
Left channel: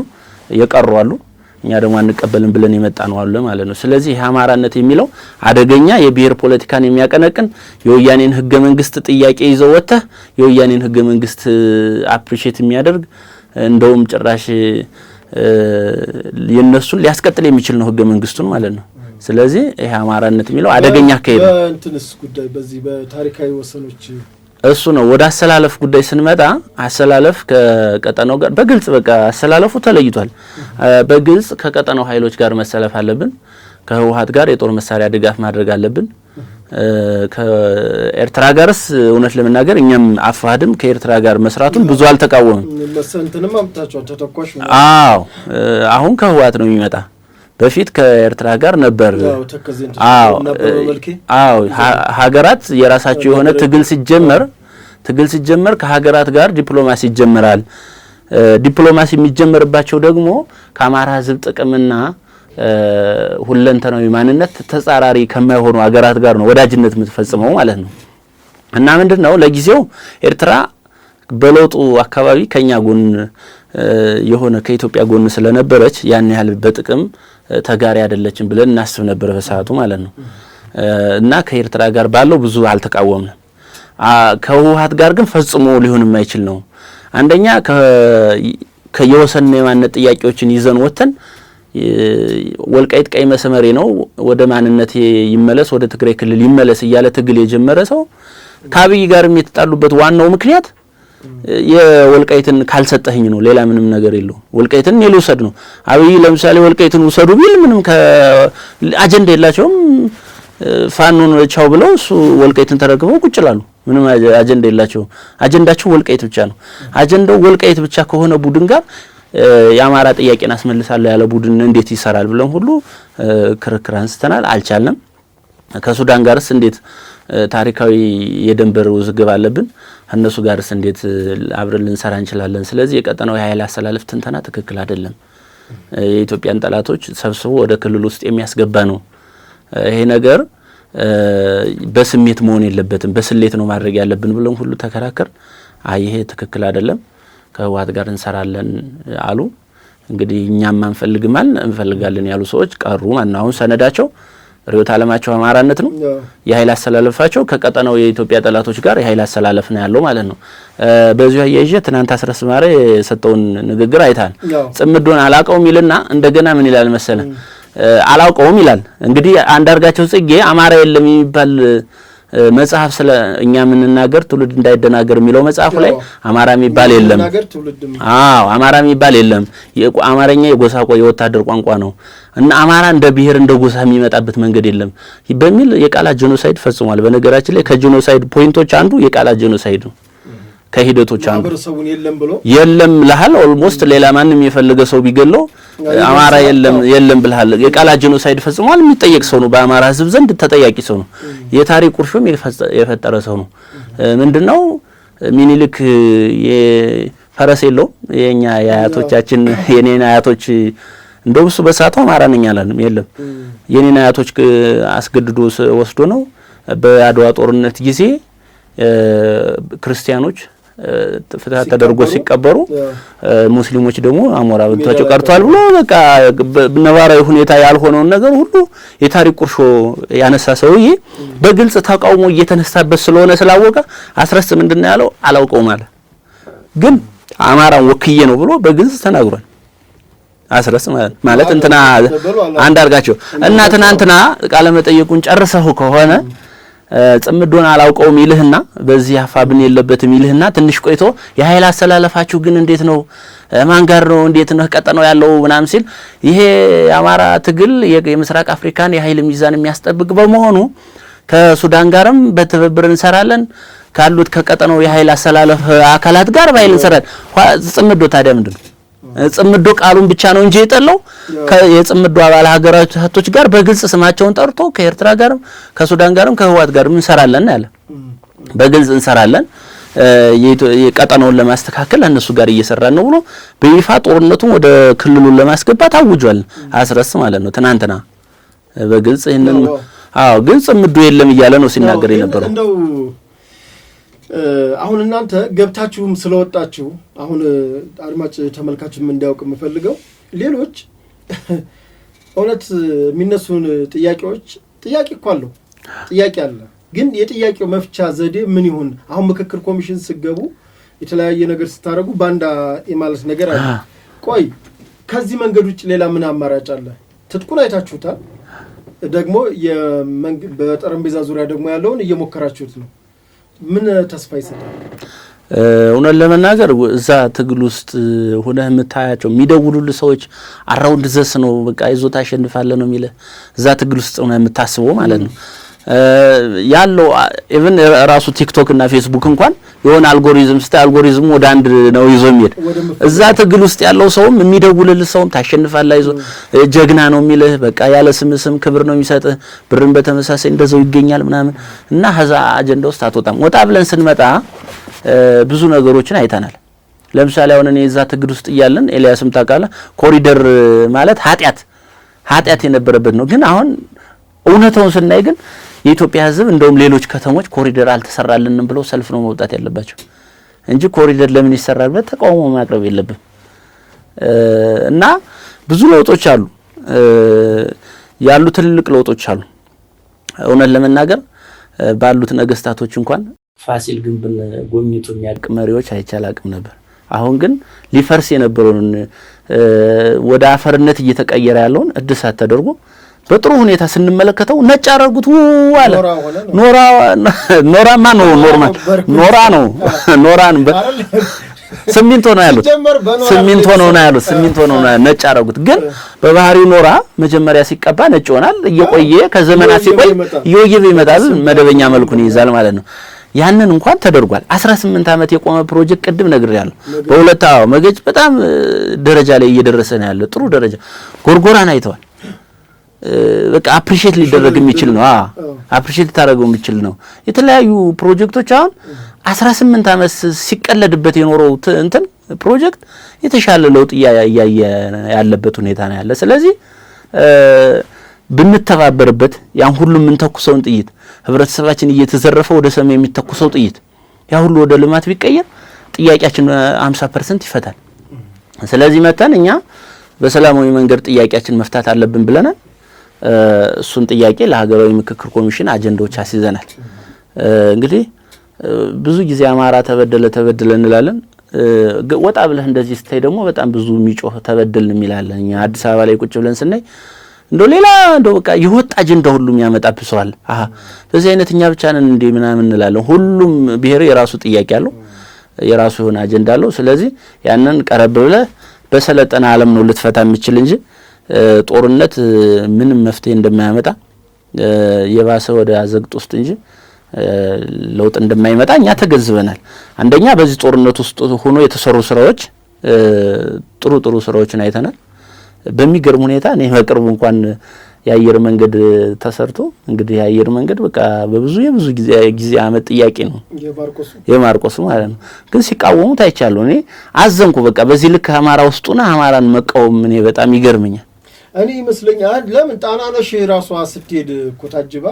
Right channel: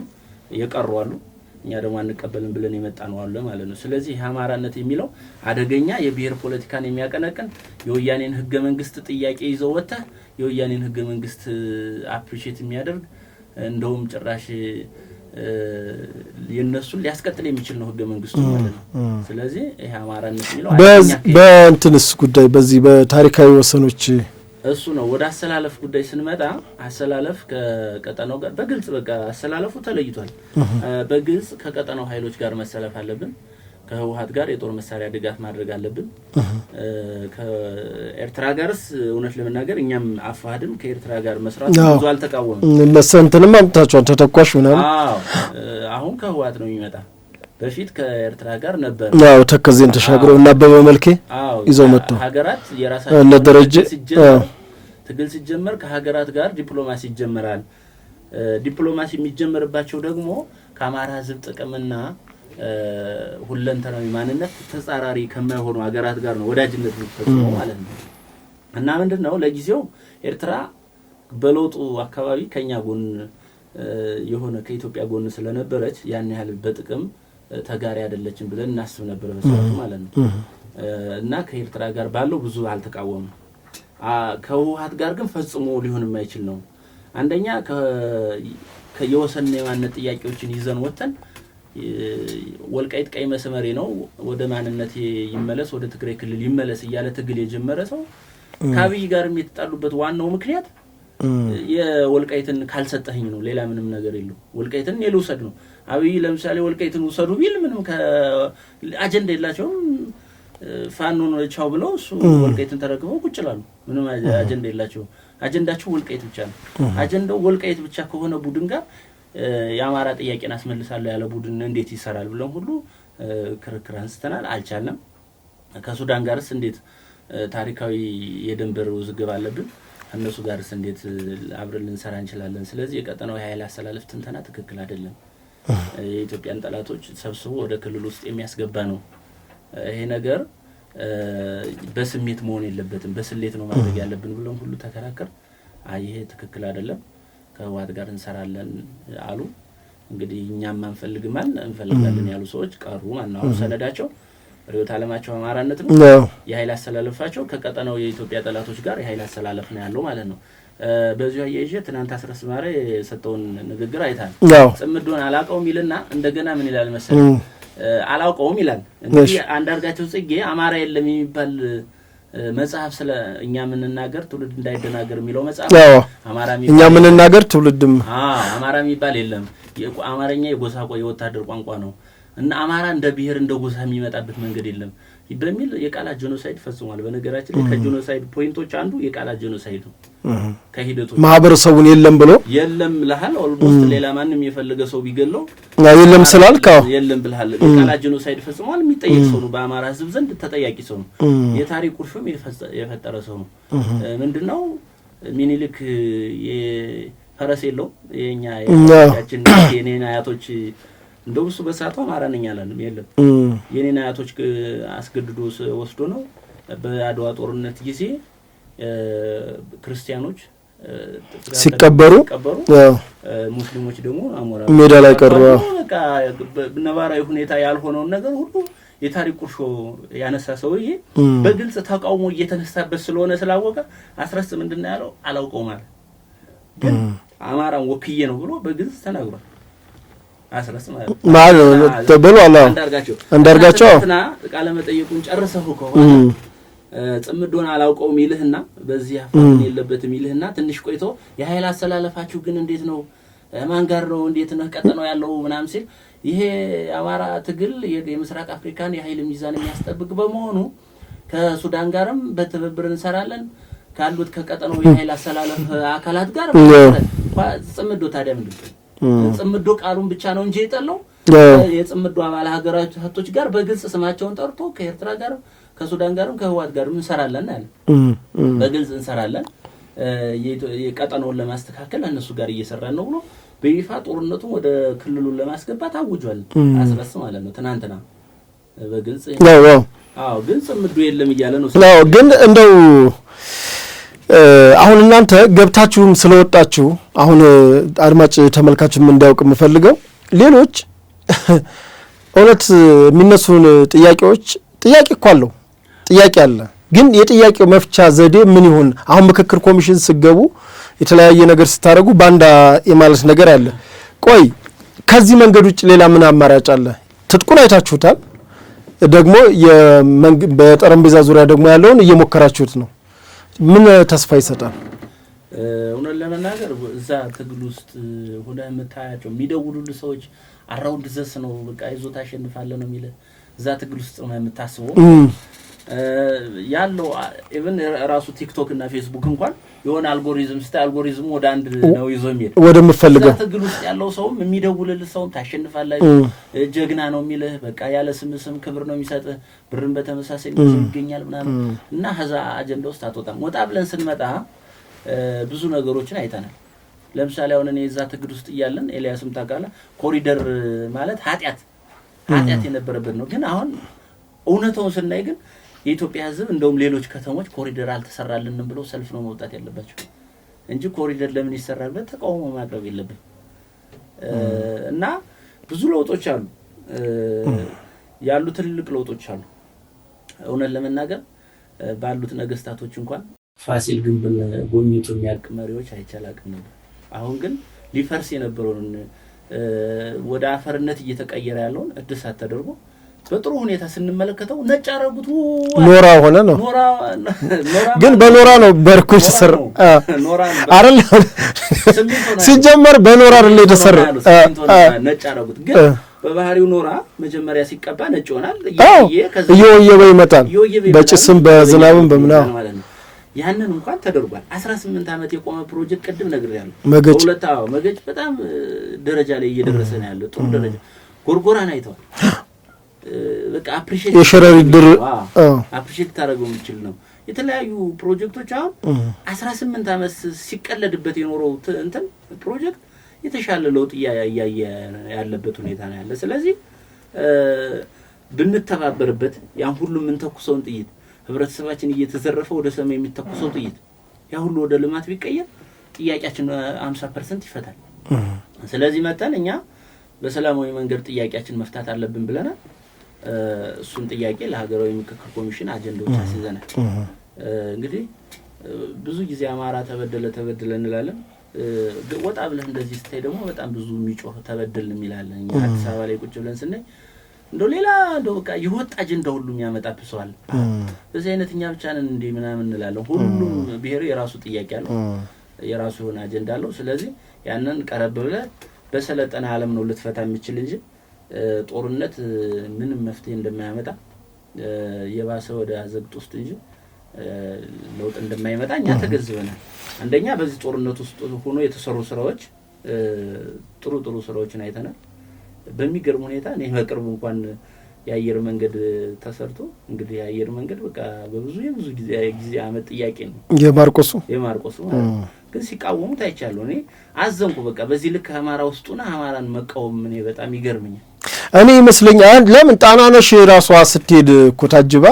የቀሩ አሉ። እኛ ደግሞ አንቀበልም ብለን የመጣ ነው አለ ማለት ነው። ስለዚህ ይሄ አማራነት የሚለው አደገኛ የብሔር ፖለቲካን የሚያቀነቅን የወያኔን ህገ መንግስት ጥያቄ ይዘው ወጥተህ የወያኔን ህገ መንግስት አፕሪሺየት የሚያደርግ እንደውም ጭራሽ የነሱን ሊያስቀጥል የሚችል ነው ህገ መንግስቱን ማለት ነው። ስለዚህ ይሄ አማራነት የሚለው አደገኛ ከይደ በእንትንስ ጉዳይ በዚህ በታሪካዊ ወሰኖች እሱ ነው። ወደ አሰላለፍ ጉዳይ ስንመጣ አሰላለፍ ከቀጠናው ጋር በግልጽ በቃ አሰላለፉ ተለይቷል። በግልጽ ከቀጠናው ኃይሎች ጋር መሰለፍ አለብን። ከህወሓት ጋር የጦር መሳሪያ ድጋፍ ማድረግ አለብን። ከኤርትራ ጋርስ እውነት ለመናገር እኛም አፋድም ከኤርትራ ጋር መስራቱ ብዙ አልተቃወምም። ለሰንተንም አምጣቸው ተተኳሽ ነው። አዎ አሁን ከህወሓት ነው የሚመጣ። በፊት ከኤርትራ ጋር ነበር። አዎ ተከዘን ተሻግረው ነበር በመልኬ። አዎ ሀገራት የራሳቸው የሆነ ትግል ሲጀመር ከሀገራት ጋር ዲፕሎማሲ ይጀምራል። ዲፕሎማሲ የሚጀምርባቸው ደግሞ ከአማራ ህዝብ ጥቅምና ሁለንተናዊ ማንነት ተጻራሪ ከማይሆኑ ሀገራት ጋር ነው ወዳጅነት የምትፈጽመው ማለት ነው። እና ምንድነው ለጊዜው ኤርትራ በለውጡ አካባቢ ከኛ ጎን የሆነ ከኢትዮጵያ ጎን ስለነበረች ያን ያህል በጥቅም ተጋሪ አይደለችም ብለን እናስብ ነበር በሰዓቱ ማለት ነው። እና ከኤርትራ ጋር ባለው ብዙ አልተቃወምንም። ከህወሓት ጋር ግን ፈጽሞ ሊሆን የማይችል ነው። አንደኛ ከየወሰንና የማንነት ጥያቄዎችን ይዘን ወተን ወልቃይት ቀይ መስመሬ ነው ወደ ማንነት ይመለስ ወደ ትግራይ ክልል ይመለስ እያለ ትግል የጀመረ ሰው ከአብይ ጋርም የተጣሉበት ዋናው ምክንያት የወልቃይትን ካልሰጠህኝ ነው። ሌላ ምንም ነገር የለው። ወልቃይትን ልውሰድ ነው። አብይ ለምሳሌ ወልቃይትን ውሰዱ ቢል ምንም አጀንዳ የላቸውም። ፋኖን ቻው ብለው እሱ ወልቃይትን ተረክበው ቁጭ ይላሉ። ምንም አጀንዳ የላቸውም። አጀንዳቸው ወልቃይት ብቻ ነው። አጀንዳው ወልቃይት ብቻ ከሆነ ቡድን ጋር የአማራ ጥያቄን አስመልሳለሁ ያለ ቡድን እንዴት ይሰራል ብለን ሁሉ ክርክር አንስተናል። አልቻልንም። ከሱዳን ጋርስ እንዴት ታሪካዊ የድንበር ውዝግብ አለብን። እነሱ ጋርስ እንዴት አብረን ልንሰራ እንችላለን? ስለዚህ የቀጠናው የኃይል አሰላለፍ ትንተና ትክክል አይደለም። የኢትዮጵያን ጠላቶች ሰብስቦ ወደ ክልል ውስጥ የሚያስገባ ነው። ይሄ ነገር በስሜት መሆን የለበትም፣ በስሌት ነው ማድረግ ያለብን ብለን ሁሉ ተከራከር። ይሄ ትክክል አይደለም፣ ከህወሓት ጋር እንሰራለን አሉ። እንግዲህ እኛም አንፈልግማል እንፈልጋለን ያሉ ሰዎች ቀሩ። ማን አሁን ሰነዳቸው ርዕዮተ ዓለማቸው አማራነት ነው። የኃይል አስተላለፋቸው ከቀጠናው የኢትዮጵያ ጠላቶች ጋር የኃይል አስተላለፍ ነው ያለው ማለት ነው። በዚሁ አያይዤ ትናንት አስረስ ማረ የሰጠውን ንግግር አይታል። ጽምዶን አላውቀውም ይልና እንደገና ምን ይላል መሰለ አላውቀውም ይላል። እንግዲህ አንዳርጋቸው ጽጌ አማራ የለም የሚባል መጽሐፍ ስለ እኛ የምንናገር ትውልድ እንዳይደናገር የሚለው መጽሐፍ አማራ የሚባል የለም የምንናገር ትውልድም አማራ የሚባል የለም አማርኛ የጎሳ የወታደር ቋንቋ ነው እና አማራ እንደ ብሔር እንደ ጎሳ የሚመጣበት መንገድ የለም በሚል የቃላት ጄኖሳይድ ፈጽሟል። በነገራችን ላይ ከጄኖሳይድ ፖይንቶች አንዱ የቃላት ጄኖሳይድ ነው። ከሂደቶች ማህበረሰቡን የለም ብሎ የለም ለሃል ኦልሞስት ሌላ ማንንም የፈለገ ሰው ቢገለው አማራ የለም ብለሃል የቃላት ጄኖሳይድ ፈጽሟል። የሚጠየቅ ሰው ነው። በአማራ ሕዝብ ዘንድ ተጠያቂ ሰው ነው። የታሪክ ቁርሾም የፈጠረ ሰው ነው። ምንድነው ሚኒልክ የፈረስ የለው የኛ ያያቶቻችን የኔና አያቶች እንደው እሱ በሳቱ አማራ ነኝ አላለም የለም የኔና አያቶች አስገድዶ ወስዶ ነው። በአድዋ ጦርነት ጊዜ ክርስቲያኖች ሲቀበሩ ሙስሊሞች ደግሞ አሞራ ተቀርቷል። በቃ ነባራዊ ሁኔታ ያልሆነውን ነገር ሁሉ የታሪክ ቁርሾ ያነሳ ሰውዬ በግልጽ ተቃውሞ እየተነሳበት ስለሆነ ስላወቀ አስረስ ምንድነው ያለው አላውቀውም አለ። ግን አማራን ወክዬ ነው ብሎ በግልጽ ተናግሯል። አስረስ ማለት አንዳርጋቸው እና ትናንትና ቃለ መጠየቁን ጨርሰው ከሆነ ጽምዶን አላውቀውም ይልህና በዚህ አፋብን የለበትም ይልህና ትንሽ ቆይቶ የኃይል አስተላለፋችሁ ግን እንዴት ነው ማን ጋር ነው እንዴት ነው ቀጠናው ያለው ምናምን ሲል ይሄ አማራ ትግል የምስራቅ አፍሪካን የኃይል ሚዛን የሚያስጠብቅ በመሆኑ ከሱዳን ጋርም በትብብር እንሰራለን ካሉት ከቀጠናው የኃይል አስተላለፍ አካላት ጋር ባይል እንሰራለን። ጽምዶ ታዲያ ምንድነው ጽምዶ ቃሉን ብቻ ነው እንጂ የጠለው የጽምዶ አባል ሀገራቶች ጋር በግልጽ ስማቸውን ጠርቶ ከኤርትራ ጋርም ከሱዳን ጋርም ከህወሓት ጋርም እንሰራለን ያለ በግልጽ እንሰራለን የቀጠናውን ለማስተካከል እነሱ ጋር እየሰራን ነው ብሎ በይፋ ጦርነቱን ወደ ክልሉን ለማስገባት አውጇል። አስረስ ማለት ነው ትናንትና በግልጽ ግን ጽምዶ የለም እያለ ነው ሲናገር ግን እንደው አሁን እናንተ ገብታችሁም ስለወጣችሁ አሁን አድማጭ ተመልካችም እንዲያውቅ የምፈልገው ሌሎች እውነት የሚነሱን ጥያቄ እኮ አለው ጥያቄ አለ። ግን የጥያቄው መፍቻ ዘዴ ምን ይሁን? አሁን ምክክር ኮሚሽን ሲገቡ የተለያየ ነገር ስታረጉ ባንዳ የማለት ነገር አለ። ቆይ ከዚህ መንገድ ውጭ ሌላ ምን አማራጭ አለ? ትጥቁን አይታችሁታል። ደግሞ በጠረጴዛ ዙሪያ ደግሞ ያለውን እየሞከራችሁት ነው። ምን ተስፋ ይሰጣል? እውነት ለመናገር እዛ ትግል ውስጥ ሆነህ የምታያቸው የሚደውሉልህ ሰዎች አራውንድ ዘስ ነው በቃ ይዞታ አሸንፋለህ ነው የሚልህ እዛ ትግል ውስጥ ሆነህ የምታስበው ማለት ነው ያለው ኢቭን ራሱ ቲክቶክ እና ፌስቡክ እንኳን የሆነ አልጎሪዝም አልጎሪዝሙ ወደ አንድ ነው ይዞ የሚሄድ እዛ ትግል ውስጥ ያለው ሰውም የሚደውልልህ ሰውም ታሸንፋለህ ይዞ ጀግና ነው የሚልህ በቃ ያለ ስም ክብር ነው የሚሰጥህ ብርን በተመሳሳይ እንደዛው ይገኛል ምናምን እና ሀዛ አጀንዳ ውስጥ አትወጣም። ወጣ ብለን ስንመጣ ብዙ ነገሮችን አይተናል። ለምሳሌ አሁን እኔ እዛ ትግል ውስጥ እያለን ኤልያስም ታውቃለህ ኮሪደር ማለት ኃጢአት የነበረበት ነው። ግን አሁን እውነታውን ስናይ ግን የኢትዮጵያ ሕዝብ እንደውም ሌሎች ከተሞች ኮሪደር አልተሰራልንም ብለው ሰልፍ ነው መውጣት ያለባቸው እንጂ ኮሪደር ለምን ይሰራልበት ተቃውሞ ማቅረብ የለብም። እና ብዙ ለውጦች አሉ ያሉ ትልልቅ ለውጦች አሉ። እውነት ለመናገር ባሉት ነገስታቶች እንኳን ፋሲል ግንብን ጎብኝቶ የሚያልቅ መሪዎች አይቻላቅም ነበር። አሁን ግን ሊፈርስ የነበረውን ወደ አፈርነት እየተቀየረ ያለውን እድሳት ተደርጎ በጥሩ ሁኔታ ስንመለከተው ነጭ አረጉት ኖራ ሆነ ነው ኖራማ ነው ኖራን አይደል ሲሚንቶ ነው ያሉት ሲጀመር በኖራ ነው ያሉት ሲሚንቶ ነው ነጭ አረጉት። ግን በባህሪው ኖራ መጀመሪያ ሲቀባ ነጭ ይሆናል እየቆየ ከዘመናት ይመጣል መደበኛ መልኩን ይዛል ማለት ነው። ያንን እንኳን ተደርጓል። 18 አመት የቆመ ፕሮጀክት ቅድም ነግሬያለሁ። በሁለታው መገጭ በጣም ደረጃ ላይ እየደረሰ ነው ያለው ጥሩ ደረጃ ጎርጎራን አይተዋል። በቃ አፕሪሺየት ሊደረግ የሚችል ነው አፕሪሺየት ታረገው የሚችል ነው። የተለያዩ ፕሮጀክቶች አሁን 18 አመት ሲቀለድበት የኖረው እንትን ፕሮጀክት የተሻለ ለውጥ ያለበት ሁኔታ ነው ያለ። ስለዚህ ብንተባበርበት ያን ሁሉ ምን ተኩሰውን ጥይት ህብረተሰባችን እየተዘረፈ ወደ ሰማይ የሚተኩሰው ጥይት ያ ሁሉ ወደ ልማት ቢቀየር ጥያቄያችን 50% ይፈታል። ስለዚህ መተን እኛ በሰላማዊ መንገድ ጥያቄያችን መፍታት አለብን ብለናል። እሱን ጥያቄ ለሀገራዊ ምክክር ኮሚሽን አጀንዳዎች አስይዘናል። እንግዲህ ብዙ ጊዜ አማራ ተበደለ እንላለን። ወጣ ብለህ እንደዚህ ስታይ ደግሞ በጣም ብዙ የሚጮህ ተበደልን የሚላለን። እኛ አዲስ አበባ ላይ ቁጭ ብለን ስናይ እንደው ሌላ እንደው በቃ የወጣ አጀንዳ ሁሉም ያመጣብሰዋል። በዚህ አይነት እኛ ብቻ ነን እንዴ ምናምን እንላለን። ሁሉም ብሔር የራሱ ጥያቄ አለው፣ የራሱ የሆነ አጀንዳ አለው። ስለዚህ ያንን ቀረብ ብለህ በሰለጠነ ዓለም ነው ልትፈታ የምችል እንጂ ጦርነት ምንም መፍትሄ እንደማያመጣ የባሰ ወደ አዘግጥ ውስጥ እንጂ ለውጥ እንደማይመጣ እኛ ተገዝበናል። አንደኛ በዚህ ጦርነት ውስጥ ሆኖ የተሰሩ ስራዎች ጥሩ ስራዎችን አይተናል። በሚገርም ሁኔታ እኔ በቅርቡ እንኳን የአየር መንገድ ተሰርቶ እንግዲህ የአየር መንገድ በቃ በብዙ ጊዜ አመት ጥያቄ ነው የማርቆሱ ማለት ነው። ግን ሲቃወሙት አይቻለሁ። እኔ አዘንኩ። በቃ በዚህ ልክ አማራ ውስጡና አማራን መቃወም እኔ በጣም ይገርመኛል። እኔ ይመስለኛል ለምን ጣናነሽ ራሷ ስትሄድ እኮ ታጅባ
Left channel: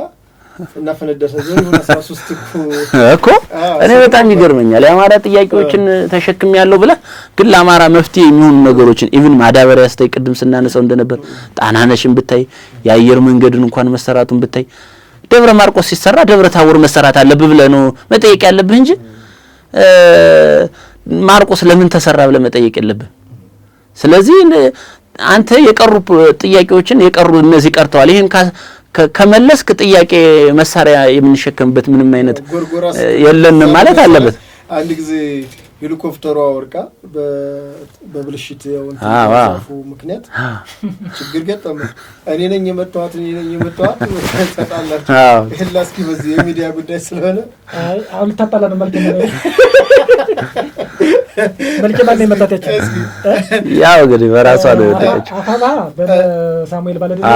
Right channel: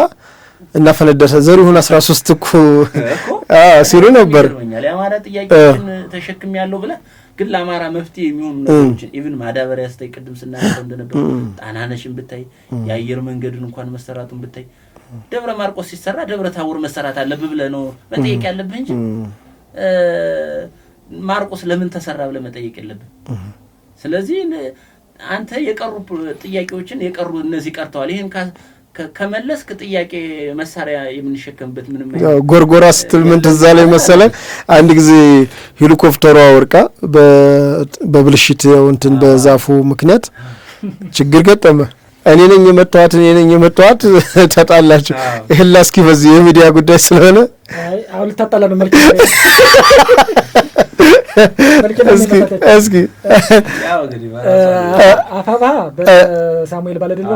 እና ፈነደሰ ዘሪሁን 13 እኮ እኔ በጣም ይገርመኛል። የአማራ ጥያቄዎችን ተሸክም ያለው ብለ ግን ለአማራ መፍትሄ የሚሆኑ ነገሮችን ኢቭን ማዳበሪያ ስታይ ቅድም ስናነሳው እንደነበር ጣናነሽን ብታይ የአየር መንገድን እንኳን መሰራቱን ብታይ ደብረ ማርቆስ ሲሰራ ደብረ ታቦር መሰራት አለብህ ብለ ነው መጠየቅ ያለብህ እንጂ ማርቆስ ለምን ተሰራ ብለ መጠየቅ የለብህ። ስለዚህ አንተ የቀሩ ጥያቄዎችን የቀሩ እነዚህ ቀርተዋል። ይሄን ከመለስክ ጥያቄ መሳሪያ የምንሸከምበት ምንም አይነት ጎርጎራ ስትመለስ ማለት አንድ ጊዜ ሄሊኮፕተሯ ወርቃ በብልሽት እንትን በዛፉ ምክንያት ችግር ገጠመ። እኔ ነኝ የመጣኋት ተጣላችሁ። ይሄን ላስኪ በዚህ የሚዲያ ጉዳይ ስለሆነ አሁን ልታጣላ በመልክ እስኪ ያው እንግዲህ በራሷ ነው አፋባ በሳሙኤል ባለደለ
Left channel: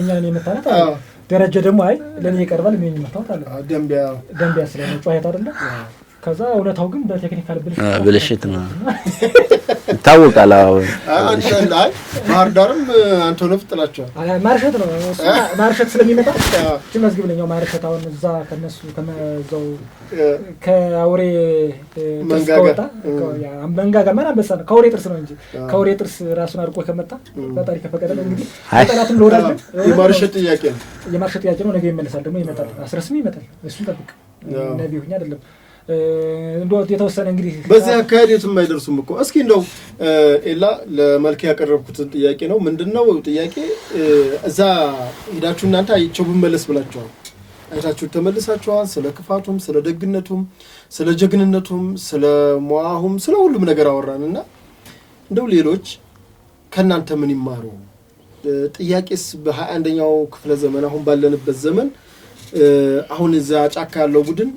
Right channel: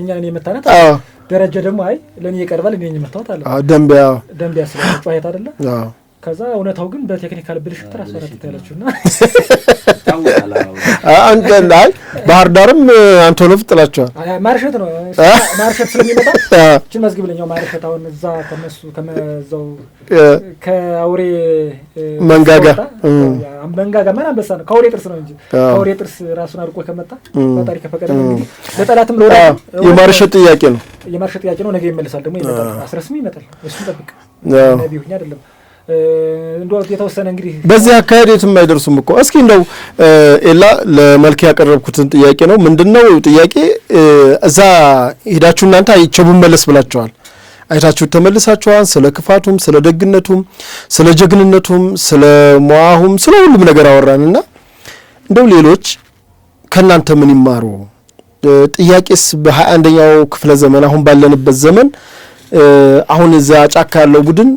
እኛን የመታናት ደረጃ ደግሞ አይ ለኔ ይቀርባል እኔ የመታወት አለ ደንቢያ ስለጮኸት አይደለ። ከዛ እውነታው ግን በቴክኒካል ብልሽት ነው ታውቃላ። አንተ ባህር ዳርም አንቶኖቭ ጥላቸዋል። ማርሸት ነው ማርሸት ስለሚመጣ እቺ መዝግብልኛው ማርሸት አሁን እዛ ከነሱ ከመዛው ከአውሬ መንጋጋ ምን አንበሳ ነው ከአውሬ ጥርስ ነው እንጂ ከአውሬ ጥርስ ራሱን አርቆ ከመጣ ታሪክ ከፈቀደ ነው። አጣላትም ነው የማርሸት ጥያቄ ነው ነገ ይመለሳል ደግሞ ይመጣል። አስረስም ይመጣል። እሱ ጠብቅ ነብዩ አይደለም እንደው የተወሰነ እንግዲህ በዚህ አካሄድ የትም አይደርሱም እኮ። እስኪ እንደው ኤላ ለመልክ ያቀረብኩትን ጥያቄ ነው። ምንድነው ጥያቄ? እዛ ሄዳችሁ እናንተ አይቸቡ መለስ ብላችኋል። አይታችሁ ተመልሳችኋል። ስለ ክፋቱም ስለ ደግነቱም ስለ ጀግንነቱም ስለ ሟሁም ስለ ሁሉም ነገር አወራንና እንደው ሌሎች ከናንተ ምን ይማሩ? ጥያቄስ በ21ኛው ክፍለ ዘመን አሁን ባለንበት ዘመን አሁን እዛ ጫካ ያለው ቡድን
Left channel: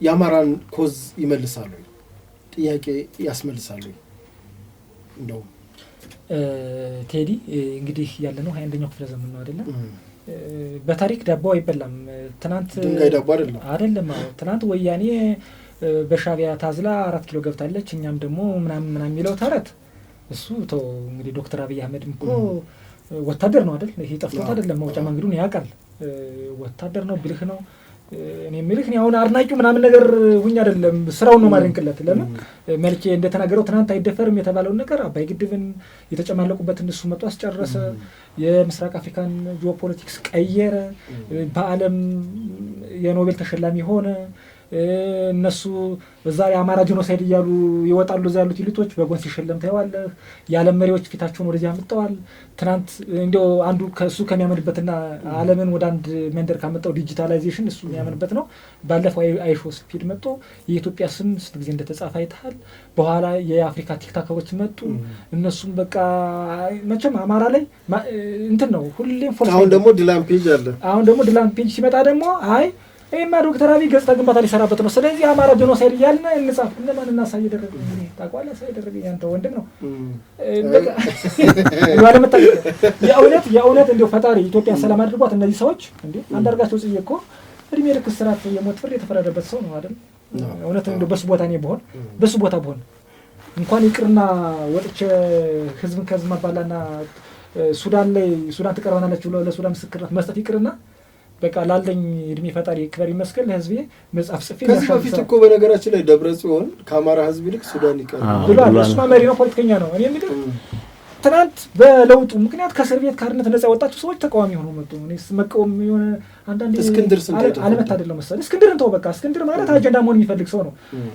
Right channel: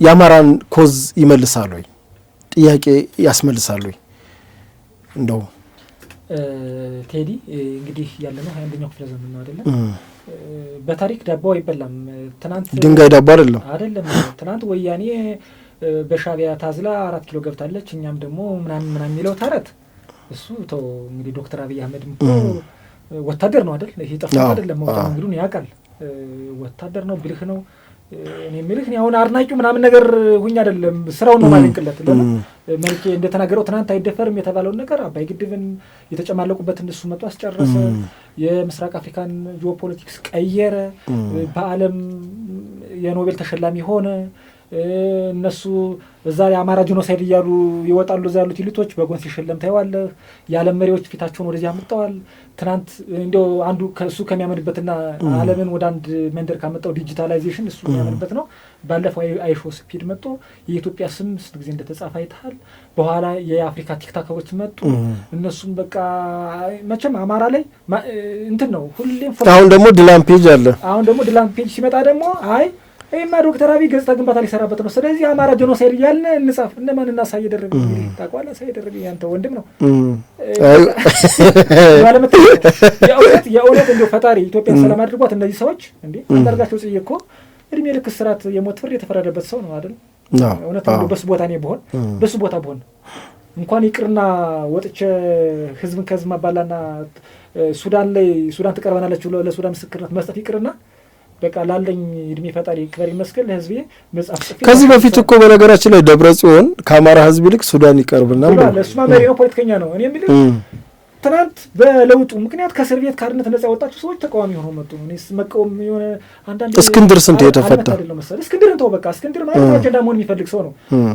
የአማራን ኮዝ ይመልሳሉ ወይ? ጥያቄ ያስመልሳሉ ወይ? እንደው ቴዲ እንግዲህ ያለነው 21ኛው ክፍለ ዘመን ነው አይደል? በታሪክ ዳቦ አይበላም። ትናንት ድንጋይ ዳቦ አይደለም። ትናንት ወያኔ በሻቢያ ታዝላ 4 ኪሎ ገብታለች እኛም ደግሞ ምናምን የሚለው ታረት እሱ ተው እንግዲህ ዶክተር አብይ አህመድም ወታደር ነው አይደል? ይሄ ጠፋ አይደለም። ወጣ መንገዱን ያውቃል። ወታደር ነው፣ ብልህ ነው። እኔ ምልህ ነው አሁን አርናቂው ምናምን ነገር ሁኛ አይደለም ስራው ነው ማንንቅለት ለምን መልኬ እንደተናገረው ትናንት አይደፈርም የተባለው ነገር አባይ ግድብን የተጨማለቁበት እንደሱ መጥቶ አስጨረሰ። የምስራቅ አፍሪካን ጂኦፖለቲክስ ቀየረ። በዓለም የኖቤል ተሸላሚ ሆነ። እነሱ በዛ የአማራ ጂኖሳይድ እያሉ ይወጣሉ። እዛ ያሉት ኢሊቶች በጎን ሲሸለም ታይዋለህ። የዓለም መሪዎች ፊታቸውን ወደዚህ አመጣዋል። ትናንት እንደው አንዱ ከሱ ከሚያምንበትና ዓለምን ወደ አንድ መንደር ካመጣው ዲጂታላይዜሽን እሱ የሚያምንበት ነው። ባለፈው አይሾ ስፒድ መጥቶ የኢትዮጵያ ስም ስንት ጊዜ እንደተጻፈ አይተሃል። በኋላ የአፍሪካ ቲክታከሮች መጡ። እነሱም በቃ መቼም አማራ ላይ እንትን ነው ሁሌም። አሁን ደግሞ ድላም ፔጅ አለ። አሁን ደግሞ ድላም ፔጅ ሲመጣ ደግሞ አይ እማ ዶክተር አብይ ገጽታ ግንባታ ሊሰራበት ነው። ስለዚህ አማራ ጄኖሳይድ እያልን እንጻፍ። እነማን እናሳይ ደረገ ታውቃለህ? ሳይ ደረገ ያንተ ወንድም ነው። የእውነት እንደው ፈጣሪ ኢትዮጵያን ሰላም አድርጓት። እነዚህ ሰዎች እንዴ አንዳርጋቸው ጽዬ እኮ እድሜ ልክ እስራት የሞት ፍርድ የተፈረደበት ሰው ነው አይደል? እውነት ነው። በሱ ቦታ እኔ ብሆን በሱ ቦታ ብሆን እንኳን ይቅርና ወጥቼ ህዝብን ከህዝብ ማባላና ሱዳን ትቀርባናለች ብሎ ለሱዳን ምስክርነት መስጠት ይቅርና በቃ ላለኝ እድሜ ፈጣሪ ክብር ይመስገን ለህዝቤ መጽሐፍ ጽፌ ከዚህ በፊት እኮ በነገራችን ላይ ደብረ ጽዮን ከአማራ ህዝብ ይልቅ ሱዳን ይቀርብና እሱ መሪ ነው፣ ፖለቲከኛ ነው። እኔ እንግዲህ ትናንት በለውጡ ምክንያት ከእስር ቤት ካርነት ነፃ ወጣችሁ ሰዎች ተቃዋሚ ሆነው መጡ። እኔስ መቃወም የሆነ አንዳንድ እስክንድር ስንት የተፈታ አይደለም መሰለኝ። እስክንድርን ተው በቃ። እስክንድር ማለት አጀንዳ መሆን የሚፈልግ ሰው ነው።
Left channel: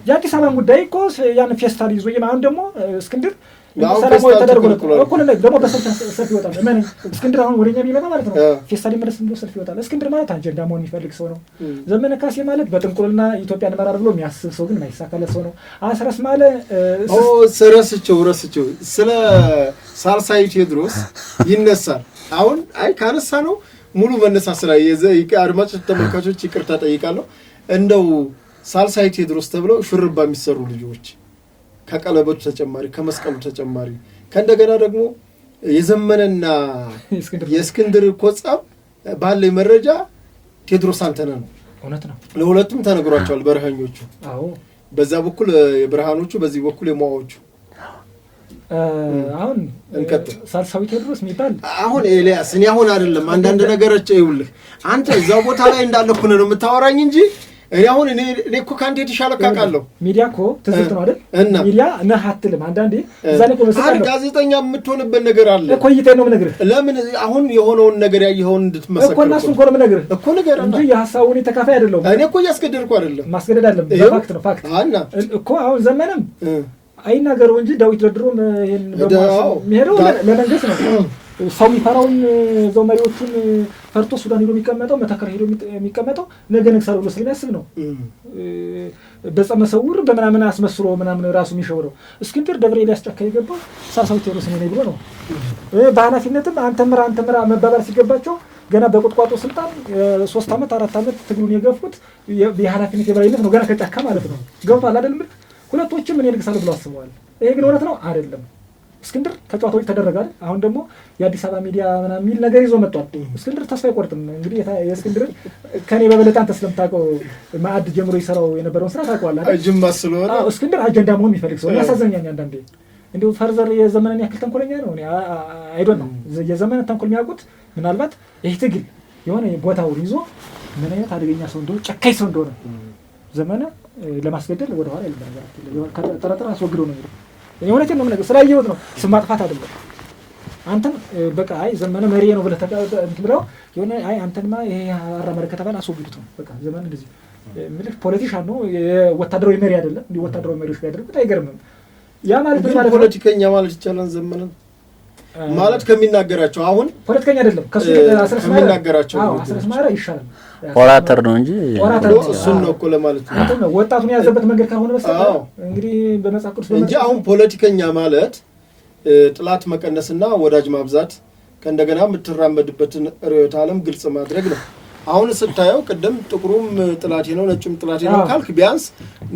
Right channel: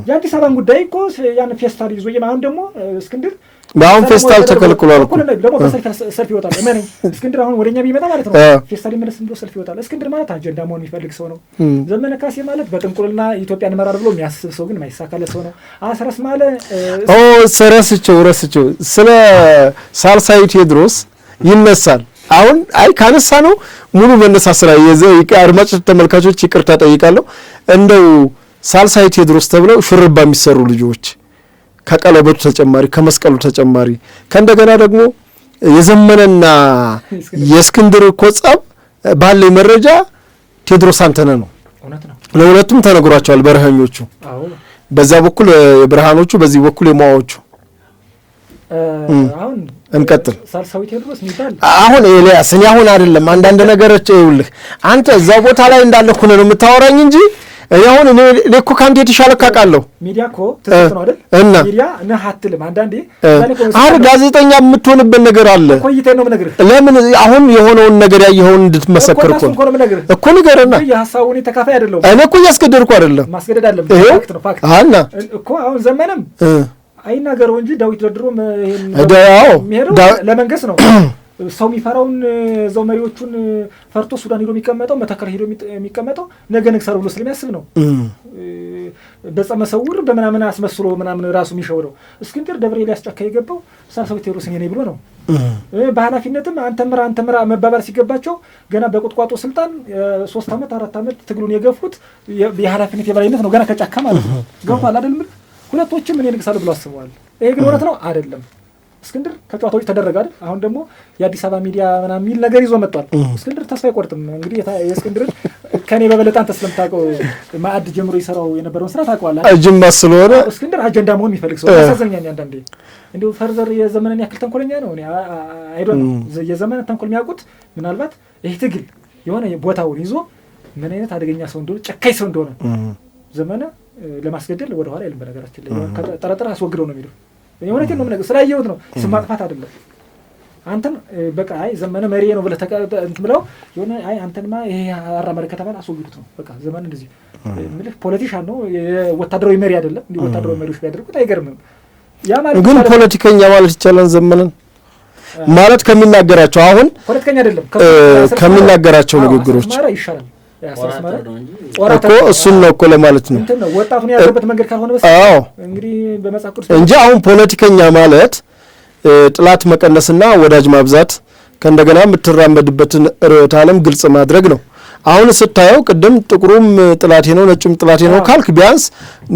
የአዲስ አበባን ጉዳይ እኮ ያን ፌስታል ይዞ የማን ደግሞ እስክንድር አሁን ፌስታል ተከልክሏል እኮ ደግሞ በሰልፍ ይወጣል። ማን እስክንድር አሁን ወደኛ ቢመጣ ማለት ነው ፌስታል ይመለስ ብሎ ሰልፍ ይወጣል። እስክንድር ማለት አጀንዳ መሆን የሚፈልግ ሰው ነው። ዘመነ ካሴ ማለት በጥንቁልና ኢትዮጵያን እንመራለን ብሎ የሚያስብ ሰው ግን የማይሳካለት ሰው ነው። አስረስ ማለት ረስቸው ስለ ሳልሳይ ቴዎድሮስ ይነሳል። አሁን አይ ካነሳ ነው ሙሉ መነሳት ስራ አድማጭ ተመልካቾች ይቅርታ ጠይቃለሁ። እንደው ሳልሳይ ቴዎድሮስ ተብለው ሹርባ የሚሰሩ ልጆች ከቀለበቱ ተጨማሪ ከመስቀሉ ተጨማሪ ከእንደገና ደግሞ የዘመነና የእስክንድር እኮ ጸብ ባለኝ መረጃ ቴዎድሮስ አንተነህ ነው። ለሁለቱም ተነግሯቸዋል በረሃኞቹ። በዛ በኩል የብርሃኖቹ በዚህ በኩል የማዋዎቹ። አሁን እንቀጥል። ሳልሳዊ ቴዎድሮስ ሚባል አሁን ኤልያስ እኔ አሁን አይደለም አንዳንድ ነገሮች ይኸውልህ አንተ እዛ ቦታ ላይ እንዳለህ ሆነ ነው የምታወራኝ እንጂ አሁን እኔ እኮ ካንተ የተሻለ ካቃለሁ ሚዲያ እኮ ትዝት ነው አይደል? ሚዲያ ነህ አትልም። አንዳንዴ አሁን ጋዜጠኛ የምትሆንበት ነገር አለ እኮ ይተይ ነው የምነግርህ። ለምን አሁን የሆነውን ነገር ያየኸውን እንድትመሰክር እኮ ነው የምነግርህ እኮ ንገረና። የሐሳቡን ተካፋይ አይደለም እኔ እኮ እያስገደድኩ አይደለም። ማስገደድ አለብህ። ፋክት ነው ፋክት አና እኮ አሁን ዘመንም አይናገረው እንጂ ዳዊት ደድሮም ይሄን የሚሄደው ለመንግስት ነው። ሰው የሚፈራውን ዘው መሪዎቹን ፈርቶ ሱዳን ሄዶ የሚቀመጠው መተከል ሄዶ የሚቀመጠው ነገ ነግሳለሁ ብሎ ስለሚያስብ ነው። በጸመሰውር በመናምን አስመስሎ ምናምን ራሱ የሚሸውረው እስክንድር ደብረ ኤልያስ ጫካ የገባው ሳልሳዊ ቴዎድሮስ ነኝ ብሎ ነው። በኃላፊነትም አንተ ምራ መባባል ሲገባቸው ገና በቁጥቋጦ ስልጣን 3 ዓመት 4 ዓመት ትግሉን የገፉት የኃላፊነት የበላይነት ነው። ገና ከጫካ ማለት ነው። ገብቷል አይደል? ሁለቶችም እኔ ነግሳለሁ ብሎ አስበዋል። ይሄ ግን እውነት ነው አይደለም? እስክንድር ከጨዋታዎች ተደረገ አይደል? አሁን ደግሞ የአዲስ አበባ ሚዲያ ምናምን የሚል ነገር ይዞ መጥቷል። እስክንድር ተስፋ አይቆርጥም። እንግዲህ የእስክንድር ከኔ በበለጠ አንተ ስለምታውቀው ማዕድ ጀምሮ ይሰራው የነበረውን ስራ ታውቀዋለህ አይደል? ጅማ ስለሆነ እስክንድር አጀንዳ መሆን የሚፈልግ ሰው ያሳዘኛል። አንዳንዴ እንደው ፈርዘር የዘመነን ያክል ተንኮለኛ ነው። እኔ አይዶን የዘመነን ተንኮል የሚያውቁት ምናልባት ይሄ ትግል የሆነ ቦታውን ይዞ ምን አይነት አደገኛ ሰው እንደሆነ ጨካኝ ሰው እንደሆነ ዘመነ ለማስገደል ወደ ኋላ አይልም። በነገራችን ላይ ጠረጠር አስወግደው ነው የሚለው። እኔ እውነቴን ነው የምነግርህ፣ ስላየሁት ነው። ስም ማጥፋት አይደለም። አንተን በቃ አይ ዘመነ መሪ ነው ብለህ እንትን ብለው የሆነ አይ አንተንማ ይሄ አራመደ ከተባለ አስወግዱት ነው በቃ። ዘመነ እንደዚህ ምልህ ፖለቲሻን ነው፣ ወታደራዊ መሪ አይደለም። እንዲህ ወታደራዊ መሪዎች ቢያደርጉት አይገርምም። ያ ማለት ግን ፖለቲከኛ ማለት ይቻላል። ዘመነን ማለት ከሚናገራቸው አሁን ፖለቲከኛ አይደለም ከሚናገራቸው ንግግሮች ይሻላል። ኦራተር ነው እንጂ እኮ እሱን ነው እኮ ለማለት ነው። ወጣቱን ያዘበት መንገድ ካልሆነ በስተቀር እንግዲህ በመጽሐፍ ቅዱስ እንጂ አሁን ፖለቲከኛ ማለት ጥላት መቀነስና ወዳጅ ማብዛት ከእንደገና የምትራመድበትን ርዕዮተ ዓለም ግልጽ ማድረግ ነው። አሁን ስታየው ቅድም ጥቁሩም ጥላቴ ነው ነጩም ጥላቴ ነው ካልክ ቢያንስ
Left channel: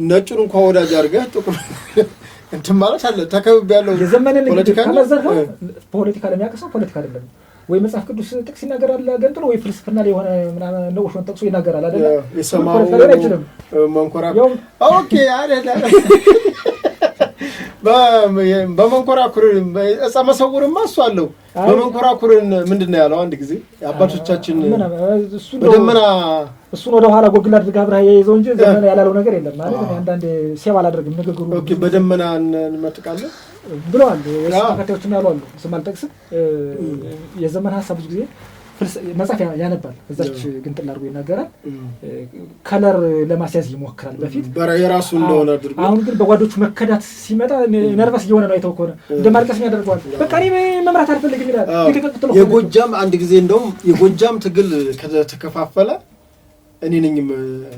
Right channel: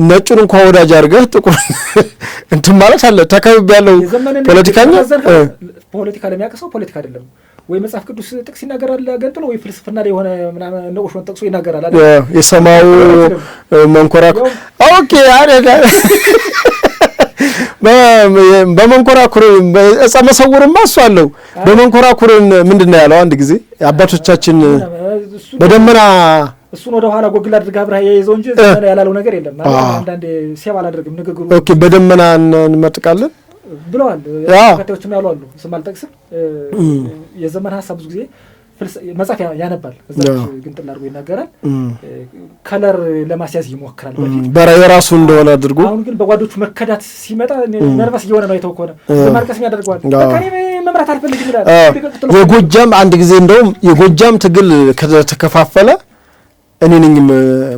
ነጩን እንኳን ወዳጅ አድርገህ ጥቁር እንትን ማለት አለ። ተከብብ ያለው ፖለቲካኛ ፖለቲካ ለሚያቀሰው ፖለቲካ አይደለም ወይ መጽሐፍ ቅዱስ ጥቅስ ይናገራል ገንጥሎ ወይ ፍልስፍና ላይ የሆነ ምናምን ነው ኦሽን ጥቅሱ ይናገራል አይደል? የሰማው መንኮራኩር ኦኬ አረጋ በመንኮራኩር እጸ መሰውርማ እሱ አለው። በመንኮራኩርን ምንድን ነው ያለው? አንድ ጊዜ አባቶቻችን በደመና እሱን ወደ ኋላ ጎግል አድርጋ አብረህ የይዘው እንጂ ዘመነ ያላለው ነገር የለም ማለት አንዳንዴ ሲያባ አላደርግም ንግግሩ። ኦኬ በደመና እንመጥቃለን ብለዋል። ተከታዮችም ያሉ አሉ ስም አልጠቅስም። የዘመን ሀሳብ ብዙ ጊዜ መጽሐፍ ያነባል እዛች ግንጥል አድርጎ ይናገራል። ከለር ለማስያዝ ይሞክራል በፊት የራሱ እንደሆነ አድርጎ። አሁን ግን በጓዶቹ መከዳት ሲመጣ ነርቨስ እየሆነ ነው የተው ከሆነ ዘማልቀስኛ ያደርገዋል። በቃ እኔ መምራት አልፈልግም ይላል። የጎጃም አንድ ጊዜ እንደውም የጎጃም ትግል ከተከፋፈለ እኔ ነኝ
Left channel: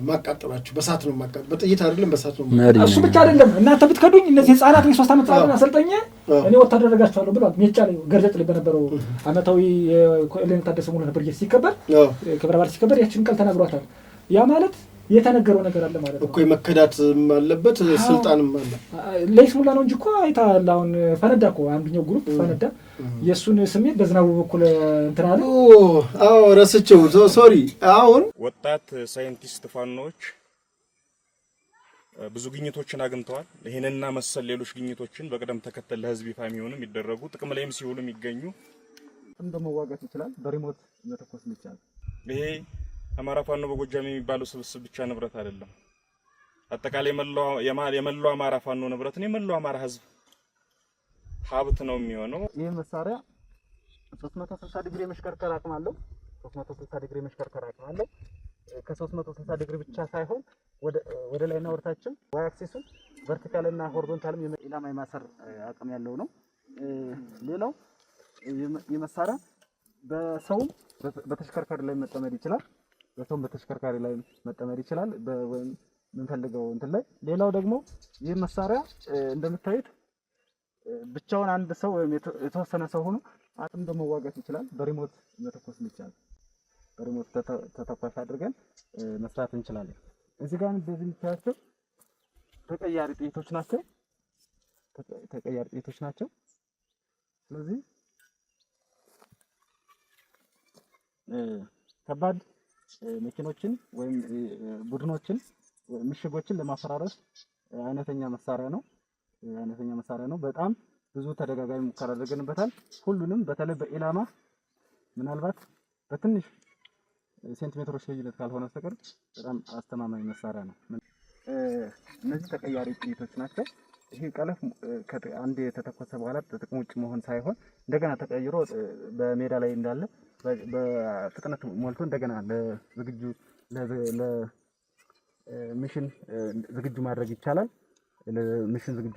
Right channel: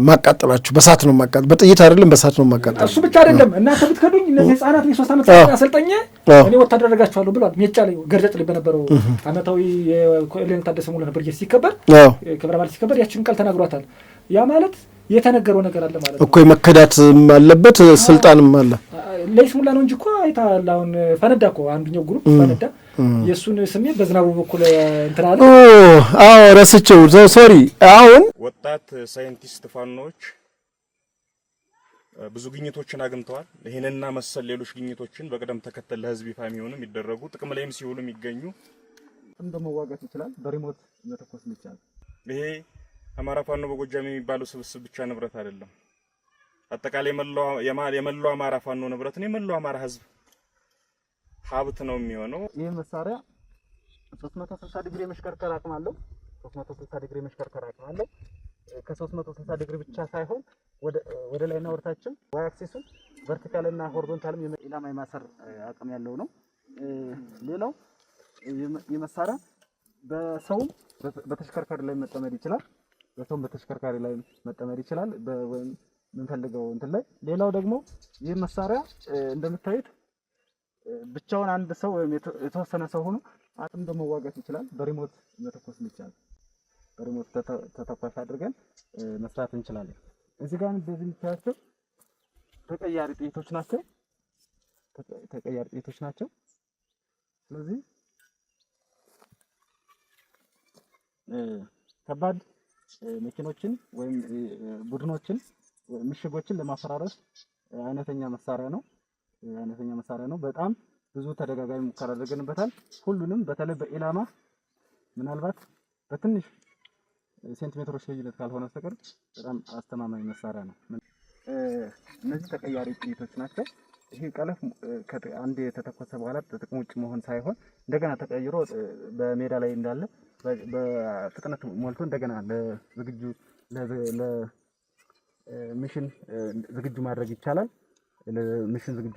ማቃጠላችሁ፣ በሳት ነው ማቃጠል፣ በጥይት አይደለም በሳት ነው ማቃጠል። እሱ ብቻ አይደለም እናንተ ብትከዱኝ እነዚህ ህፃናት 3 ዓመት አሰልጠኛ እኔ ወታደር አደርጋችኋለሁ ብሏል። ሜጫ ላይ ገርዘጥ ልብ ነበረው አመታዊ የኮሎኔል ታደሰ ሙሉ ነበር ሲከበር ክብረ በዓል ሲከበር ያችን ቃል ተናግሯታል። ያ ማለት የተነገረው ነገር አለ ማለት እኮ የመከዳት አለበት ስልጣንም አለ። ለይስሙላ ነው እንጂ እኮ አይታል። አሁን ፈነዳ እኮ አንዱኛው ግሩፕ ፈነዳ። የሱን ስሜት በዝናቡ በኩል እንትና አለ። አዎ ረስቸው ሶሪ። አሁን ወጣት ሳይንቲስት ፋኖች ብዙ ግኝቶችን አግኝተዋል። ይሄንና መሰል ሌሎች ግኝቶችን በቅደም ተከተል ለህዝብ ይፋ የሚሆኑ የሚደረጉ ጥቅም ላይም ሲውሉ የሚገኙ እንደመዋጋት ይችላል። በሪሞት መተኮስ ይችላል። ይሄ አማራ ፋኖ በጎጃም የሚባለው ስብስብ ብቻ ንብረት አይደለም። አጠቃላይ የመላው አማራ ፋኖ ንብረት ነው። የመላው አማራ ህዝብ ሀብት ነው የሚሆነው። ይህ መሳሪያ 360 ዲግሪ መሽከርከር አቅም አለው። 360 ዲግሪ መሽከርከር አቅም አለው። ከ360 ዲግሪ ብቻ ሳይሆን ወደ ላይና ወደታችም ዋይ አክሲሱን ቨርቲካል እና ሆሪዞንታልም ኢላማ የማሰር አቅም ያለው ነው። ሌላው የመሳሪያ በሰውም በተሽከርካሪ ላይ መጠመድ ይችላል። በሰውም በተሽከርካሪ ላይ መጠመድ ይችላል የምንፈልገው እንትን ላይ። ሌላው ደግሞ ይህ መሳሪያ እንደምታዩት ብቻውን አንድ ሰው ወይም የተወሰነ ሰው ሆኖ አጥምዶ መዋጋት ይችላል። በሪሞት መተኮስ ይችላል። በሪሞት ተተኳሽ አድርገን መስራት እንችላለን። እዚህ ጋር እንደዚህ የምታያቸው ተቀያሪ ጥይቶች ናቸው። ስለዚህ ከባድ መኪኖችን ወይም ቡድኖችን ምሽጎችን ለማፈራረስ አይነተኛ መሳሪያ ነው። በጣም ብዙ ተደጋጋሚ ሙከራ አድርገንበታል። ሁሉንም በተለይ በኢላማ ምናልባት በትንሽ ሴንቲሜትሮች ልዩነት ካልሆነ በስተቀር በጣም አስተማማኝ መሳሪያ ነው። እነዚህ ተቀያሪ ጥይቶች ናቸው። ይሄ ቀለፍ አንድ የተተኮሰ በኋላ ጥቅም ውጭ መሆን ሳይሆን እንደገና ተቀይሮ በሜዳ ላይ እንዳለ በፍጥነት ሞልቶ እንደገና ለሚሽን ዝግጁ ማድረግ ይቻላል። ለሚሽን ዝግጁ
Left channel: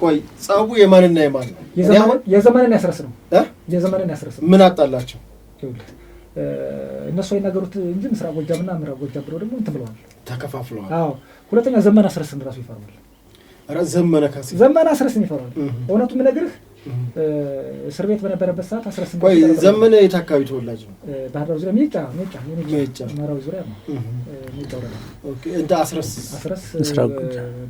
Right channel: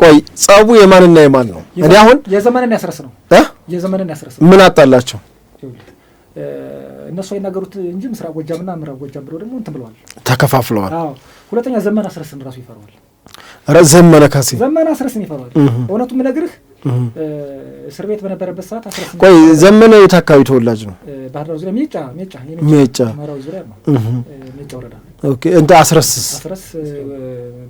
ቆይ ጸቡ የማንና የማን ነው? እኔ አሁን የዘመንን ያስረስ ነው። ምን አጣላቸው? እነሱ አይናገሩት እንጂ ምስራቅ ጎጃምና ምዕራብ ጎጃም ብለው ደግሞ እንትን ብለዋል፣ ተከፋፍለዋል። አዎ ሁለተኛ ዘመን አስረስን ራሱ ይፈራዋል። ዘመነ ካሴ ዘመን አስረስን ይፈራዋል። እውነቱ የምነግርህ እስር ቤት በነበረበት ሰዓት አስረስን። ቆይ ዘመነ የት አካባቢ ተወላጅ ነው? ባህር ዳር ዙሪያ ሜጫ ምዕራብ ዙሪያ ነው። ሜጫ ወረዳ። ኦኬ እንደ አስረስ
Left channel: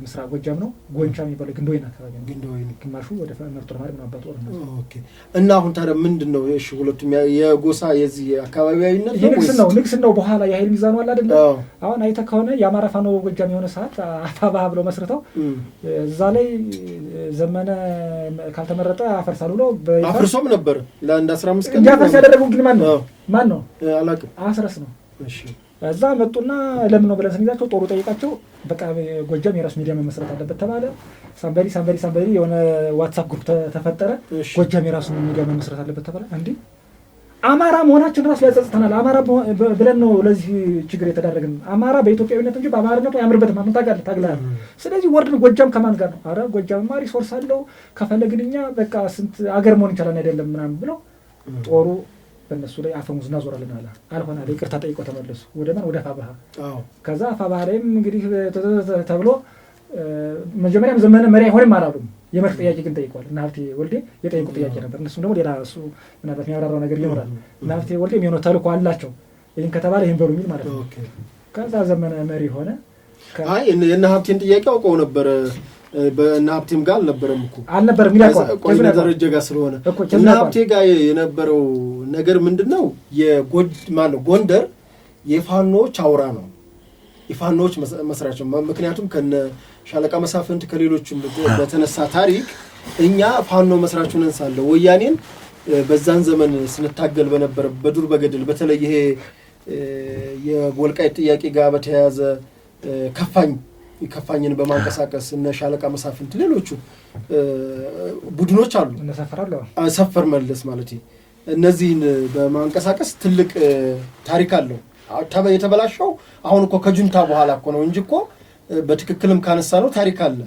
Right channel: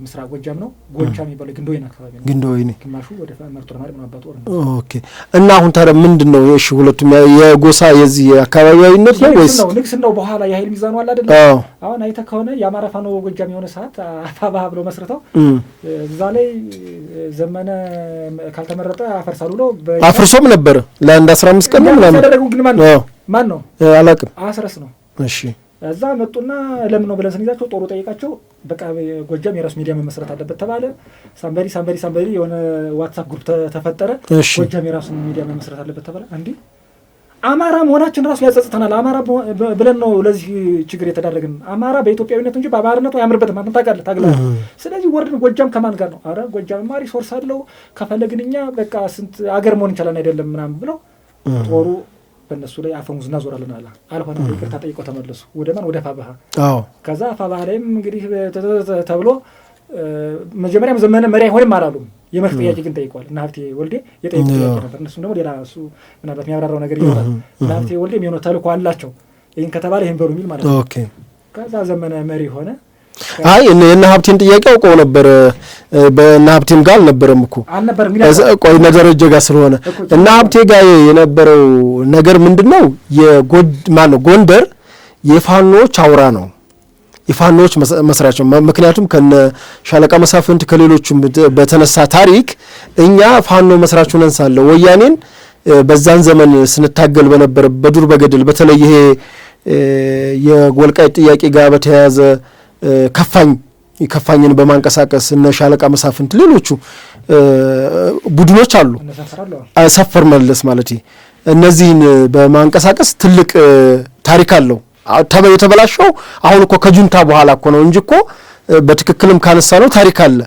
ምስራቅ ጎጃም ነው። ጎጃ የሚባለው ግንዶይን አካባቢ ነው። ግንዶይን ግማሹ ወደ መርጦ ለማድረግ ማባጡ ነው። ኦኬ እና አሁን ታዲያ ምንድነው? እሺ ሁለቱም የጎሳ የዚህ አካባቢያዊነት ነው ወይስ ንግስናው በኋላ የኃይል ሚዛኑ አለ አይደል? አሁን አይተህ ከሆነ የአማራ ፋኖ ጎጃም የሆነ ሰዓት አፋባህ ብለው መስርተው እዛ ላይ ዘመነ ካልተመረጠ አፈርሳሉ ብሎ አፍርሶም ነበር ለአንድ 15 ቀን ነው ያደረጉ። ግን ማን ነው አላውቅም። አስረስ ነው። እሺ እዛ መጡና ለምን ነው ብለን ስንይዛቸው ጦሩ ጠይቃቸው፣ በቃ ጎጃም የራሱ ሚዲያ መመስረት አለበት ተባለ። ሳምበሪ የሆነ ዋትስአፕ ግሩፕ ተፈጠረ። ጎጃም የራሱ ሚዲያ መመስረት አለበት ተባለ። እንዴ አማራ መሆናችን ራሱ ያጸጽተናል። አማራ ብለን ነው ለዚህ ችግር የተዳረግን። አማራ በኢትዮጵያዊነት እንጂ በአማራነቱ አያምርበትም። ምን ታውቃለህ? ስለዚህ ወርድን ጎጃም ከማን ጋር ነው? አረ ጎጃምማ ሪሶርስ አለው ከፈለግን እኛ በቃ ስንት አገር መሆን እንችላለን አይደለም ምናምን ብለው ጦሩ በእነሱ ላይ አፈሙዝ እናዞራለን አለ። አልሆነ ይቅርታ ጠይቆ ተመለሱ። ወደ ማን? ወደ አፋባህ። ከዛ አፋባህ ላይም እንግዲህ ተብሎ መጀመሪያም ዘመነ መሪ አይሆንም አላሉም። የመርህ ጥያቄ ግን ጠይቀዋል። እና ሀብቴ ወልዴ የጠየቁ ጥያቄ ነበር። እነሱም ደግሞ ሌላ እሱ ምናልባት የሚያብራራው ነገር ይኖራል። እና ሀብቴ ወልዴ የሚሆነው ተልእኮ አላቸው። ይህን ከተባለ ይህን በሩ የሚል ማለት ነው። ከዛ ዘመነ መሪ ሆነ። አይ እነ ሀብቴን ጥያቄ አውቀው ነበር። በእነ ሀብቴም ጋር አልነበረም እኮ ቆይ ደረጀ ጋር ስለሆነ እና ሀብቴ ጋር የነበረው ነገር ምንድነው? ጎንደር የፋኖች አውራ ነው። የፋኖች መስራች ነው። ምክንያቱም ከነ ሻለቃ መሳፍንት ከሌሎቹም በተነሳ ታሪክ እኛ ፋኖ መስራች ሆነን ሳለ ወያኔን በዛን ዘመን ስንታገል በነበረ በዱር በገደል በተለይ ይሄ የወልቃይት ጥያቄ ጋር በተያያዘ ከፋኝን በማንቀሳቀስ እነ ሻለቃ መሳፍንት ሌሎቹ ቡድኖች አሉ። ሰፈር መለስ ማለት እነዚህን በማንቀሳቀስ ትልቅ ታሪክ አለው። የተበላሸው አሁን እኮ ከጁንታ በኋላ እኮ ነው እንጂ እኮ በትክክልም ካነሳ ነው ታሪክ አለ፣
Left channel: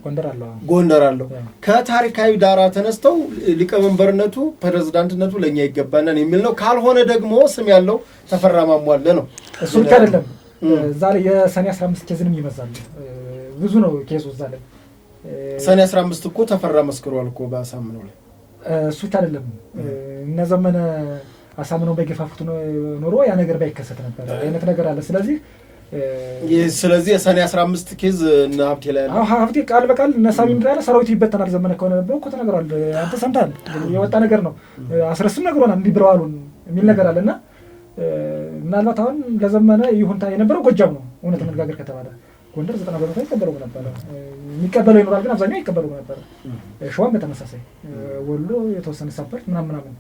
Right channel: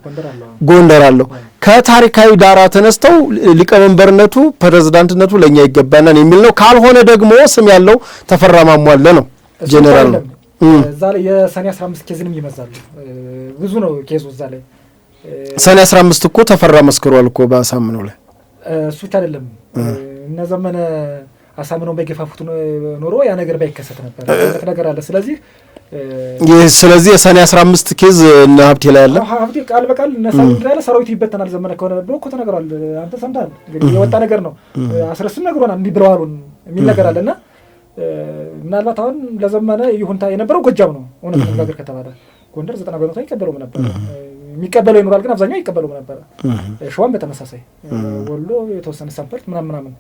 ጎንደር አለው። ከታሪካዊ ዳራ ተነስተው ሊቀመንበርነቱ ፕሬዝዳንትነቱ ለኛ ይገባናል የሚል ነው። ካልሆነ ደግሞ ስም ያለው ተፈራ ማሞ አለ ነው ጄኔራል ነው። እዛ ላይ የሰኔ 15 ኬዝንም ይመዛሉ። ብዙ ነው ኬዙ እዛ ላይ። ሰኔ 15 እኮ ተፈራ መስክሯል እኮ በአሳምነው ላይ። እሱ ብቻ አይደለም እነ ዘመነ አሳምነው በገፋፉት ኖሮ ያ ነገር ባይከሰት ነበር ነገር አለ። ስለዚህ የሰኔ 15 ኬዝ እና ሀብቴ ላይ አለ። ሀብቴ ቃል በቃል ነሳው እንዳለ ሰራዊት ይበተናል ዘመነ ከሆነ ብሎ እኮ ተነግሯል። አንተ ሰምተሃል? የወጣ ነገር ነው። አስረስም ነግሮናል እንዲህ ብለዋል የሚል ነገር አለና ምናልባት አሁን ለዘመነ ይሁንታ የነበረው ጎጃም ነው እውነት ነገር ከተባለ ጎንደር 90% አይቀበሉም ነበር። የሚቀበለው ይኖራል ግን አብዛኛው አይቀበሉም ነበር። ሸዋም በተመሳሳይ ወሎ የተወሰነ ሰምፐርት ምናምን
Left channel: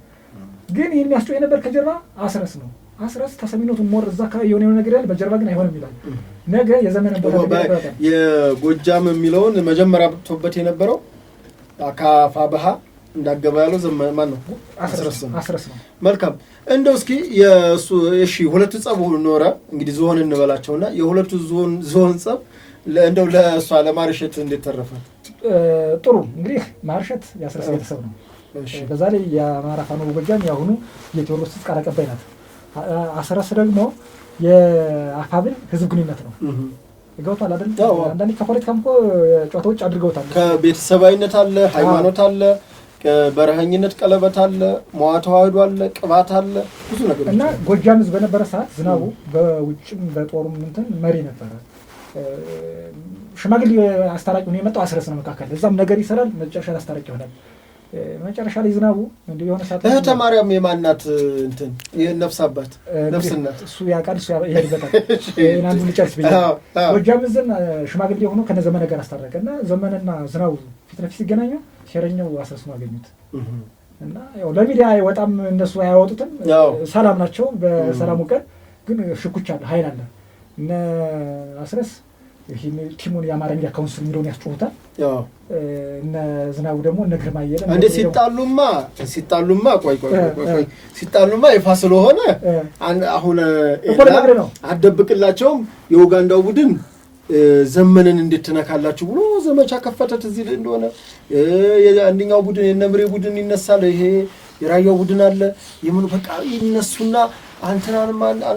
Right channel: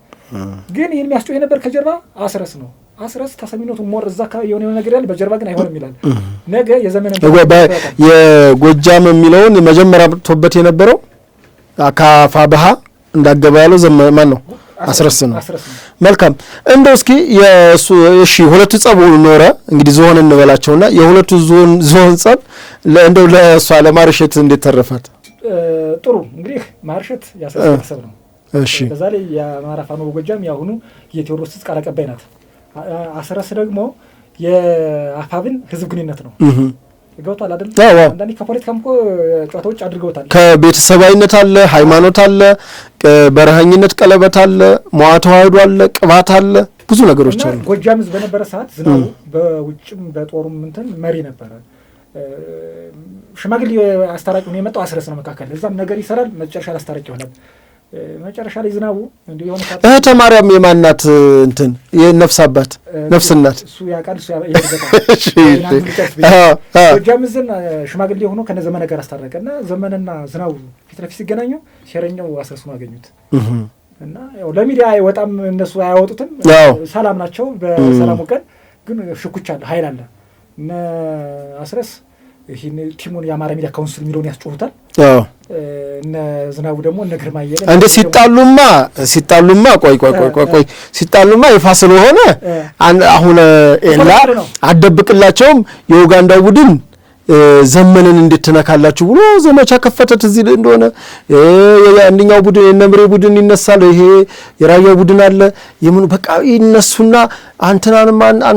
ግን ይህን የሚያስጨው የነበር ከጀርባ አስረስ ነው። አስረስ ተሰሚነቱ ሞር እዛ አካባቢ የሆነ ነገር ያለ በጀርባ ግን አይሆንም ይላል። ነገ የዘመነ የጎጃም የሚለውን መጀመሪያ መጥቶበት የነበረው አካፋ ባህ እንዳገባ ያለው ማን ነው? አስረስ ነው። መልካም እንደው እስኪ የሱ እሺ ሁለቱ ጸብ ኖረ እንግዲህ ዞን እንበላቸውና የሁለቱ ዞን ጸብ እንደው ለሷ ለማርሸት እንዴት ተረፋት? ጥሩ እንግዲህ ማርሸት ያሰሰብ ነው። እሺ በዛ ላይ የአማራ ፋኖ ጎጃም ያሁኑ የቴዎድሮስ ቃል አቀባይ ናት። አስረስ ደግሞ የአፋብን ህዝብ ግንኙነት ነው። ገብቷል አይደል? አንዳንዴ ከፖለቲካም እኮ ጨዋታዎች አድርገውታል። ከቤተሰባዊነት አለ፣ ሃይማኖት አለ፣ በረሃኝነት ቀለበት አለ፣ መዋ ተዋህዶ አለ፣ ቅባት አለ፣ ብዙ ነገሮች አሉ። ጎጃም ህዝብ በነበረ ሰዓት ዝናቡ በውጭም በጦሩም እንትን መሪ ነበረ። ሽማግሌ አስታራቂ ሆኖ የመጣው አስረስ ነው። መካከል እዛም ነገር ይሰራል። መጨረሻ አስታራቂ ሆነ። መጨረሻ ላይ ዝናቡ እንዲህ የሆነ እህተ ማርያም የማናት እንትን የነፍስ አባት ነፍስ እናት እሱ ያቃል እሱ ያደረገው ጎጃም ዝን ሽማግሌ ሆኖ ከነዘመነ ጋር አስታረቀና ዘመነና ዝናቡ ፊት ለፊት ሲገናኙ ሸረኛው አስረስ ነው አገኙት እና ያው ለሚዲያ አይወጣም እነሱ አያወጡትም። ሰላም ናቸው። በሰላሙ ቀን ግን ሽኩቻ አለ፣ ኃይል አለ። እነ አስረስ ይሄን ቲሙን የአማራ ሚዲያ ካውንስል የሚለውን ያስጮሁታል። እነ ዝናቡ ደግሞ እነ ግርማ ይየለ እንደ ሲጣሉማ ቆይ ሲጣሉማ ይፋ ስለሆነ አሁን ኤላ አደብቅላቸውም የኡጋንዳ ቡድን ዘመንን እንድትነካላችሁ ብሎ ዘመቻ ከፈተት እዚህ እንደሆነ አንደኛው ቡድን የነምሬ ቡድን ይነሳል። ይሄ የራያ ቡድን አለ የምን በቃ ይነሱና አንተ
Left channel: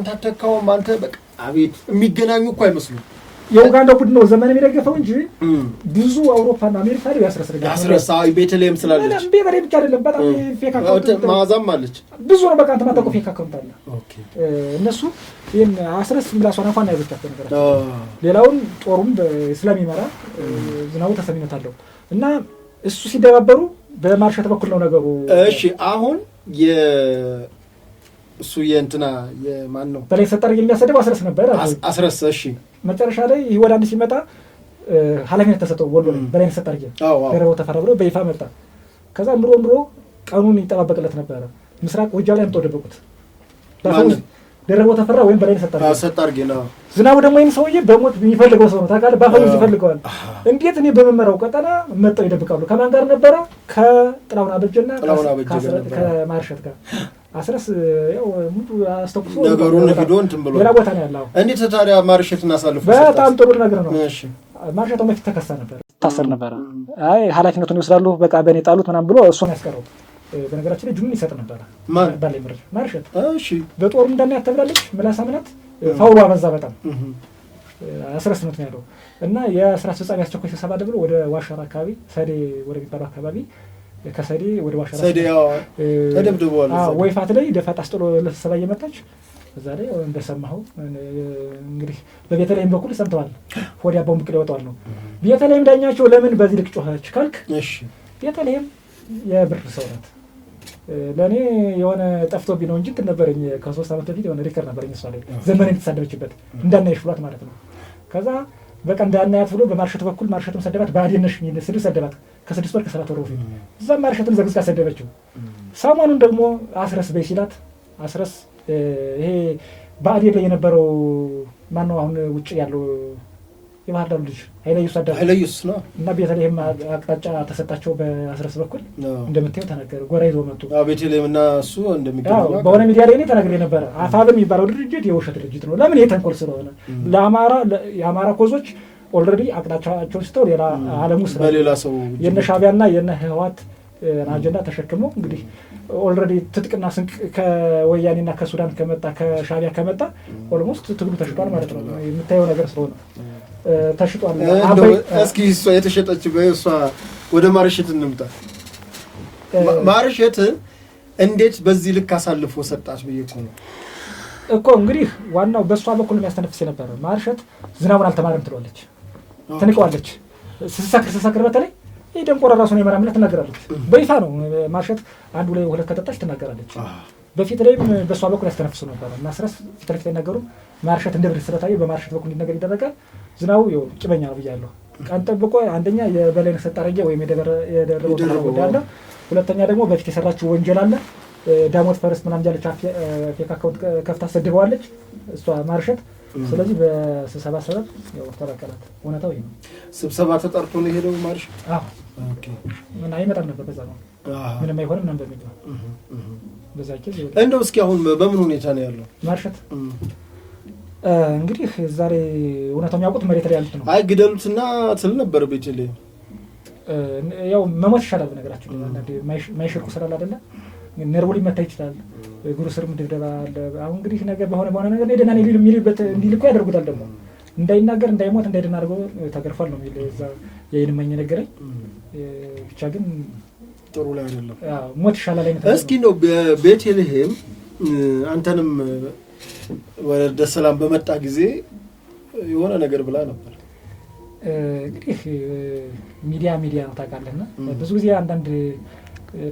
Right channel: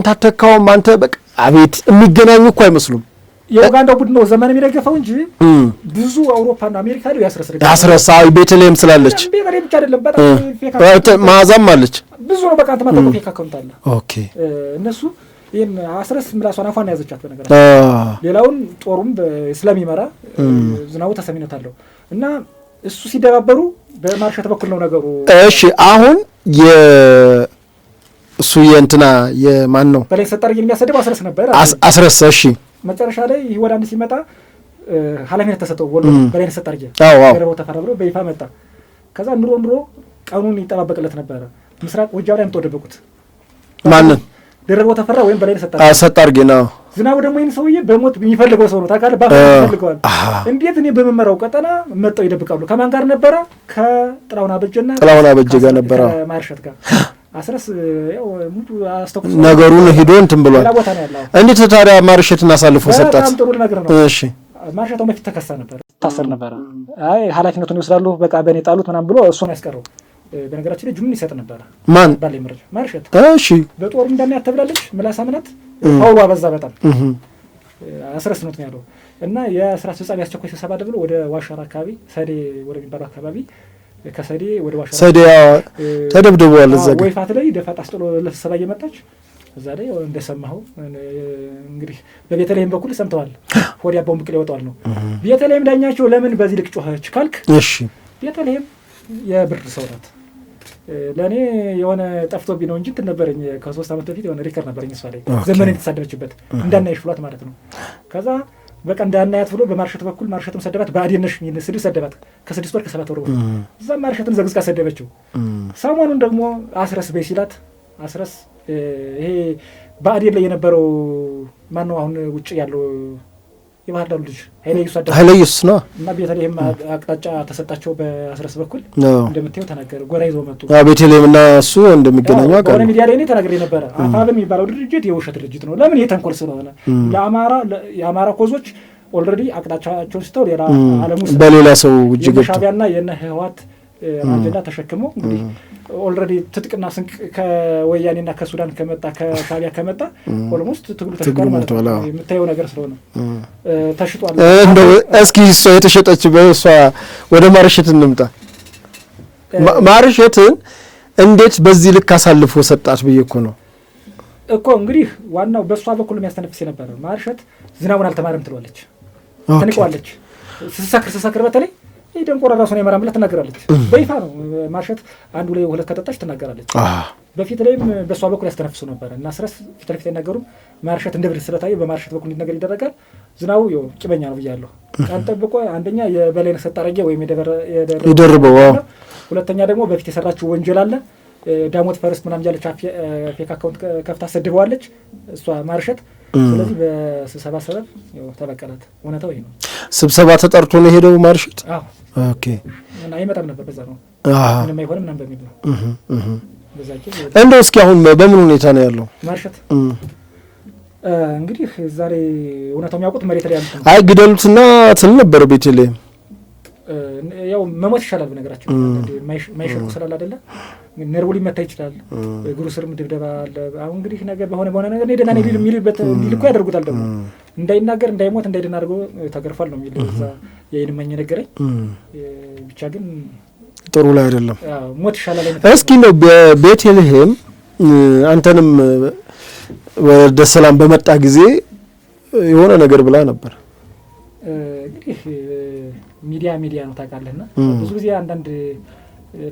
አተካውም አንተ በቃ አቤት የሚገናኙ እኮ አይመስሉም። የኡጋንዳ ቡድን ነው ዘመን የሚደገፈው እንጂ ብዙ አውሮፓና አሜሪካ ነው ያስረስረጋል። ቤተልሔም ስላለች ቤተልሔም ብቻ አይደለም፣ በጣም ፌክ ማዛም አለች ብዙ ነው። በቃ አንተ ማጠቁ ፌክ አካውንት አለ። ኦኬ እነሱ ይሄን አስረስ ምላሷን አፋና ያዘቻቸው ነገር ሌላውን ጦሩም ስለሚመራ ዝናቡ ተሰሚነት አለው እና እሱ ሲደባበሩ በማርሸት በኩል ነው ነገሩ። እሺ አሁን እሱ የእንትና የማን ነው በላይ ሰጣር የሚያሰደው አስረስ ነበር። አስረስ እሺ መጨረሻ ላይ ይህ ወደ አንድ ሲመጣ ኃላፊነት ተሰጠው። ወሎ በላይ ሰጣር ገረበው ተፈራብሮ በይፋ መጣ። ከዛ ኑሮ ቀኑን ይጠባበቅለት ነበር። ምስራቅ ጎጃም ላይ ተወደበቁት ማን ገረበው ተፈራ ወይም በላይ ሰጣር ገና ዝናቡ ደግሞ ይሄን ሰውዬ በሞት የሚፈልገው ሰው ነው ታውቃለህ። ባፈር ይፈልገዋል። እንዴት እኔ በመመራው ቀጠና መጣው ይደብቃሉ። ከማን ጋር ነበረ? ከጥላውና በጀ ጋር ነበረ ማርሸት ጋር አስረስ ያው ሙሉ አስተኩስ ነገሩን ሄዶ እንትን ብሏል። ሌላ ቦታ ነው ያለው። እንዴት ታዲያ ማርሸትን አሳልፎ ሰጣት? በጣም ጥሩ ነገር ነው። እሺ ማርሸታው በፊት ተከሳ ነበር፣ ታሰር ነበር። አይ ኃላፊነቱን ይወስዳሉ በቃ በእኔ ጣሉት ምናምን ብሎ እሱን ያስቀረው። በነገራችን ላይ ጁን ይሰጥ ነበር ማን ባለ ምርጫ ማርሸት። እሺ በጦር እንደምን ያተብላለች ምላስ አምናት ፓውሎ አበዛ በጣም አስረስ ነው ያለው እና የስራ አስፈጻሚ አስቸኳይ ስብሰባ ብሎ ወደ ዋሻራ አካባቢ ሰዴ ወደ የሚባለው አካባቢ ከሰዴ ወደ ዋሻራ ሰዴ ተደብድበዋል። እዛ ወይፋት ላይ ደፋት አስጥሎ ለስብሰባ እየመጣች እዛ ላይ እንደሰማኸው እንግዲህ በቤተልሔም በኩል ሰምተዋል። ሆዲያ ቦምብ ቅል ይወጣዋል ነው ቤተልሔም ዳኛቸው ለምን በዚህ ልክ ጮኸች ካልክ፣ እሺ ቤተልሔም የብር ሰው ናት። ለእኔ የሆነ ጠፍቶብኝ ነው እንጂ እንትን ነበረኝ ከ3 ዓመት በፊት የሆነ ሪከር ነበረኝ እሷ ላይ ዘመን የተሳደበችበት እንዳናይሽ ብሏት ማለት ነው። ከዛ በቃ እንዳናያት ብሎ በማርሸት በኩል ማርሸትን ሰደባት። በአዴነሽ የሚል ስድብ ሰደባት ከ6 ወር ከ7 ወር እዛም ማርሸትን ዘግዝቃ ሰደበችው። ሰሞኑን ደግሞ አስረስ በይ ሲላት አስረስ ይሄ በአዴን ላይ የነበረው ማን ነው አሁን ውጭ ያለው የባህር ዳር ልጅ ኃይለየሱስ ነው እና ቤተልሔም አቅጣጫ ተሰጣቸው በአስረስ በኩል እንደምታየው ተናገረ። ጎራ ይዘው መጡ። ቤተልሔም እና እሱ እንደሚገናኙ በሆነ ሚዲያ ላይ እኔ ተናግሬ ነበረ። አፋብን የሚባለው ድርጅት የውሸት ድርጅት ነው። ለምን የተንኮል ስለሆነ የአማራ ኮዞች ኦልሬዲ አቅጣጫቸውን ስተው ሌላ ዓለም ውስጥ በሌላ ሰው የነ ሻዕቢያና የነ ህወሓት አጀንዳ ተሸክመው እንግዲህ ኦልሬዲ ትጥቅና ስንቅ ከወያኔና ከሱዳን ከመጣ ከሻዕቢያ ከመጣ ኦልሞስት ትግሉ ተሽጧል ማለት ነው። የምታየው ነገር ስለሆነ ተሽጧል። እንደው እስኪ እሷ የተሸጠች በእሷ ወደ ማርሸት እንምጣ። ማርሸትን እንዴት በዚህ ልክ አሳልፎ ሰጣት ብዬ እኮ ነው እኮ እንግዲህ ዋናው በእሷ በኩል የሚያስተነፍስ የነበረ ማርሸት ዝናቡን አልተማረም ትለዋለች፣ ትንቀዋለች። ስትሰክር በተለይ ይህ ደንቆራ ራሱን የመራ ምለት ትናገራለች። በይፋ ነው ማርሸት አንዱ ላይ 2 ከጠጣች ትናገራለች። በፊት ላይም በሷ በኩል ያስተነፍሱ ነበር እና አስረስ ፊት ለፊት አይናገሩም። ማርሸት እንደ ብር ስለታየ በማርሸት በኩል እንዲነገር ይደረጋል። ዝናቡ ያው ቂመኛ ነው ብያለሁ። ቀን ጠብቆ አንደኛ የበላይነህ ሰጣረጌ ወይም የደረበው፣ ሁለተኛ ደግሞ በፊት የሰራችው ወንጀል አለ። ዳሞት ፈርስት ምናምን ያለች ፌክ አካውንት ከፍታ ሰድበዋለች እሷ ማርሸት። ስለዚህ በስብሰባ ሰበብ ያው ተበቀላት። እውነታው ይሄ ነው። ስብሰባ ተጠርቶ ነው የሄደው ማርሸት። ኦኬ እና አይመጣም ነበር በዛ ነው ምንም አይሆንም ምናምን በሚል ነው እንደው እስኪ አሁን በምን ሁኔታ ነው ያለው ማርሸት? እንግዲህ ዛሬ እውነታው የሚያውቁት መሬት ላይ ያሉት ነው። አይ ግደሉትና ትል ነበር ቤተልሔም። ያው መሞት ይሻላል በነገራችን ማይሸርኩ ስላል አይደለ ነርቡ ሊመታ ይችላል። እግሩ ስርም ድብደባ አለ። አሁን እንግዲህ ነገር በሆነ ነገር ሄደና የሚልበት እንዲልኩ ያደርጉታል። ደግሞ እንዳይናገር እንዳይሞት እንዳይደና አድርገው ተገርፏል ነው የሚል እዛ የይንመኝ ነገረኝ። ብቻ ግን ጥሩ ላይ አይደለም። ሞት ይሻላል። እስኪ ነው ቤተልሔም አንተንም ወደ ሰላም በመጣ ጊዜ የሆነ ነገር ብላ ነበር። እንግዲህ ሚዲያ ነው ታውቃለህና ብዙ ጊዜ አንዳንድ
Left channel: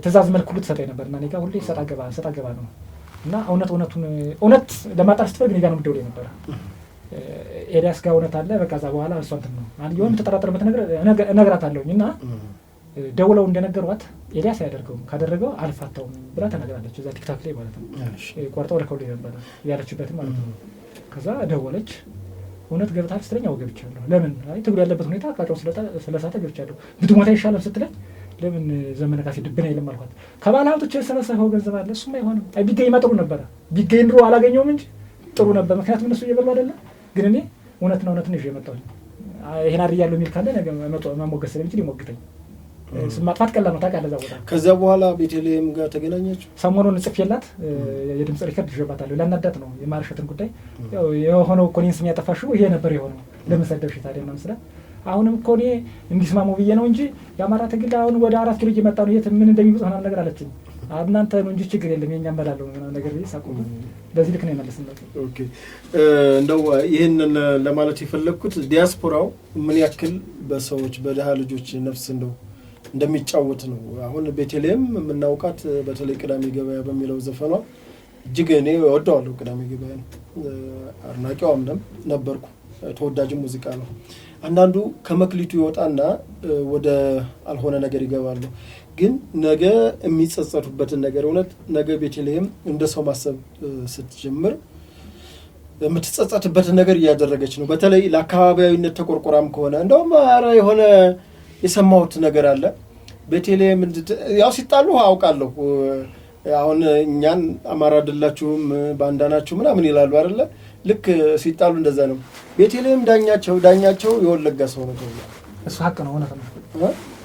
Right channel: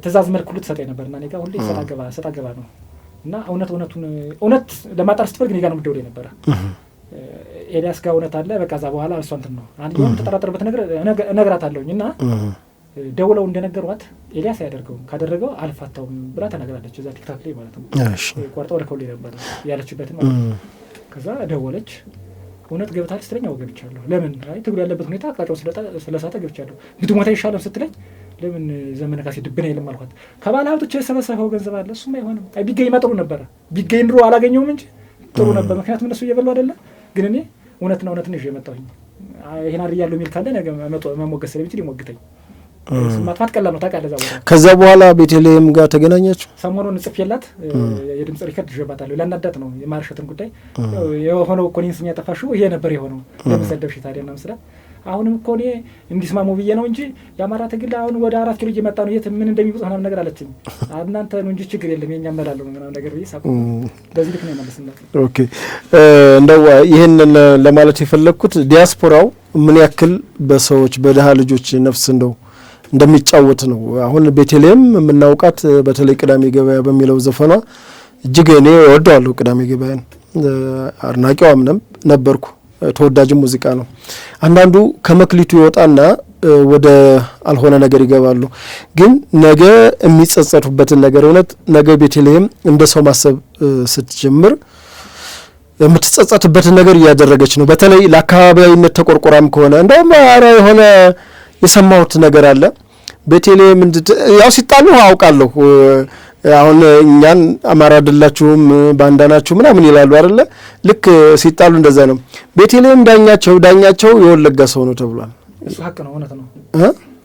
ትእዛዝ መልክ ሁሉ ትሰጠኝ ነበር እና እኔ ጋር ሁሌ ሰጣ ገባ ነው እና እውነት ለማጣር ስትፈልግ እኔ ጋር ነው የምትደውለው ነበረ። ኤልያስ ጋር እውነት አለ በቃ እዛ በኋላ እሷ እንትን ነው የሆነ ተጠራጠርበት ነገር እነግራታለሁኝ እና ደውለው እንደነገሯት ኤልያስ አያደርገውም ካደረገው አልፋታውም ብላ ተናግራለች። እዛ ቲክታክ ላይ ማለት ነው ቆርጠው ልከውልኝ ነበር ያለችበትን ማለት ነው። ከዛ ደወለች እውነት ገብታል ስትለኝ አዎ ገብቻለሁ። ለምን ትግሉ ያለበት ሁኔታ አቃጫው ስለሳተ ገብቻለሁ። ብትሞታ ይሻላል ስትለኝ ለምን ዘመነ ካሴ ድብና ይልም አልኳት። ከባለ ሀብቶች የሰበሰበው ገንዘብ አለ እሱም አይሆንም። ቢገኝ መጥሩ ነበረ ቢገኝ ድሮ አላገኘውም እንጂ ጥሩ ነበር። ምክንያቱም እነሱ እየበሉ አይደለም። ግን እኔ እውነትና እውነትን ይዤ መጣሁኝ። ይሄን አድርያለሁ የሚል ካለ ነገ መሞገስ ስለሚችል ይሞግተኝ። ማጥፋት ቀላል ነው ታውቃለህ። እዛ ቦታ ከዛ በኋላ ቤተልሔም ጋር ተገናኛችሁ? ሰሞኑን ጽፌላት የድምጽ ሪከርድ ይዤባታለሁ። ላናዳት ነው የማርሸትን ጉዳይ የሆነው እኮ እኔን ስም ያጠፋሽው ይሄ ነበር የሆነው ለምን ሰደብሽ ታዲያ ምናምን ስላት አሁንም እኮ እኔ እንዲስማሙ ብዬ ነው እንጂ የአማራ ትግል አሁን ወደ 4 ኪሎ እየመጣ ነው የት ምን እንደሚውጥ ምናምን ነገር አለችኝ። እናንተ ነው እንጂ ችግር የለም የኛ መላለው ምናምን ነገር ብዬ ሳቁ። በዚህ ልክ ነው የመለስንለት። ኦኬ እንደው ይሄንን ለማለት የፈለኩት ዲያስፖራው ምን ያክል በሰዎች በደሃ ልጆች ነፍስ እንደሚጫወት ነው። አሁን ቤተልሔም የምናውቃት በተለይ ቅዳሜ ገበያ በሚለው ዘፈኗ እጅግ እኔ እወደዋለሁ። ቅዳሜ ገበያን አድናቂዋም ነበርኩ። ተወዳጅም ሙዚቃ ነው። አንዳንዱ ከመክሊቱ ይወጣና ወደ አልሆነ ነገር ይገባሉ። ግን ነገ የሚጸጸቱበትን ነገር እውነት ነገ ቤተልሔም እንደ ሰው ማሰብ ስትጀምር የምትጸጸትበትን ነገር እያደረገች ነው። በተለይ ለአካባቢያዊነት ተቆርቆራም ከሆነ እንደውም የሆነ የሰማሁት ነገር አለ። ቤተልሔም ያው ሲጣሉ አውቃለሁ። አሁን እኛን አማራ አይደላችሁም ባንዳ ናችሁ ምናምን ይላሉ አይደለ? ልክ ሲጣሉ እንደዛ ነው። ቤተልሔም ዳኛቸው የወለጋ ሰው ነው ተብሏል። እሱ ሀቅ ነው፣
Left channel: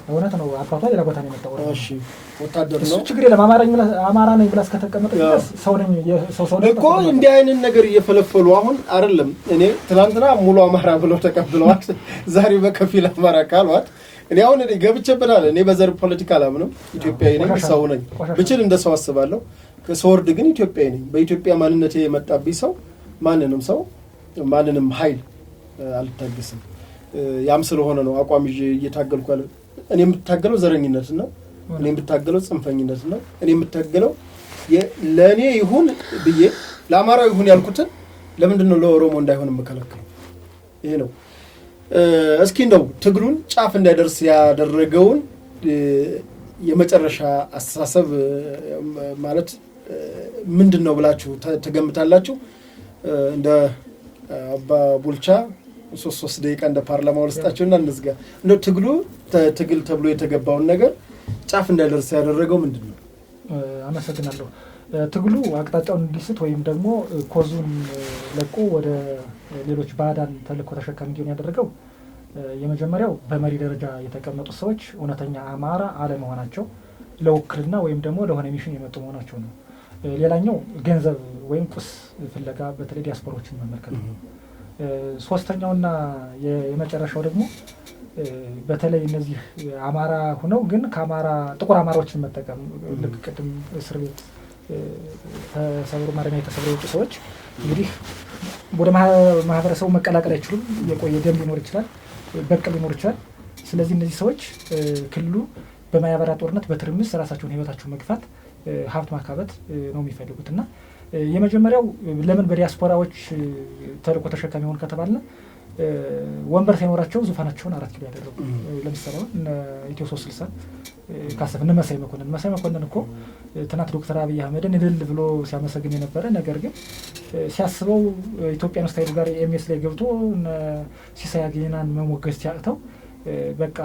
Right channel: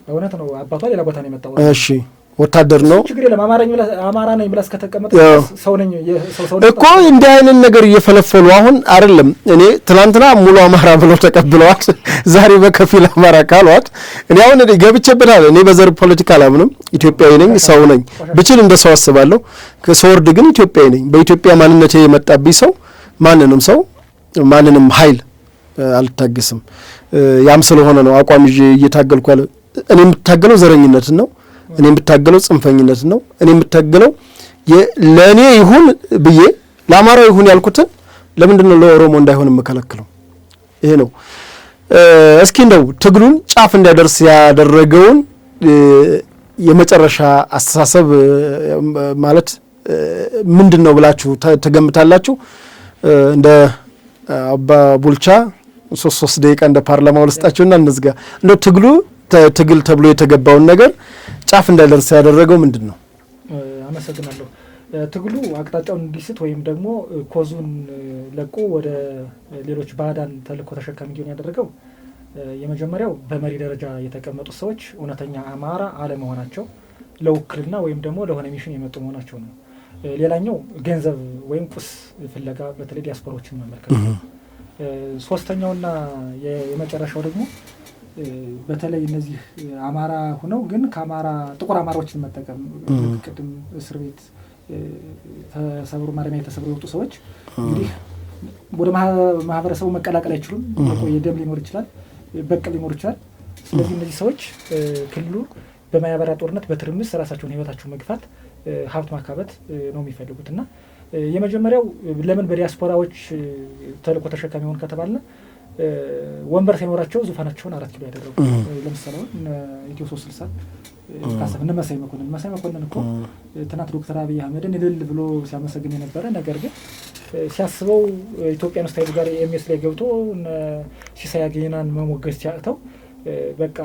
እውነት ነው። አባቷ ሌላ ቦታ ነው የመጣው። እሺ ወታደር ነው። ችግር የለም። አማራ ነኝ ብላ እስከተቀመጠ ሰው ነኝ እኮ እንዲህ አይነት ነገር እየፈለፈሉ አሁን አይደለም። እኔ ትናንትና ሙሉ አማራ ብለው ተቀብለዋት ዛሬ በከፊል አማራ ካሏት እኔ አሁን ገብቼበታል። እኔ በዘር ፖለቲካ አላምንም። ኢትዮጵያዊ ነኝ፣ ሰው ነኝ። ብችል እንደ ሰው አስባለሁ። ከሰወርድ ግን ኢትዮጵያዊ ነኝ። በኢትዮጵያ ማንነቴ የመጣብኝ ሰው ማንንም ኃይል አልታገስም። ያም ስለሆነ ነው አቋም ይዤ እየታገልኩ ያለ። እኔ የምታገለው ዘረኝነትን ነው። እኔ የምታገለው ጽንፈኝነት ነው። እኔ የምታገለው ለእኔ ይሁን ብዬ ለአማራው ይሁን ያልኩትን ለምንድን ነው ለኦሮሞ እንዳይሆን የምከለክለው? ይሄ ነው። እስኪ እንደው ትግሉን ጫፍ እንዲያደርስ ያደረገውን የመጨረሻ አስተሳሰብ ማለት ምንድን ነው ብላችሁ ትገምታላችሁ? እንደ አባ ቡልቻ 3 ደቂቃ እንደ ፓርላማ ውስጣቸውና እንዝጋ። እንደው ትግል ተብሎ የተገባውን ነገር ጫፍ እንዳይደርስ ያደረገው ምንድን ነው? አመሰግናለሁ። ትግሉ አቅጣጫውን እንዲስት ወይም ደግሞ ኮዙን ለቆ ወደ ሌሎች ባዕዳን ተልእኮ ተሸካሚ እንዲሆን ያደረገው የመጀመሪያው በመሪ ደረጃ የተቀመጡት ሰዎች እውነተኛ አማራ አለመሆናቸው፣ ለውክልና ወይም ደግሞ ለሆነ ሚሽን የመጡ መሆናቸው ነው። ሌላኛው ገንዘብ ወይም ቁስ ፍለጋ በተለይ ዲያስፖራዎችን መመልከት ነው። ሶስተኛውና የመጨረሻው ደግሞ በተለይ እነዚህ አማራ ሁነው ግን ከአማራ ጥቁር አማራዎችን መጠቀም ቅድም እስር ቤት ተሰብሮ ማረሚያ የተሰብሮ የወጡ ሰዎች እንግዲህ ወደ ማህበረሰቡ መቀላቀል አይችሉም። የቆየ ደም ሊኖር ይችላል፣ በቀል ሊኖር ይችላል። ስለዚህ እነዚህ ሰዎች ክልሉ በማያበራ ጦርነት በትርምስ ራሳቸውን ህይወታቸውን መግፋት ሀብት ማካበት ነው የሚፈልጉትና የመጀመሪያው ለምን በዲያስፖራዎች ተልእኮ ተሸካሚ ሆኑ ከተባለ ወንበር ሳይኖራቸው ዙፋናቸውን 4 ኪሎ ያደረጉ ለምሳሌ ኢትዮ 360 ካሰፍ መሳይ መኮንን እኮ ትናንት ዶክተር አብይ አህመድን እልል ብሎ ሲያመሰግን የነበረ ነገር ግን ሲያስበው ኢትዮጵያን ስታይል ጋር ኤምኤስ ላይ ገብቶ ሲሳይ አገናን መሞገስ ሲያቅተው በቃ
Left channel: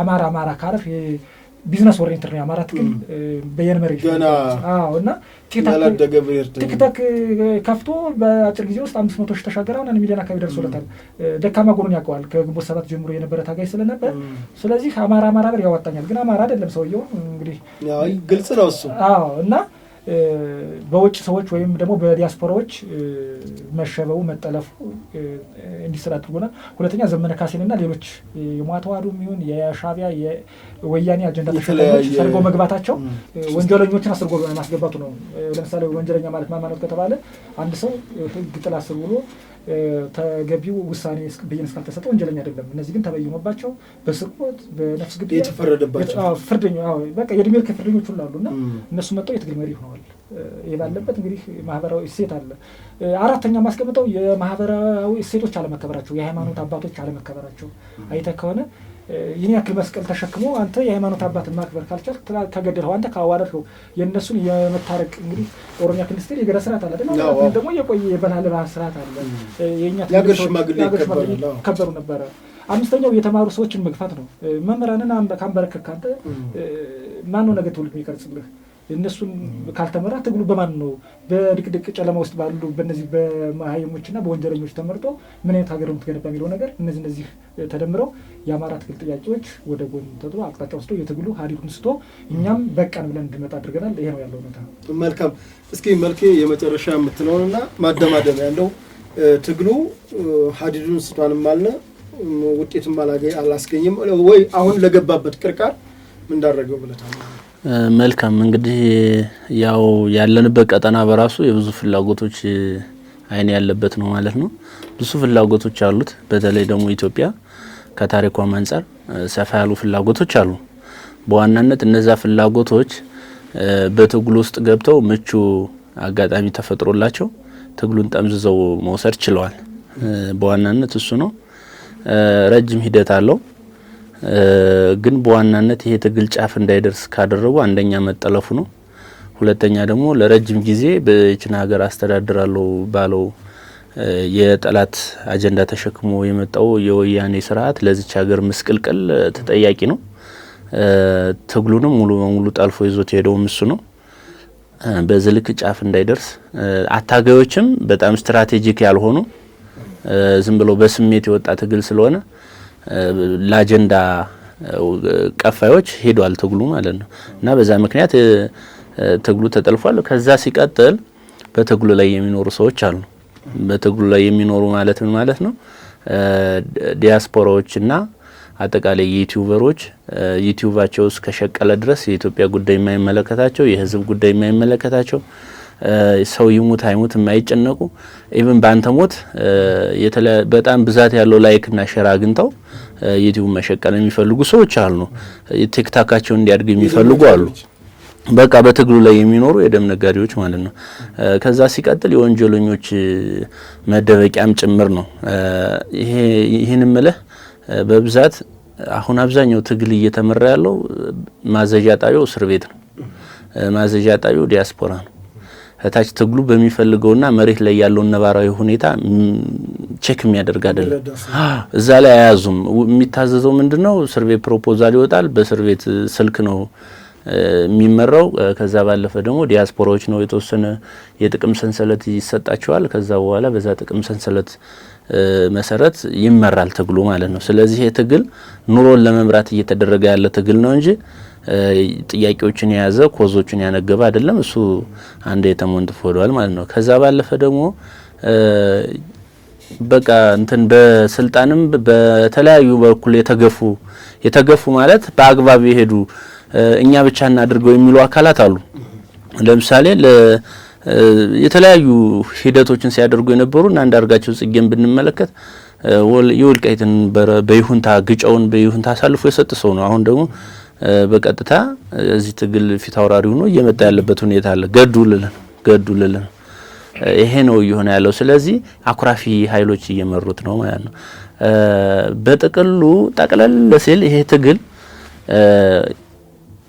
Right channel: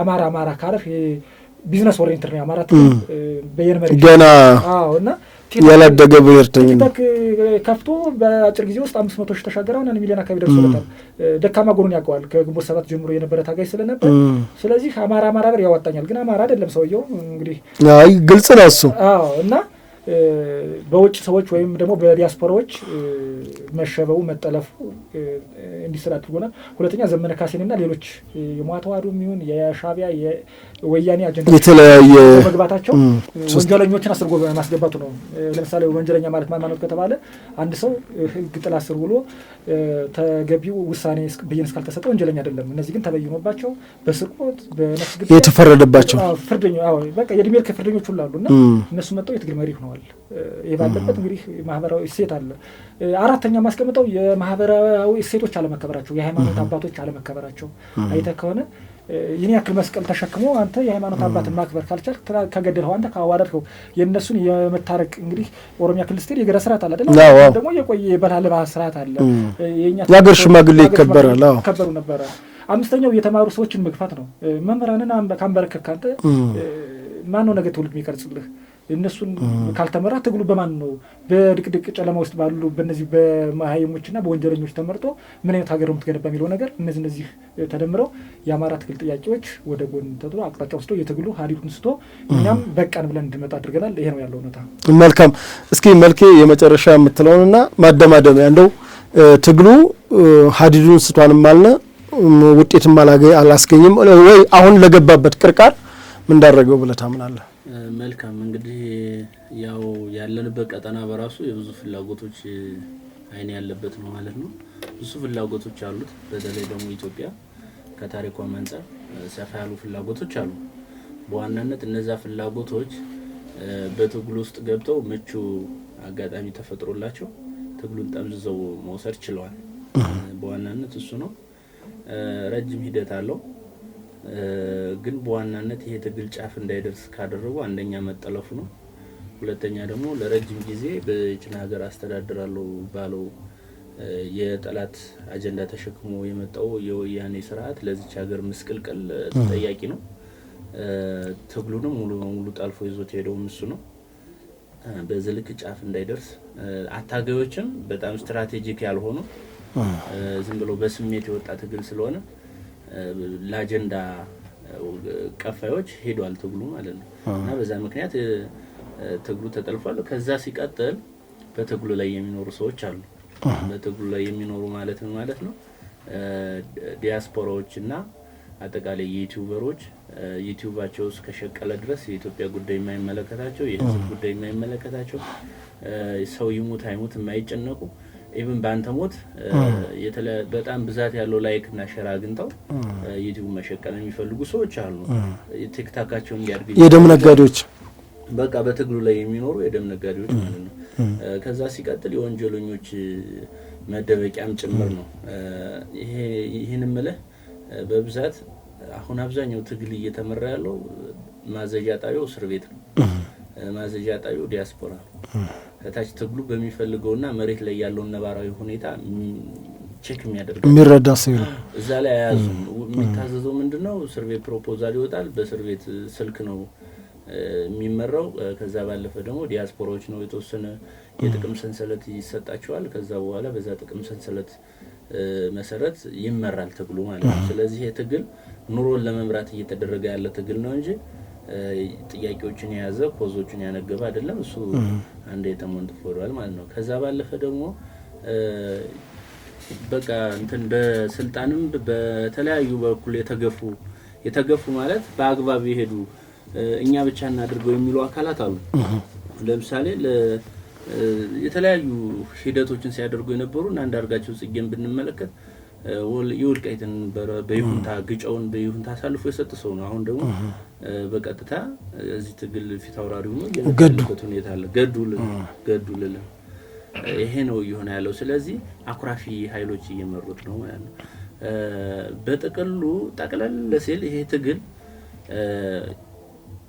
አማራ ካረፍ ቢዝነስ ኦሪየንትድ ነው አማራ በየነመረ ገና እና ያላደገ ብሔርተኝነት ቲክቶክ ከፍቶ በአጭር ጊዜ ውስጥ 500 ሺህ ተሻገረው 1 ሚሊዮን አካባቢ ደርሶለታል። ደካማ ጎኑን ያውቀዋል ከግንቦት 7 ጀምሮ የነበረ ታጋይ ስለነበር ስለዚህ አማራ ብር ያወጣኛል ግን አማራ አይደለም ሰውየው እንግዲህ አይ ግልጽ ነው እሱ እና በውጭ ሰዎች ወይም ደግሞ በዲያስፖራዎች መሸበው መጠለፉ እንዲሰራ አድርጎናል። ሁለተኛ ዘመነ ካሴንና ሌሎች የሟተዋዱ የሚሆን የሻቢያ የወያኔ አጀንዳ የተለያየ መግባታቸው ወንጀለኞችን አስርጎ ማስገባቱ ነው። ለምሳሌ ወንጀለኛ ማለት ማንነት ከተባለ አንድ ሰው ህግ ጥላ ስር ብሎ ተገቢው ውሳኔ ብይን እስካልተሰጠ ወንጀለኛ አይደለም። እነዚህ ግን ተበይኖባቸው በስርቆት በነፍስ ግድያ የተፈረደባቸው ፍርደኛ በቃ የእድሜ ልክ ፍርደኞች ሁሉ አሉና እነሱ መጣው የትግል መሪ ሆነዋል። የባለበት እንግዲህ ማህበራዊ እሴት አለ። አራተኛ ማስቀምጠው የማህበራዊ እሴቶች አለመከበራቸው፣ የሃይማኖት አባቶች አለመከበራቸው አይተህ ከሆነ ይህን ያክል መስቀል ተሸክሞ አንተ የሃይማኖት አባትን ማክበር ካልቻልክ ከገደልኸው አንተ ካዋረድከው የእነሱን የመታረቅ እንግዲህ ኦሮሚያ ክልል ስትሄድ የገዳ ስርዓት አለ አይደል? ደግሞ የቆየ የባህል ስርዓት አለ። የሀገር ሽማግሌ ይከበራል። ከበሩ ነበረ። አምስተኛው የተማሩ ሰዎችን መግፋት ነው። መምህራንን ካንበረከክ አንተ ማነው ነገ ትውልድ የሚቀርጽልህ? እነሱን ካልተመራ ትግሉ በማን ነው? በድቅድቅ ጨለማ ውስጥ ባሉ በእነዚህ በመሀይሞችና በወንጀለኞች ተመርጦ ምን አይነት ሀገር ነው የምትገነባ የሚለው ነገር እነዚህ ተደምረው የአማራ ትግል ጥያቄዎች ወደ ጎን ተጥሎ አቅጣጫ ወስዶ የትግሉ ሀዲዱን ስቶ እኛም በቃን ብለን እንድመጣ አድርገናል። ይሄ ነው ያለው እውነታ። መልካም። እስኪ መልኬ የመጨረሻ የምትለውንና ማደማደሚያ እንደው ትግሉ ሀዲዱን ስቷንም አለ ውጤትም አላስገኝም ወይ አሁን ለገባበት ቅርቃር ምን እንዳደረገው ብለህ ታምናለህ? መልካም እንግዲህ ያው ያለንበት ቀጠና በራሱ የብዙ ፍላጎቶች አይን ያለበት ነው ማለት ነው። ብዙ ፍላጎቶች አሉት። በተለይ ደግሞ ኢትዮጵያ ከታሪኳም አንፃር ሰፋ ያሉ ፍላጎቶች አሉ። በዋናነት እነዛ ፍላጎቶች በትግሉ ውስጥ ገብተው ምቹ አጋጣሚ ተፈጥሮላቸው ትግሉን ጠምዝዘው መውሰድ ችለዋል። በዋናነት እሱ ነው። ረጅም ሂደት አለው። ግን በዋናነት ይሄ ትግል ጫፍ እንዳይደርስ ካደረጉ አንደኛ መጠለፉ ነው። ሁለተኛ ደግሞ ለረጅም ጊዜ በእቺን ሀገር አስተዳድራለሁ ባለው የጠላት አጀንዳ ተሸክሞ የመጣው የወያኔ ስርዓት ለዚች ሀገር ምስቅልቅል ተጠያቂ ነው። ትግሉንም ሙሉ በሙሉ ጠልፎ ይዞት ሄደው እሱ ነው። በዝልክ ጫፍ እንዳይደርስ አታጋዮችም በጣም ስትራቴጂክ ያልሆኑ ዝም ብሎ በስሜት የወጣ ትግል ስለሆነ ለአጀንዳ ቀፋዮች ሄዷል ትግሉ ማለት ነው። እና በዛ ምክንያት ትግሉ ተጠልፏል። ከዛ ሲቀጥል በትግሉ ላይ የሚኖሩ ሰዎች አሉ። በትግሉ ላይ የሚኖሩ ማለት ምን ማለት ነው? ዲያስፖራዎችና አጠቃላይ ዩቲዩበሮች ዩቲዩባቸው እስከሸቀለ ድረስ የኢትዮጵያ ጉዳይ የማይመለከታቸው፣ የህዝብ ጉዳይ የማይመለከታቸው፣ ሰው ይሙት አይሙት የማይጨነቁ ኢቭን ባንተ ሞት በጣም ብዛት ያለው ላይክ እና ሼር አግኝተው ዩቲዩብ መሸቀል የሚፈልጉ ሰዎች አሉ። ቲክታካቸው እንዲያድግ የሚፈልጉ በቃ በትግሉ ላይ የሚኖሩ የደም ነጋዴዎች ማለት ነው። ከዛ ሲቀጥል የወንጀለኞች መደበቂያም ጭምር ነው። ይሄን ምልህ በብዛት አሁን አብዛኛው ትግል እየተመራ ያለው ማዘዣ ጣቢያው እስር ቤት ነው። ማዘዣ ጣቢያው ዲያስፖራ ነው። ታች ትግሉ በሚፈልገውና መሬት ላይ ያለው ነባራዊ ሁኔታ ቼክ የሚያደርጋል እዛ ላይ አያዙም። የሚታዘዘው ምንድነው? እስር ቤት ፕሮፖዛል ይወጣል። በእስር ቤት ስልክ ነው የሚመራው። ከዛ ባለፈ ደግሞ ዲያስፖራዎች ነው የተወሰነ የጥቅም ሰንሰለት ይሰጣቸዋል። ከዛ በኋላ በዛ ጥቅም ሰንሰለት መሰረት ይመራል ትግሉ ማለት ነው። ስለዚህ የትግል ኑሮን ለመምራት እየተደረገ ያለ ትግል ነው እንጂ ጥያቄዎችን የያዘ ኮዞችን ያነገበ አይደለም። እሱ አንድ የተሞንት ፎዷል ማለት ነው። ከዛ ባለፈ ደግሞ በቃ እንትን በስልጣንም በተለያዩ በኩል የተገፉ ማለት በአግባብ የሄዱ እኛ ብቻ እናድርገው የሚሉ አካላት አሉ። ለምሳሌ የተለያዩ ሂደቶችን ሲያደርጉ የነበሩና አንዳርጋቸው ጽጌን ብንመለከት የወልቃይትን በይሁንታ ግጫውን በይሁንታ አሳልፎ የሰጠ ሰው ነው። አሁን ደግሞ በቀጥታ እዚህ ትግል ፊት አውራሪ ሆኖ እየመጣ ያለበት ሁኔታ አለ። ገዱልልን ይሄ ነው እየሆነ ያለው። ስለዚህ አኩራፊ ኃይሎች እየመሩት ነው ማለት ነው። በጥቅሉ ጠቅለል ሲል ይሄ ትግል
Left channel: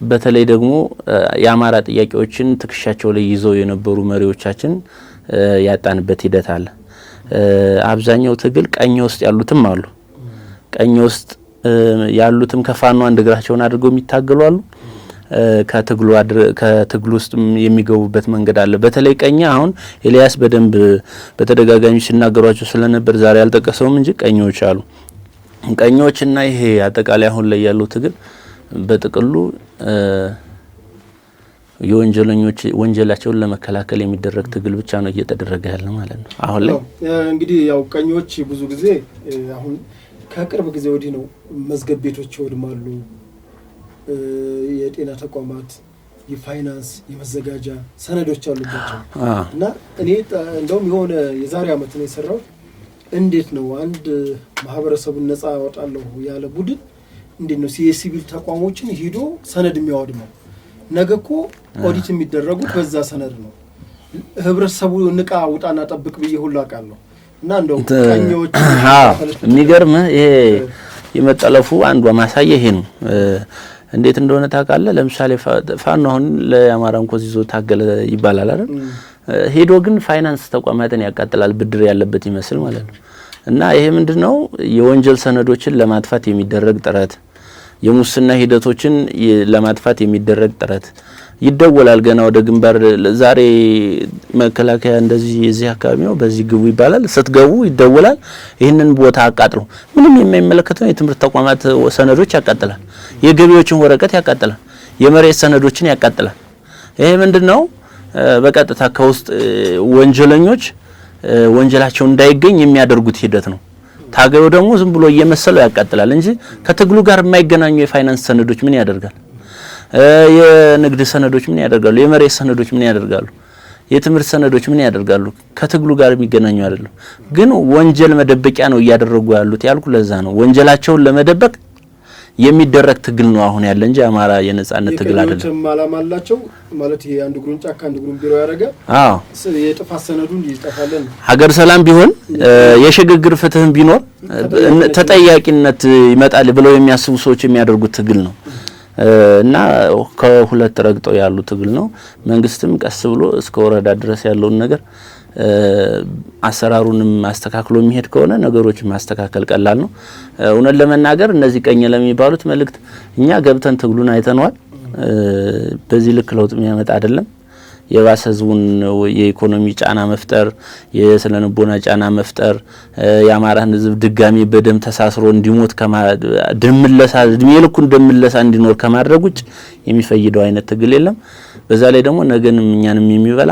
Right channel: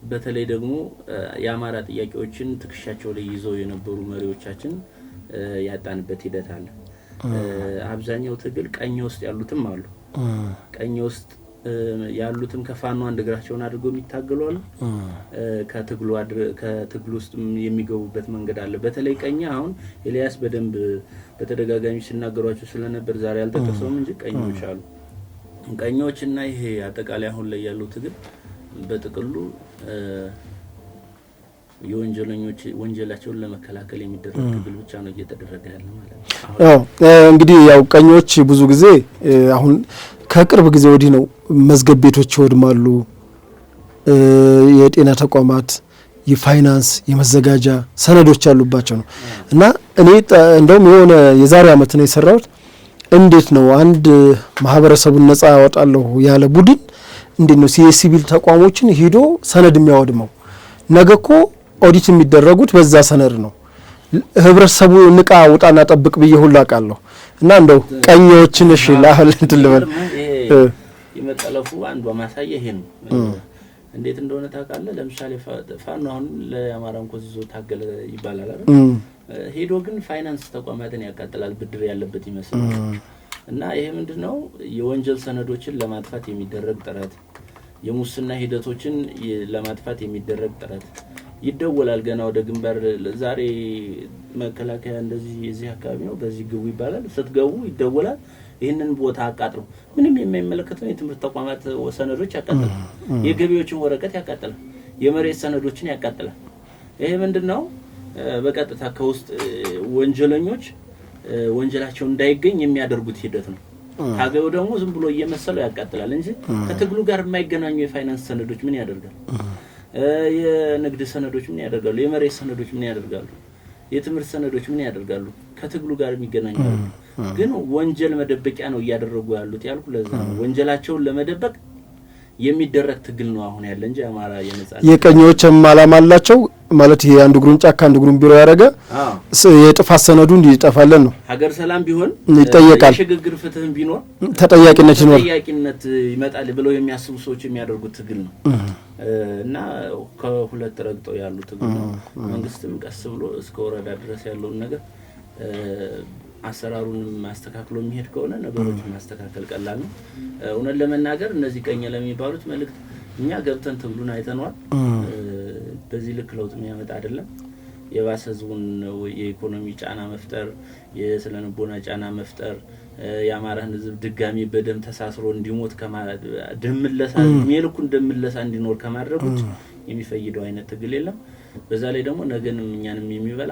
በተለይ ደግሞ የአማራ ጥያቄዎችን ትክሻቸው ላይ ይዘው የነበሩ መሪዎቻችን ያጣንበት ሂደት አለ። አብዛኛው ትግል ቀኝ ውስጥ ያሉትም አሉ። ቀኝ ውስጥ ያሉትም ከፋኖ አንድ እግራቸውን አድርገው የሚታገሉ አሉ። ከትግሉ ውስጥ የሚገቡበት መንገድ አለ። በተለይ ቀኛ አሁን ኤልያስ በደንብ በተደጋጋሚ ሲናገሯቸው ስለነበር ዛሬ አልጠቀሰውም እንጂ ቀኞች አሉ። ቀኞችና ይሄ አጠቃላይ አሁን ላይ ያለው ትግል በጥቅሉ የወንጀለኞች ወንጀላቸውን ለመከላከል የሚደረግ ትግል ብቻ ነው እየተደረገ ያለ ማለት ነው። አሁን እንግዲህ ያው ቀኞች ብዙ ጊዜ አሁን ከቅርብ ጊዜ ወዲህ ነው መዝገብ ቤቶች ይወድማሉ፣ የጤና ተቋማት፣ የፋይናንስ፣ የመዘጋጃ ሰነዶች ያሉባቸው ነው እና እኔ እንደውም የሆነ የዛሬ አመት ነው የሰራሁት። እንዴት ነው አንድ ማህበረሰቡን ነጻ ያወጣለሁ ያለ ቡድን እንዴት ነው የሲቪል ተቋሞችን ሄዶ ሰነድ የሚያወድመው? ነገ እኮ ኦዲት የሚደረጉት በዛ ሰነድ ነው። ህብረተሰቡ ንቃ ውጣና ጠብቅ ብዬ ሁሉ አውቃለሁ። እና እንደው ቀኞችን እሺ ባህል የሚገርም ይሄ የመጠለፉ አንዱ ማሳያ ይሄ ነው። እንዴት እንደሆነ ታውቃለህ? ለምሳሌ ፋኖ አሁን ለአማራን ኮዝ ይዞ ታገለ ይባላል አይደል? ሄዶ ግን ፋይናንስ ተቋማትን ያቃጥላል፣ ብድር ያለበት ይመስል ማለት ነው። እና ይሄ ምንድነው የወንጀል ሰነዶችን ለማጥፋት የሚደረግ ጥረት፣ የሙስና ሂደቶችን ለማጥፋት የሚደረግ ጥረት ይደወላል። ገና ወደ ግንባር ዛሬ መከላከያ እንደዚህ የዚህ አካባቢ ነው በዚህ ግቡ ይባላል። ስትገቡ ይደወላል። ይህንን ቦታ አቃጥሉ። ምንም የማይመለከተው የትምህርት ተቋማት ሰነዶች ያቃጥላል፣ የገቢዎችን ወረቀት ያቃጥላል፣ የመሬት ሰነዶችን ያቃጥላል። ይሄ ምንድነው በቀጥታ ከውስጥ ወንጀለኞች ወንጀላቸው እንዳይገኝ የሚያደርጉት ሂደት ነው። ታገዩ ደግሞ ዝም ብሎ እየመሰለው ያቃጥላል እንጂ ከትግሉ ጋር የማይገናኙ የፋይናንስ ሰነዶች ምን ያደርጋል? የንግድ ሰነዶች ምን ያደርጋሉ? የመሬት ሰነዶች ምን ያደርጋሉ? የትምህርት ሰነዶች ምን ያደርጋሉ? ከትግሉ ጋር የሚገናኙ አይደለም። ግን ወንጀል መደበቂያ ነው እያደረጉ ያሉት ያልኩ ለዛ ነው። ወንጀላቸውን ለመደበቅ የሚደረግ ትግል ነው አሁን ያለ እንጂ አማራ የነጻነት የቀኞችም ዓላማ አላቸው ማለት ይሄ አንዱ ግሩን ጫካ አንዱ ግሩን ቢሮ ያረጋ የጥፋት ሰነዱ እንዲጠፋለን ነው። ሀገር ሰላም ቢሆን የሽግግር ፍትህም ቢኖር ተጠያቂነት ይመጣል ብለው የሚያስቡ ሰዎች የሚያደርጉት ትግል ነው እና ከሁለት ረግጠው ያሉ ትግል ነው። መንግስትም ቀስ ብሎ እስከ ወረዳ ድረስ ያለውን ነገር አሰራሩንም ማስተካከሉ የሚሄድ ከሆነ ነገሮችን ማስተካከል ቀላል ነው። እውነት ለመናገር እነዚህ ቀኝ ለሚባሉት መልእክት እኛ ገብተን ትግሉን አይተነዋል። በዚህ ልክ ለውጥ የሚያመጣ አይደለም። የባሰ ህዝቡን የኢኮኖሚ ጫና መፍጠር፣ የስነልቦና ጫና መፍጠር፣ የአማራን ህዝብ ድጋሚ በደም ተሳስሮ እንዲሞት ደምለሳ የልኩን ደምለሳ እንዲኖር ከማድረግ ውጭ የሚፈይደው አይነት ትግል የለም። በዛ ላይ ደግሞ ነገንም እኛንም የሚበላ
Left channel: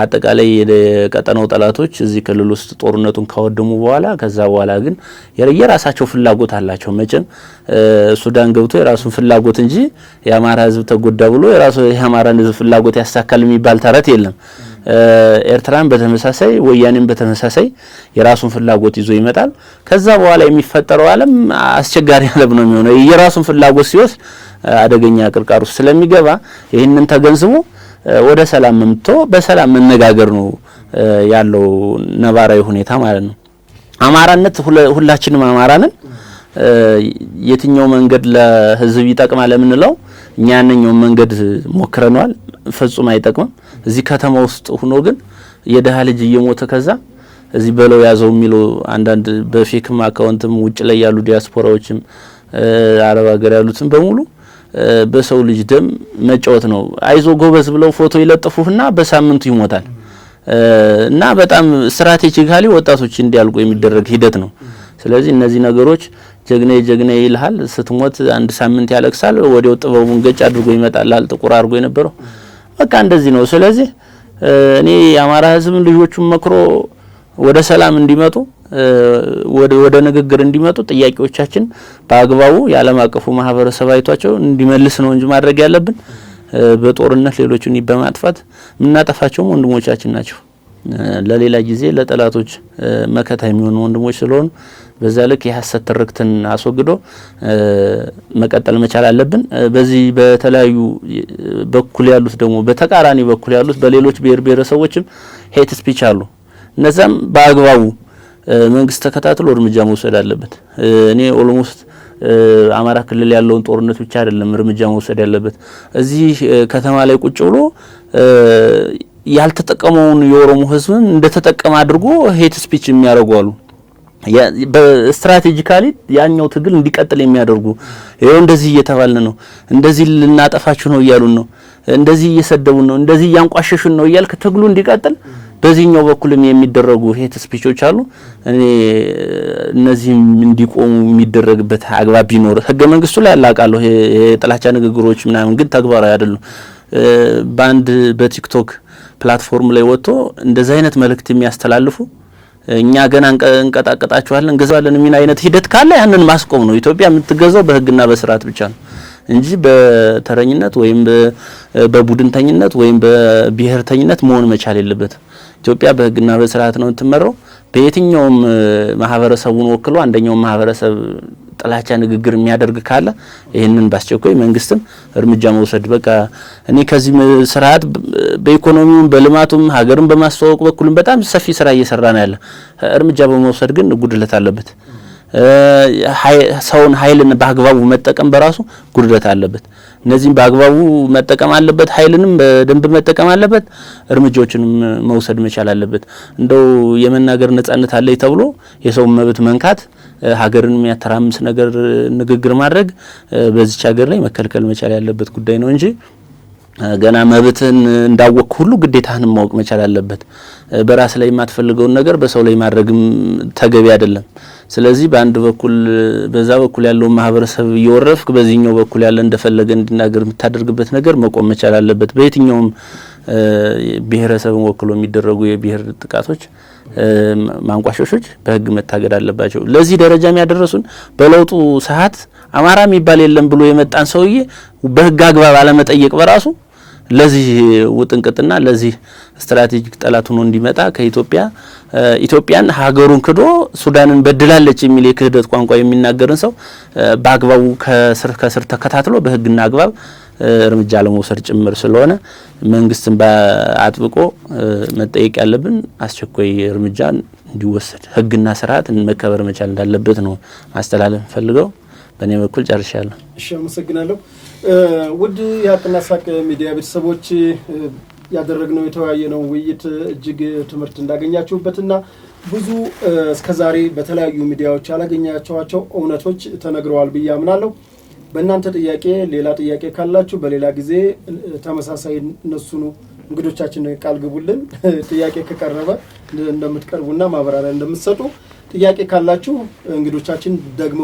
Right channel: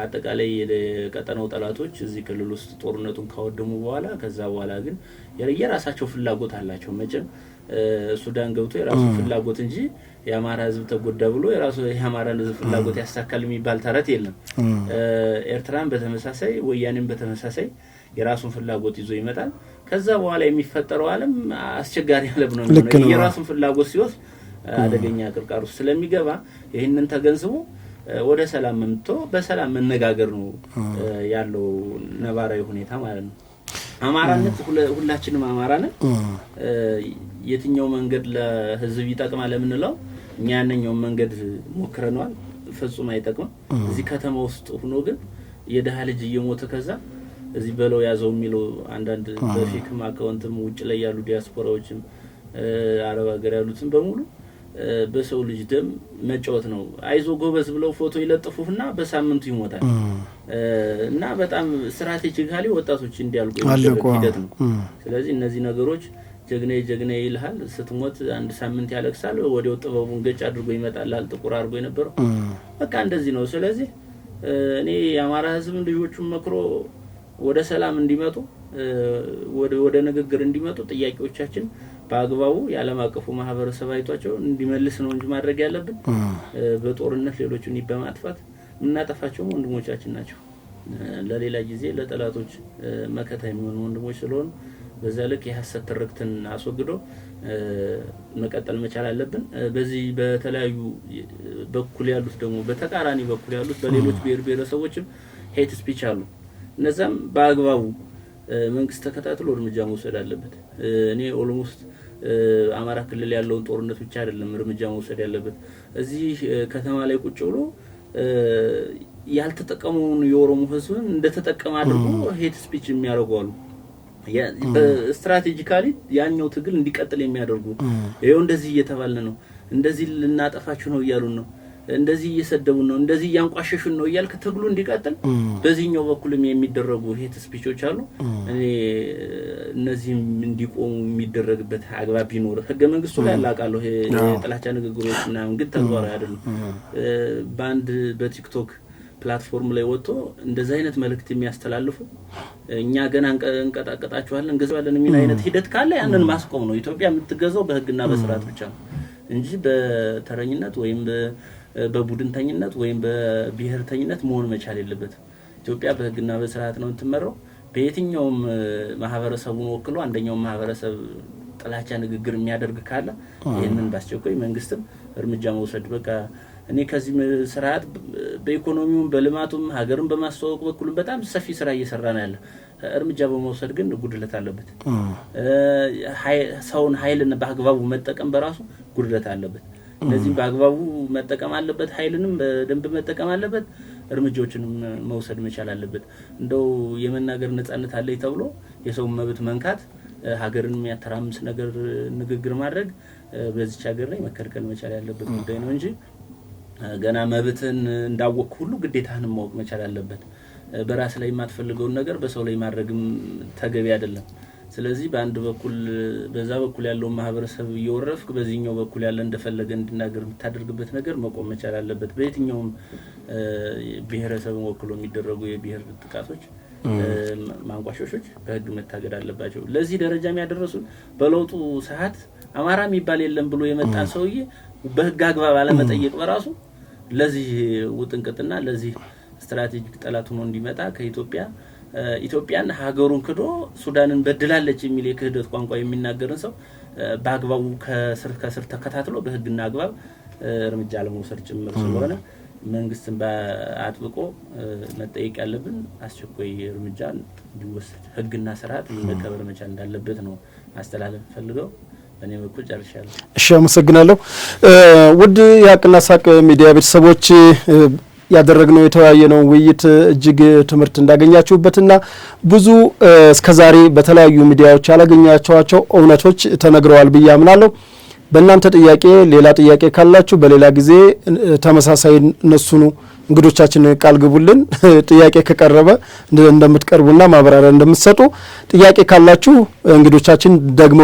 አጠቃላይ የቀጠናው ጠላቶች እዚህ ክልል ውስጥ ጦርነቱን ካወደሙ በኋላ ከዛ በኋላ ግን የራሳቸው ፍላጎት አላቸው። መቼም ሱዳን ገብቶ የራሱ ፍላጎት እንጂ የአማራ ህዝብ ተጎዳ ብሎ የራሱ የአማራን ህዝብ ፍላጎት ያሳካል የሚባል ተረት የለም። ኤርትራን በተመሳሳይ ወያኔን በተመሳሳይ የራሱን ፍላጎት ይዞ ይመጣል። ከዛ በኋላ የሚፈጠረው ዓለም አስቸጋሪ ዓለም ነው የሚሆነው። የራሱን ፍላጎት ሲወስድ አደገኛ ቅርቃር ውስጥ ስለሚገባ ይህንን ተገንዝቦ ወደ ሰላም መምቶ በሰላም መነጋገር ነው ያለው ነባራዊ ሁኔታ ማለት ነው። አማራነት ሁላችንም አማራንን የትኛው መንገድ ለህዝብ ይጠቅማል ለምንለው እኛ ያንኛው መንገድ ሞክረናል፣ ፍጹም አይጠቅምም። እዚህ ከተማ ውስጥ ሆኖ ግን የደሃ ልጅ እየሞተ ከዛ እዚህ በለው ያዘው የሚለው አንዳንድ በፌክም አካውንትም ውጭ ላይ ያሉ ዲያስፖራዎችም አረብ ሀገር ያሉትም በሙሉ በሰው ልጅ ደም መጫወት ነው። አይዞ ጎበዝ ብለው ፎቶ ይለጥፉና በሳምንቱ ይሞታል እና በጣም ስትራቴጂካሊ ወጣቶች እንዲያልቁ የሚደረግ ሂደት ነው። ስለዚህ እነዚህ ነገሮች ጀግኔ ይልሃል፣ ስትሞት አንድ ሳምንት ያለቅሳል፣ ወዲያው ጥበቡን ገጭ አድርጎ ይመጣል ጥቁር አድርጎ የነበረው በቃ እንደዚህ ነው። ስለዚህ እኔ የአማራ ህዝብ ልጆቹን መክሮ ወደ ሰላም እንዲመጡ ወደ ንግግር እንዲመጡ ጥያቄዎቻችን በአግባቡ የዓለም አቀፉ ማህበረሰብ አይቷቸው እንዲመልስ ነው እንጂ ማድረግ ያለብን በጦርነት ሌሎችን በማጥፋት ምናጠፋቸው ወንድሞቻችን ናቸው። ለሌላ ጊዜ ለጠላቶች መከታ የሚሆኑ ወንድሞች ስለሆኑ በዛ ልክ የሐሰት ትርክትን አስወግዶ መቀጠል መቻል አለብን። በዚህ በተለያዩ በኩል ያሉት ደግሞ በተቃራኒ በኩል ያሉት በሌሎች ብሔር ብሔረሰቦችም ሄት ስፒች አሉ። እነዛም በአግባቡ መንግስት ተከታትሎ እርምጃ መውሰድ አለበት። እኔ ኦልሞስት አማራ ክልል ያለውን ጦርነት ብቻ አይደለም እርምጃ መውሰድ ያለበት። እዚህ ከተማ ላይ ቁጭ ብሎ ያልተጠቀመውን የኦሮሞ ህዝብን እንደተጠቀመ አድርጎ ሄት ስፒች የሚያደርጉ አሉ። በስትራቴጂካሊ ያኛው ትግል እንዲቀጥል የሚያደርጉ ይሄው እንደዚህ እየተባልን ነው፣ እንደዚህ ልናጠፋችሁ ነው እያሉን ነው፣ እንደዚህ እየሰደቡን ነው፣ እንደዚህ ያንቋሸሹን ነው እያልክ ትግሉ እንዲቀጥል በዚህኛው በኩልም የሚደረጉ ሄት ስፒቾች አሉ። እኔ እነዚህም እንዲቆሙ የሚደረግበት አግባብ ቢኖር ህገ መንግስቱ ላይ አላቃለሁ። የጥላቻ ንግግሮች ምናምን ግን ተግባራዊ አይደሉም። ባንድ በቲክቶክ ፕላትፎርም ላይ ወጥቶ እንደዚህ አይነት መልእክት የሚያስተላልፉ እኛ ገና እንቀጣቀጣቸዋለን እንገዛለን የሚል አይነት ሂደት ካለ ያንን ማስቆም ነው። ኢትዮጵያ የምትገዛው በህግና በስርዓት ብቻ ነው እንጂ በተረኝነት ወይም በቡድንተኝነት ወይም በብሔርተኝነት መሆን መቻል የለበትም። ኢትዮጵያ በህግና በስርዓት ነው የምትመራው። በየትኛውም ማህበረሰቡን ወክሎ አንደኛው ማህበረሰብ ጥላቻ ንግግር የሚያደርግ ካለ ይሄንን ባስቸኳይ መንግስትም እርምጃ መውሰድ በቃ እኔ ከዚህ ስርዓት በኢኮኖሚውም በልማቱም ሀገርን በማስተዋወቅ በኩልም በጣም ሰፊ ስራ እየሰራ ነው ያለ። እርምጃ በመውሰድ ግን ጉድለት አለበት። ሰውን ኃይልን በአግባቡ መጠቀም በራሱ ጉድለት አለበት። እነዚህም በአግባቡ መጠቀም አለበት፣ ኃይልንም በደንብ መጠቀም አለበት፣ እርምጃዎችንም መውሰድ መቻል አለበት። እንደው የመናገር ነጻነት አለኝ ተብሎ የሰው መብት መንካት ሀገርን የሚያተራምስ ነገር ንግግር ማድረግ በዚች ሀገር ላይ መከልከል መቻል ያለበት ጉዳይ ነው እንጂ ገና መብትን እንዳወቅ ሁሉ ግዴታህንም ማወቅ መቻል አለበት። በራስ ላይ የማትፈልገውን ነገር በሰው ላይ ማድረግም ተገቢ አይደለም። ስለዚህ በአንድ በኩል በዛ በኩል ያለው ማህበረሰብ እየወረፍክ በዚህኛው በኩል ያለ እንደፈለገ እንዲናገር የምታደርግበት ነገር መቆም መቻል አለበት። በየትኛውም ብሔረሰብን ወክሎ የሚደረጉ የብሔር ጥቃቶች፣ ማንቋሾሾች በህግ መታገድ አለባቸው። ለዚህ ደረጃ የሚያደርሱን በለውጡ ሰዓት አማራ የሚባል የለም ብሎ የመጣን ሰውዬ በህግ አግባብ አለመጠየቅ በራሱ ለዚህ ውጥንቅጥና ለዚህ ስትራቴጂክ ጠላት ሆኖ እንዲመጣ ኢትዮጵያን ሀገሩን ክዶ ሱዳንን በድላለች የሚል የክህደት ቋንቋ የሚናገርን ሰው በአግባቡ ከስር ተከታትሎ በህግና አግባብ እርምጃ ለመውሰድ ጭምር ስለሆነ መንግስትን በአጥብቆ መጠየቅ ያለብን አስቸኳይ እርምጃ እንዲወሰድ ህግና ስርዓት መከበር መቻል እንዳለበት ነው ማስተላለፍ ፈልገው። በእኔ በኩል ጨርሻለሁ። እሺ፣ አመሰግናለሁ። ውድ የሀቅና ሳቅ ሚዲያ ቤተሰቦች ያደረግነው የተወያየነው ውይይት እጅግ ትምህርት እንዳገኛችሁበትና ብዙ እስከዛሬ በተለያዩ ሚዲያዎች ያላገኛችኋቸው እውነቶች ተነግረዋል ብዬ አምናለሁ። በእናንተ ጥያቄ ሌላ ጥያቄ ካላችሁ በሌላ ጊዜ ተመሳሳይ እነሱኑ እንግዶቻችን ቃል ግቡልን። ጥያቄ ከቀረበ እንደምትቀርቡና ማብራሪያ እንደምትሰጡ ጥያቄ ካላችሁ እንግዶቻችን ደግሞ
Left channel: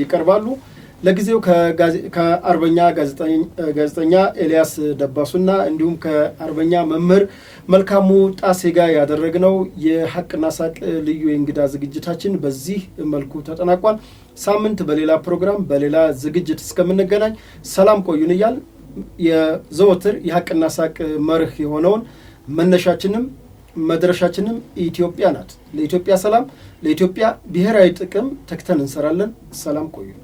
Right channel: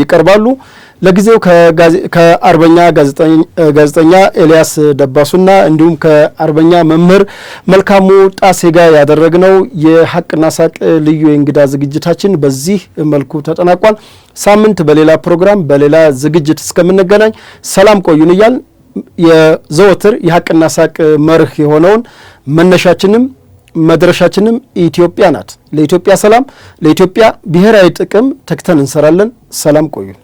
ይቀርባሉ። ለጊዜው ከአርበኛ ጋዜጠኛ ኤልያስ ደባሱና እንዲሁም ከአርበኛ መምህር መልካሙ ጣሴ ጋር ያደረግነው የሀቅና ሳቅ ልዩ የእንግዳ ዝግጅታችን በዚህ መልኩ ተጠናቋል። ሳምንት በሌላ ፕሮግራም በሌላ ዝግጅት እስከምንገናኝ ሰላም ቆዩን እያል የዘወትር የሀቅና ሳቅ መርህ የሆነውን መነሻችንም መድረሻችንም ኢትዮጵያ ናት። ለኢትዮጵያ ሰላም፣ ለኢትዮጵያ ብሔራዊ ጥቅም ተክተን እንሰራለን። ሰላም ቆዩን።